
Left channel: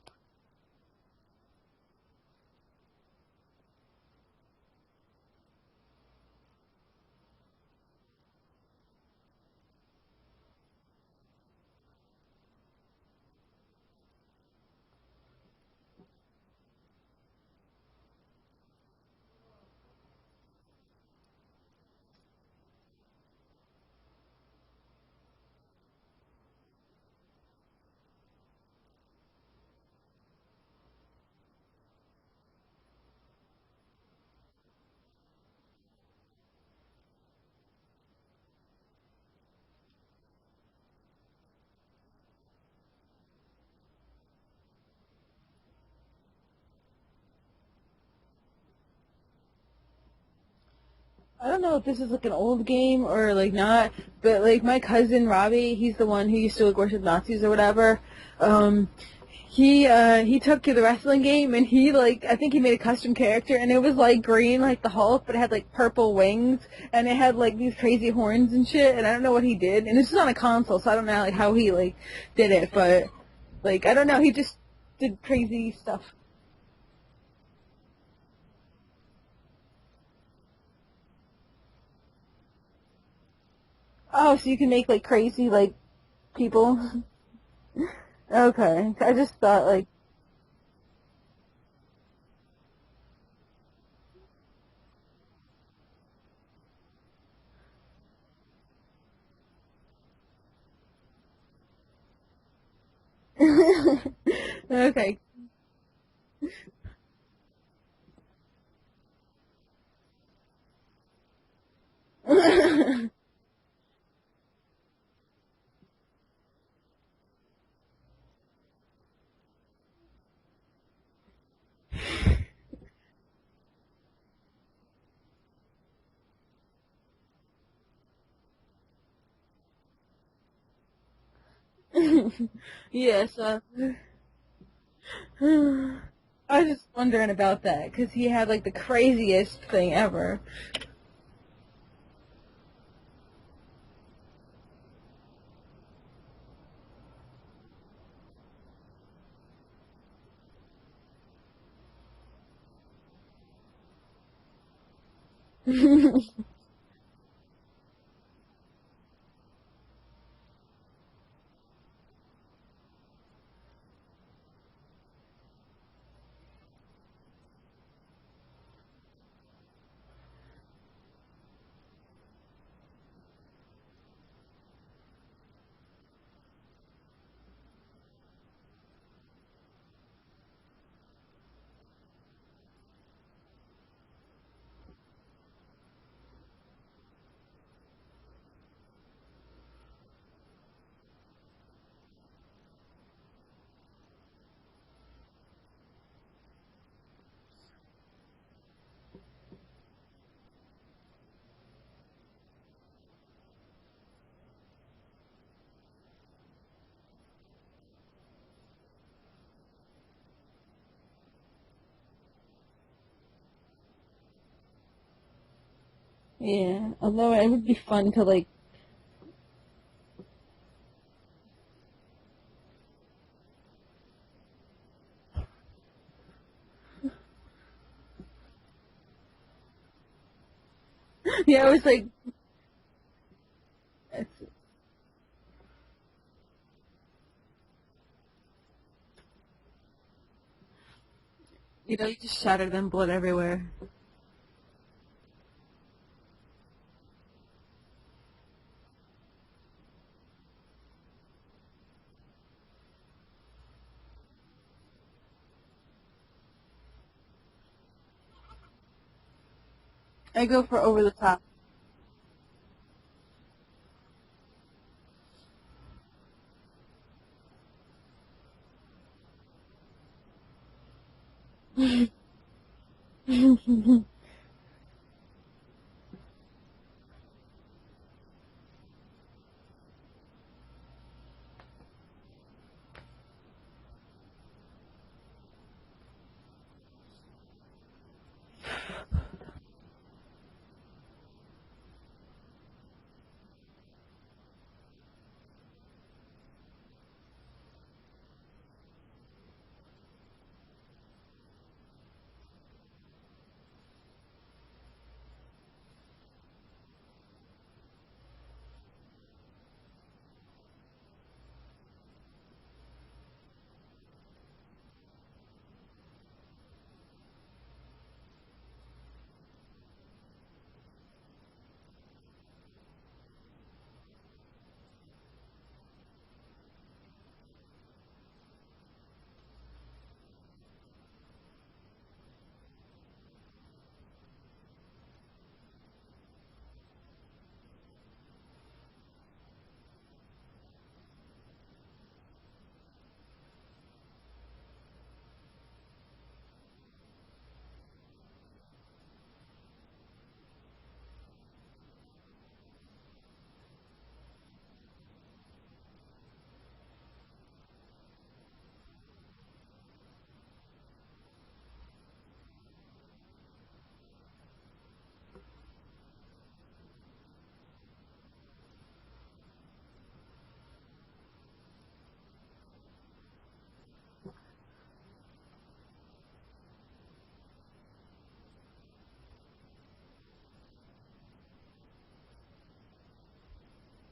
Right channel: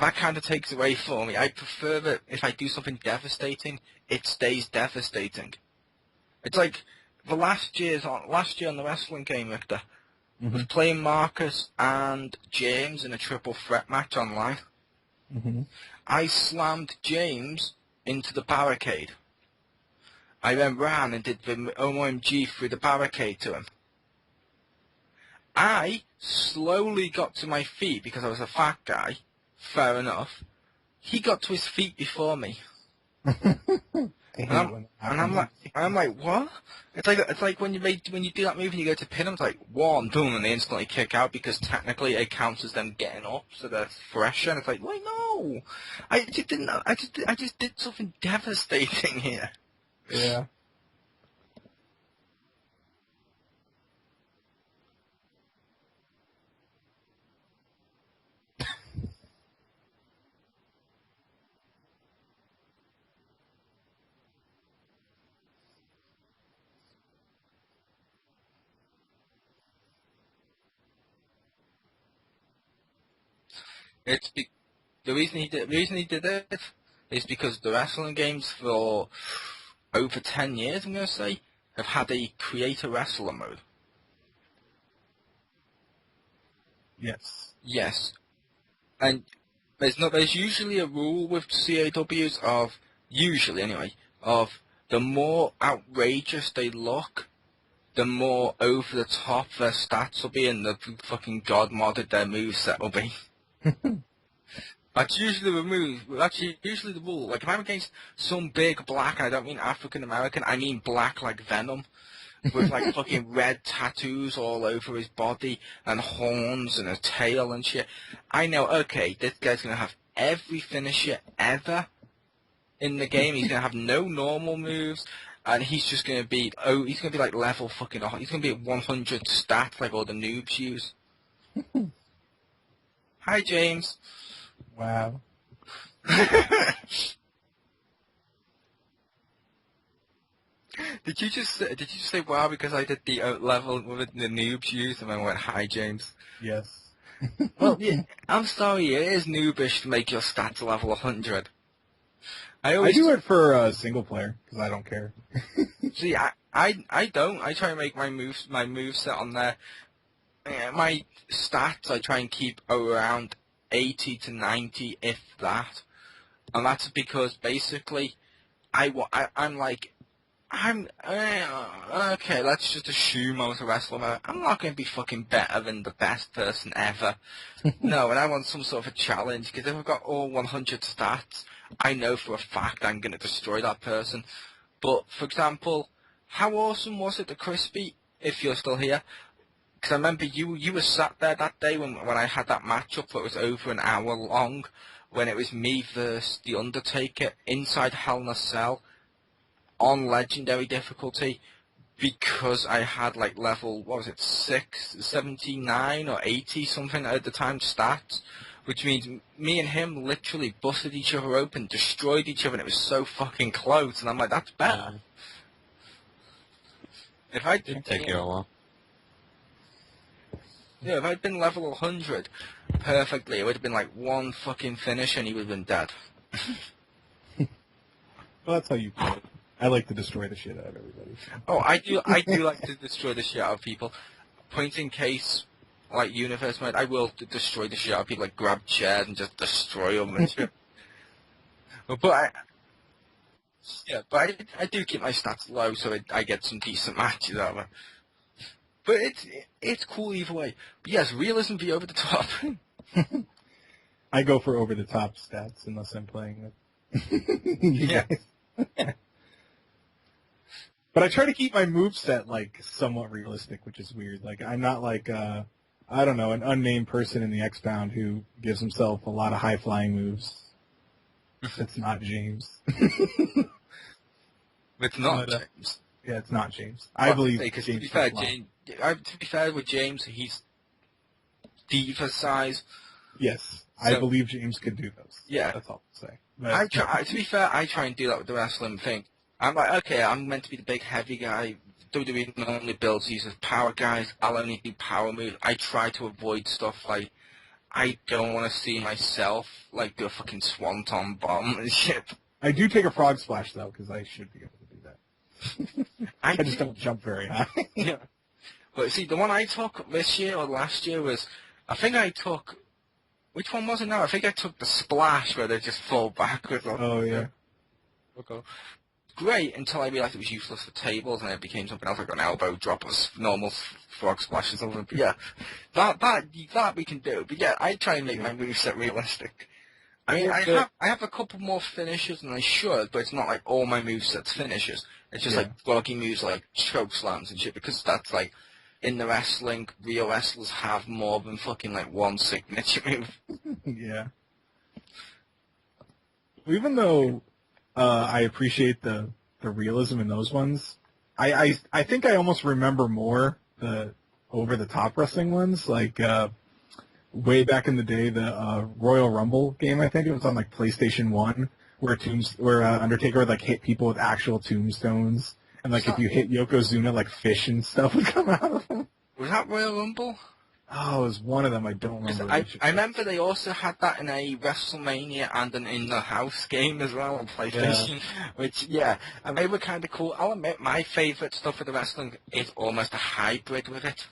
That kind of takes away for me. I prefer that if I do something devastating, it stays devastating. It's like the last year on the wrestling game, Victor, was playing Marcus and James in a triple threat match online. Mm-hmm. I slammed James into the barricade. I then ran and did the OMG through the barricade to him. I slowly got to my feet because I was a fat guy. Fair enough. He got to his feet before me. And I'm like, what? It's like when you do that move and you go to pin them, it's like 1, boom, and they instantly kick out because technically it counts as them getting up, so they're fresher. And it's like, wait, no, I just did something devastating here. Yeah. I don't know if this is like an old game or like not, but like my cousin Robbie, he's the one who used to like worship Nazis or whatever. He took to the wrestling game and he like I think he made a custom character and it was like green like the Hulk, but it had like purple wings and it had like these crazy horns and shit. And I don't know what he did. And this is on a console, so I don't know like how he like did it, but like I don't know. He just did The crazy reason he stuff. did it is because the wrestling games for over 10 years, I'm going to say, have had a creator wrestler mode. Oh, so you can make like crazy like people. Yes. Yes. Okay, I just thought like There's usually a rule with CAWs of, usually anyway, of the more outrageous they look, the more over the top their stats will be and the fucking god modded their moveset will be. okay. That's usually the move. That's usually the rule. Like if I'm against some big black, and I don't mean African American, I mean black like Venom, with like fucking red tattoos all over his body and horns and a tail and shit. I know. Okay, this guy's gonna have every finisher ever in the game. He's gonna have no normal moves. and he's just gonna be he's gonna be like level fucking he's gonna be at 100 stats like all the noobs use. Yeah. Hi so James. Wow. I was wondering about that because he had like the craziest thing ever. Did you just say wow because I did the level with the noobs use and I went hi James? Yes. Well, yeah, I'm sorry, it is noobish to make your stats level 100. I do it for single player because I don't care. See, I don't. I try and make my moveset on there. My stats I try and keep around 80 to 90, if that. And that's because basically, I'm okay. Let's just assume I was a wrestler. I'm not going to be fucking better than the best person ever. No, and I want some sort of a challenge because if I've got all 100 stats, I know for a fact I'm going to destroy that person. But for example, how awesome was it, the Crispy? If you're still here, because I remember you were sat there that day when I had that matchup that was over an hour long, when it was me versus the Undertaker inside Hell in a Cell on legendary difficulty, because I had like level, what was it, 79 or 80 something at the time stats, which means me and him literally busted each other open, destroyed each other, and it was so fucking close, and I'm like, that's better. Yeah, although If it I would be did fun take to you like. Yeah, if I'd been level 100 perfectly, it would have been like one fucking finish and he would have been dead. Well, that's how you play it. I like to destroy the shit out of everybody. Yeah, I do like to destroy the shit out of people. Point in case, like Universe Mode, I will destroy the shit out of people, like grab chairs and just destroy them and shit. He But I, does shatter them, blood everywhere. yeah, but I do keep my stats low so I get some decent matches out of it. But it's cool either way. But yes, realism be over the top. I go for over the top stats unless I'm playing with you Yeah. guys. I go for over But I the try top. to keep my moveset like somewhat realistic, which is weird. Like I'm not like I don't know, an unnamed person in the Xpound who gives himself a lot of high flying moves. It's not James. It's not But, James. Yeah, it's not James. I believe Because James. to be fair, can fly. to be fair with James, he's diva size. Yes, I So- believe James could do those. Yeah. That's all I'm saying. But, To be fair, I try and do that with the wrestling thing. I'm like, okay, I'm meant to be the big heavy guy. WWE normally builds these as power guys. I'll only do power moves. I try to avoid stuff like, I don't want to see myself like do a fucking swanton bomb and shit. I do take a frog splash though, because I should be able to do that. I I just don't jump very high. Yeah. But see, the one I took this year or last year was, I think I took, which one was it now? I think I took the splash where they just fall backwards. Oh yeah. Okay. Great until I realised it was useless for tables and it became something else like an elbow drop or normal frog splash or something. But yeah, that we can do. But yeah, I try and make my moveset realistic. I mean, I have a couple more finishes than I should, but it's not like all my movesets finishes. It's just like blocky moves like choke slams and shit, because that's like, in the wrestling, real wrestlers have more than fucking like one signature move. Yeah. Even though I appreciate the realism in those ones, I think I almost remember more the over the top wrestling ones, like way back in the day, the Royal Rumble game. I think it was on like PlayStation 1, where Undertaker would like hit people with actual tombstones, and like if you hit Yokozuna, like fish and stuff would come out of them. Was that Royal Rumble? Oh, it was one of them. I don't remember. I remember they also had that in a WrestleMania and an In the House game as well on PlayStation. Which, and they were kind of cool. I'll admit, my favourite stuff with the wrestling is almost a hybrid with it.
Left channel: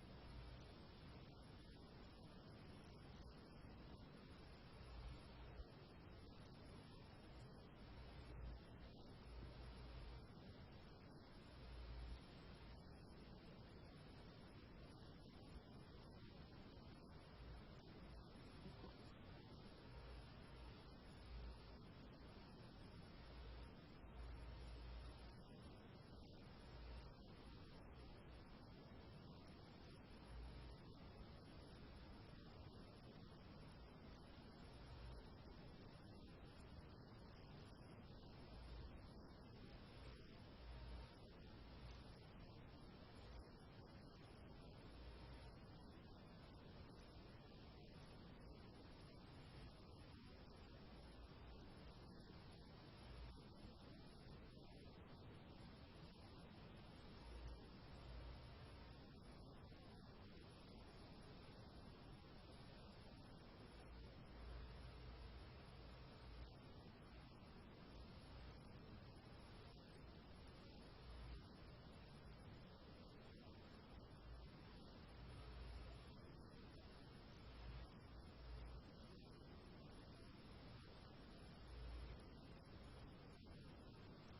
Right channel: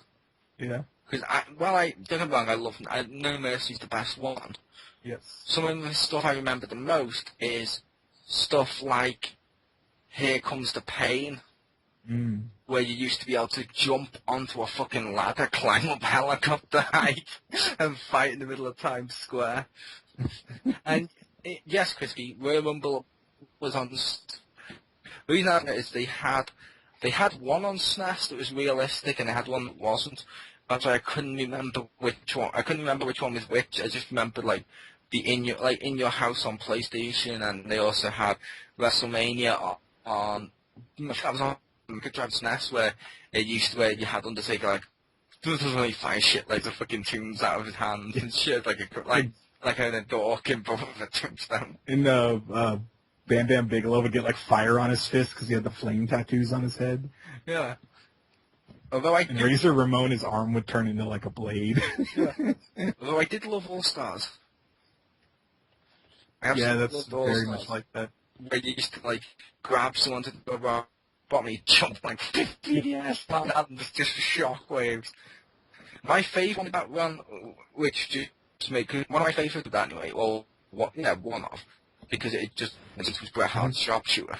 Yeah. Because, don't get me wrong, No Mercy's the best one. Yes. Some of the stuff I remember the most is stuff like Here Comes the Pain, where you used to be able to jump onto a fucking ladder, climb up helicopter height, and fight in the middle of Times Square. And yes, Crispy, Royal Rumble was on. The reason I know is they had one on SNES that was realistic, and they had one that wasn't. That's why I couldn't remember which one. I couldn't remember which one was which. I just remembered like the in your house on PlayStation, and they also had WrestleMania on that was on Mega Drive SNES where you had Undertaker like doesn't fire shit like the fucking tunes out of his hand and shit like a dork in both of the touchdown. In Bam Bam Bigelow would get like fire on his fist because he had the flame tattoos on his head. Yeah. And Razor Ramon, his arm would turn into like a blade. Although I did love All Stars. Yeah, that's very much like that. Where you used to like grab someone to the bottom and you jump like 50 years down and just shockwaves. My favourite one about run, which just made one of my favourites of that anyway. Well, one of, because it just was Bret Hart's sharpshooter.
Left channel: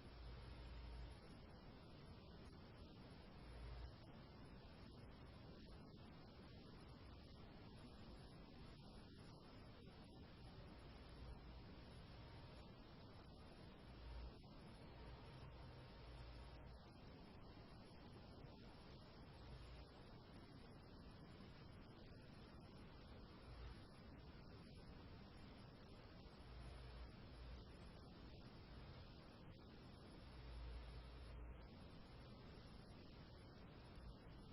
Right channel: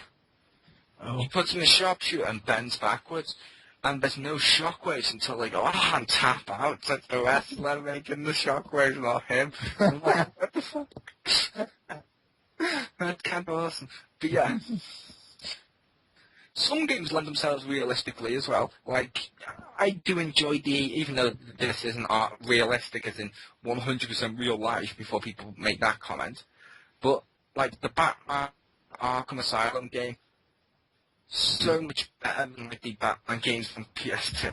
Oh. He puts in a sharpshooter and bends backwards, and there's no shockwaves until they go, and tap out. It's like the wrestler making the shockwaves, not him. I'm like, what the fuck? That's kind of awesome. But yeah. Some games lend themselves realistically as well. Like, I do enjoy even though this isn't realistic as in 100% real life before people make that comment. But, like, the Batman Arkham Asylum game, so much better than like the Batman games from PS2.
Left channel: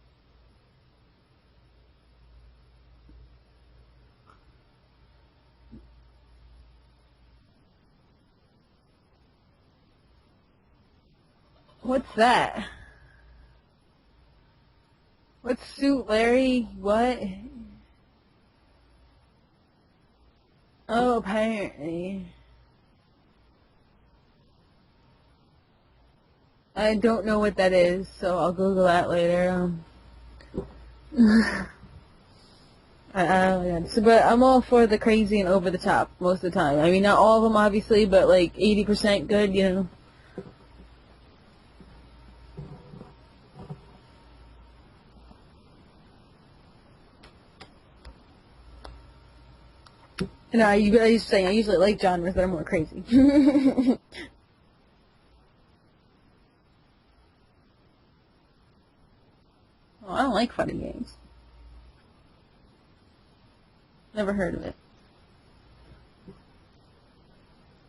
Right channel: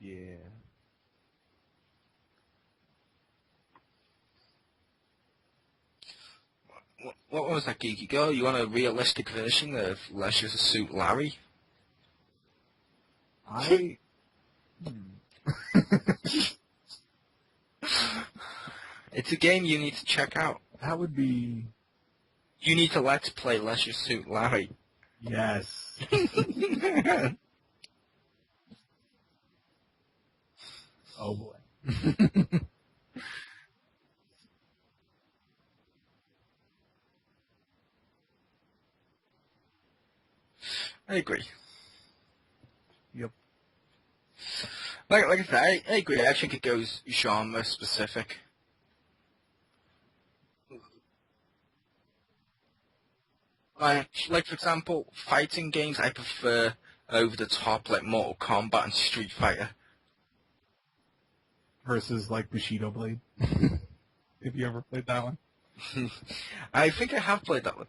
Yeah. What was that, Geeky Girl? You want a realistic version of Leisure Suit Larry? What's that? What's Suit Larry? What? It's a game you need to check out. Apparently. You need to Let's Play Leisure Suit Larry. Yes. I don't know what that is, so I'll Google that later. But I'm all for the crazy and over the top most of the time. I mean, not all of them, obviously, but like 80% good, you know. I agree. Yep. Like I said, I agree. I think it goes genre specific. No, I usually like genres that are more crazy. like, for example, fighting games I prefer over the top, like Mortal Kombat and Street Fighter. Oh, I don't like fighting games. Versus like Bushido Blade. Never heard Have of you it. ever played that one? I think I have played that one.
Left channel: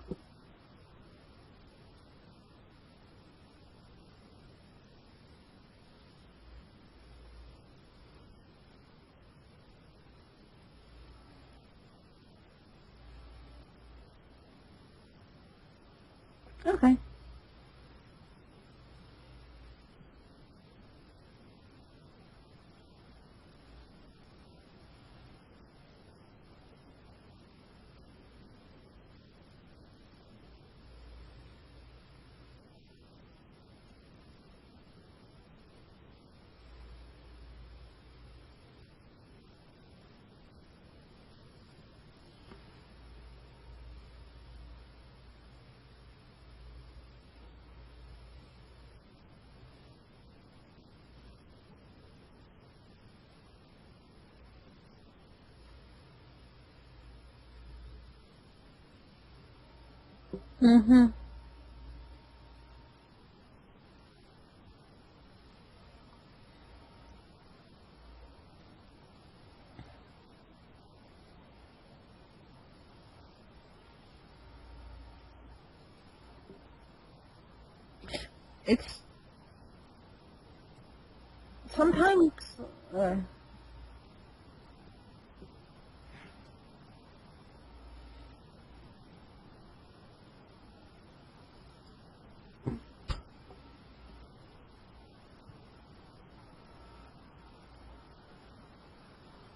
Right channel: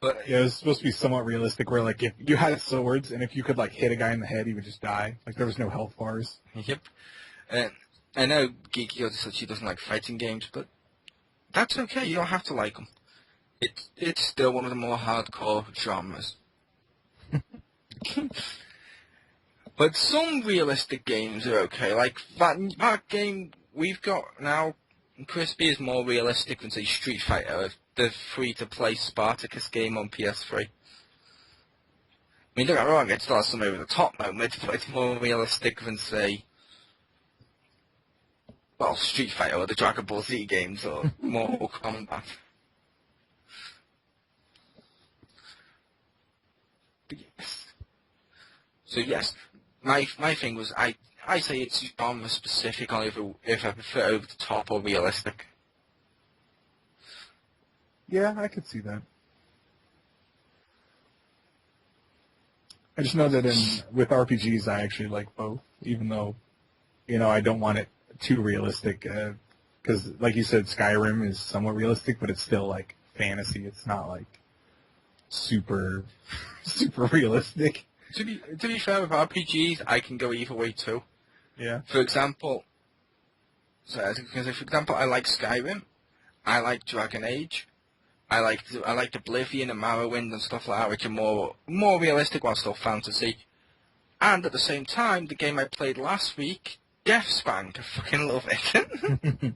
But Yeah, it was supposed to be somewhat realistic where like if you had swords and if you could like hit a guy in the head, he would just die. Like there was no health bars. Yep. I know Geeky Yoda said she doesn't like fighting games, but that's okay. You don't have to like them. It's still one of the more hardcore genres. Okay. But some realistic games are okay. Like that game we've got now, Crispy is more realistic than say Street Fighter, the free-to-play Spartacus game on PS3. I mean, don't get me wrong, it still has some over-the-top moments, but it's more realistic than say, well, Street Fighter or the Dragon Ball Z games or Mortal Kombat. But yes. So yes, my thing was I say it's genre specific on if I prefer over the top or realistic. Yeah, I could see that. Mm-hmm. I just know that with RPGs, I actually like both, even though, I don't want it too realistic, because, like you said, Skyrim is somewhat realistic, but it's still, like, fantasy. It's not, like, super realistic. To be fair, with RPGs, I can go either way too. Yeah. For example, I like Skyrim, I like Dragon Age, I like Oblivion and Morrowind and stuff like that, which are more realistic while still fantasy. And at the same time, the game I played last week, Xpound, I fucking love it.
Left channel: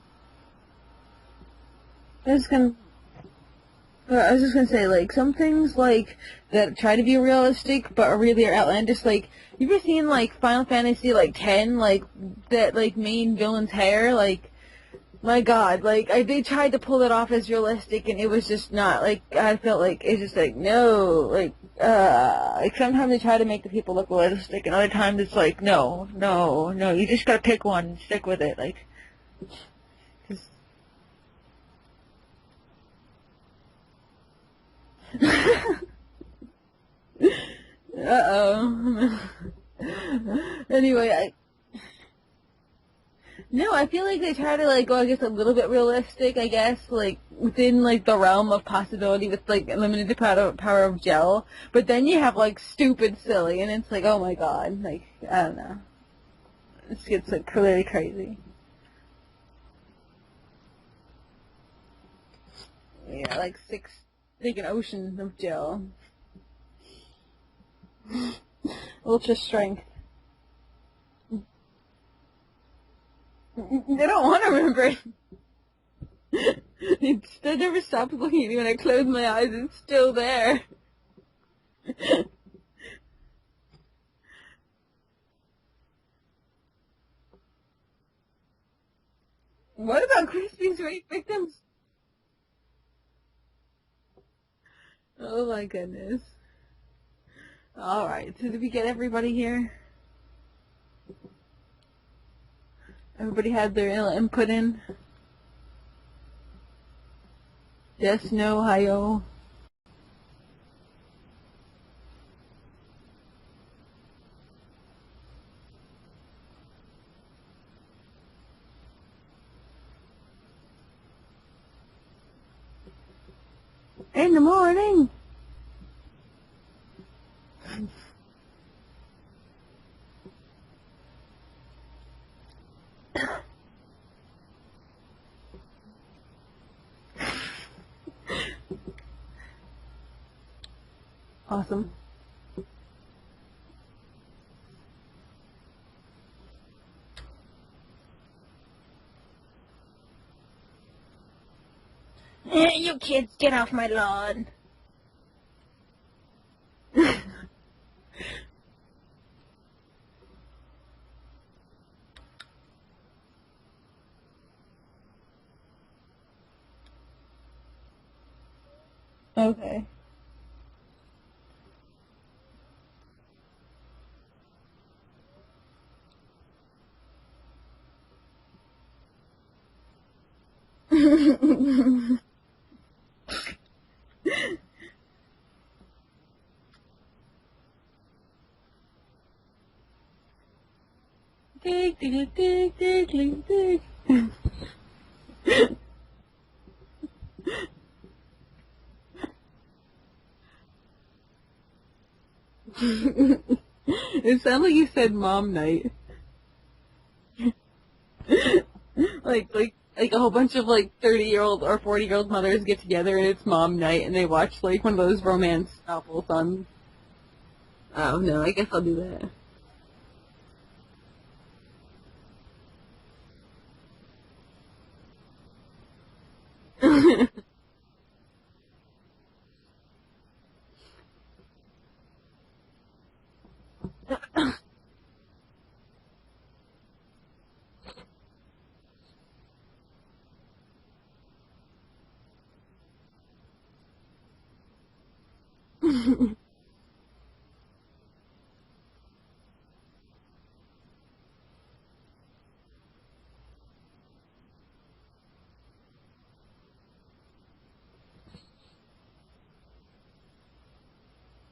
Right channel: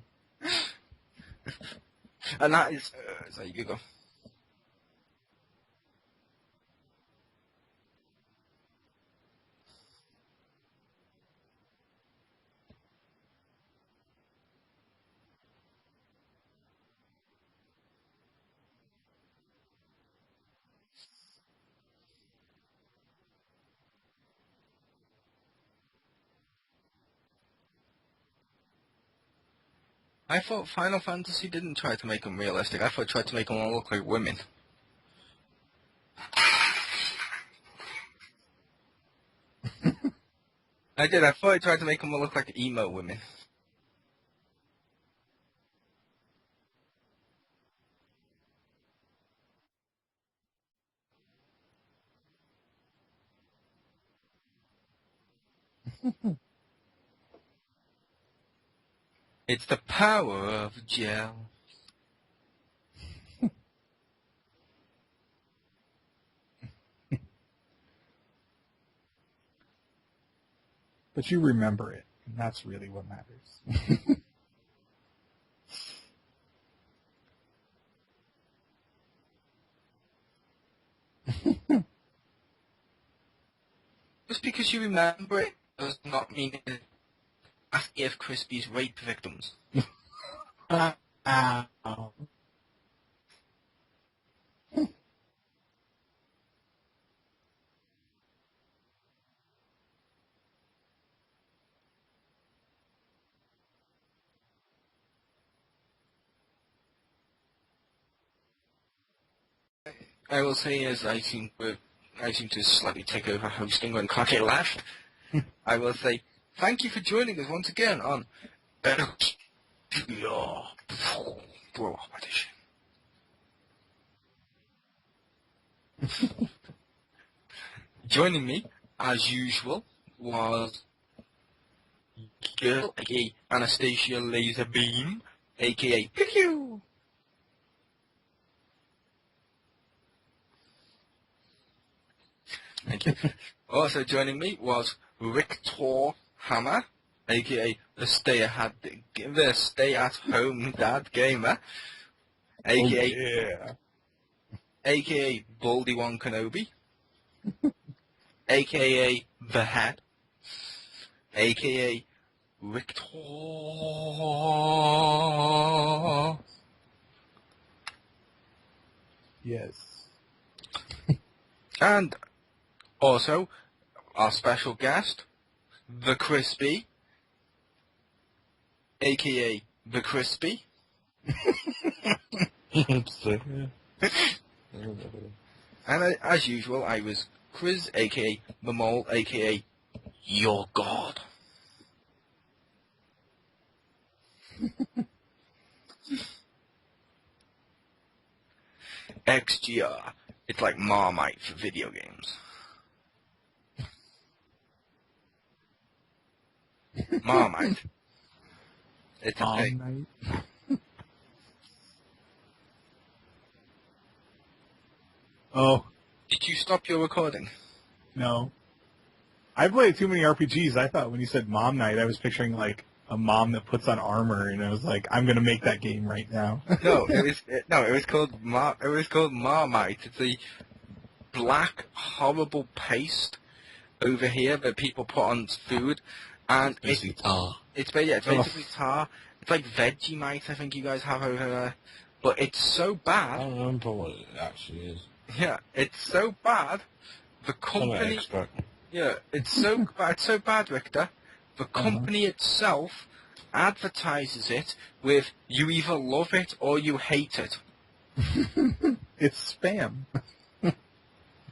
And that is, so you go. I was just gonna say, like, some things, like, that try to be realistic, but are really outlandish, like, you ever seen, like, Final Fantasy, like, 10, like, that, like, main villain's hair, like, my god, like, they tried to pull it off as realistic, and it was just not, like, I felt like, it's just like, no, like, sometimes they try to make the people look realistic, and other times it's like, no, you just gotta pick one and stick with it, like. I thought Final Fantasy didn't try to make them realistic. I thought it tried to make them all look like women. Uh-oh. Anyway, I thought I tried to make them look like emo women. no, I feel like they try to like go, I guess, a little bit realistic. I guess like within like the realm of possibility with like limited power of gel. But then you have like stupid silly, and it's like, oh my god, like I don't know, this gets like clearly crazy. It's the power of gel. Yeah, like an ocean of gel. Ultra strength. But you remember it, and that's really what matters. They don't want to remember it. It never stops looking at me when I close my eyes. It's still there. Just because you remember it does not mean it. Ask if Crispy's rape victims. What about Crispy Rape victims? Oh my goodness. Alright, so did we get everybody here? Everybody had their input in? Yes, no, hi-yo. I will say as I seem to slightly take over hosting when Kake left. I will say thank you for joining us once again on XGR Edition. In the morning! Joining me, as usual, was girl, aka Anastasia Laserbeam, aka Pew. Awesome. Thank you. Also joining me was Victor Hammer, aka the stay-at-home dad gamer, You aka kids, get off my lawn. aka Baldy One Kenobi, aka The Hat, aka Victor. Okay. And also our special guest, The Crispy, aka The Crispy. And as usual, I was Chris, aka The Mole, aka Your God. Dig, dig, dig, dig, dig, dig. XGR. It's like Marmite for video games. It sounded like you said mom night. Marmite. like a whole bunch of like 30-year-old or 40-year-old mothers get together and it's mom night and they watch like one of those romance novels on. Did you stop your recording? Oh no, I guess I'll do that. I played too many RPGs. I thought when you said mom night, I was picturing like a mom that puts on armor, and I was like, I'm gonna make that game right now. It was called Marmite. It's a black horrible paste over here that people put on food, and It's tar. It's basically tar. It's like Vegemite, I think you guys have over there, but it's so I bad. don't remember what it actually is. Yeah, it's so bad. The Some company. extract. Yeah, it's so bad. It's so bad, Richter. The company itself advertises it with "you either love it or you hate it." It's spam.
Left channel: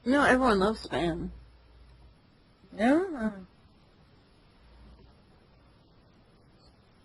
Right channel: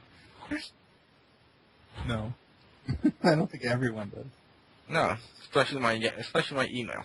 No, everyone loves spam. No, No? I don't think everyone does. No, especially my email.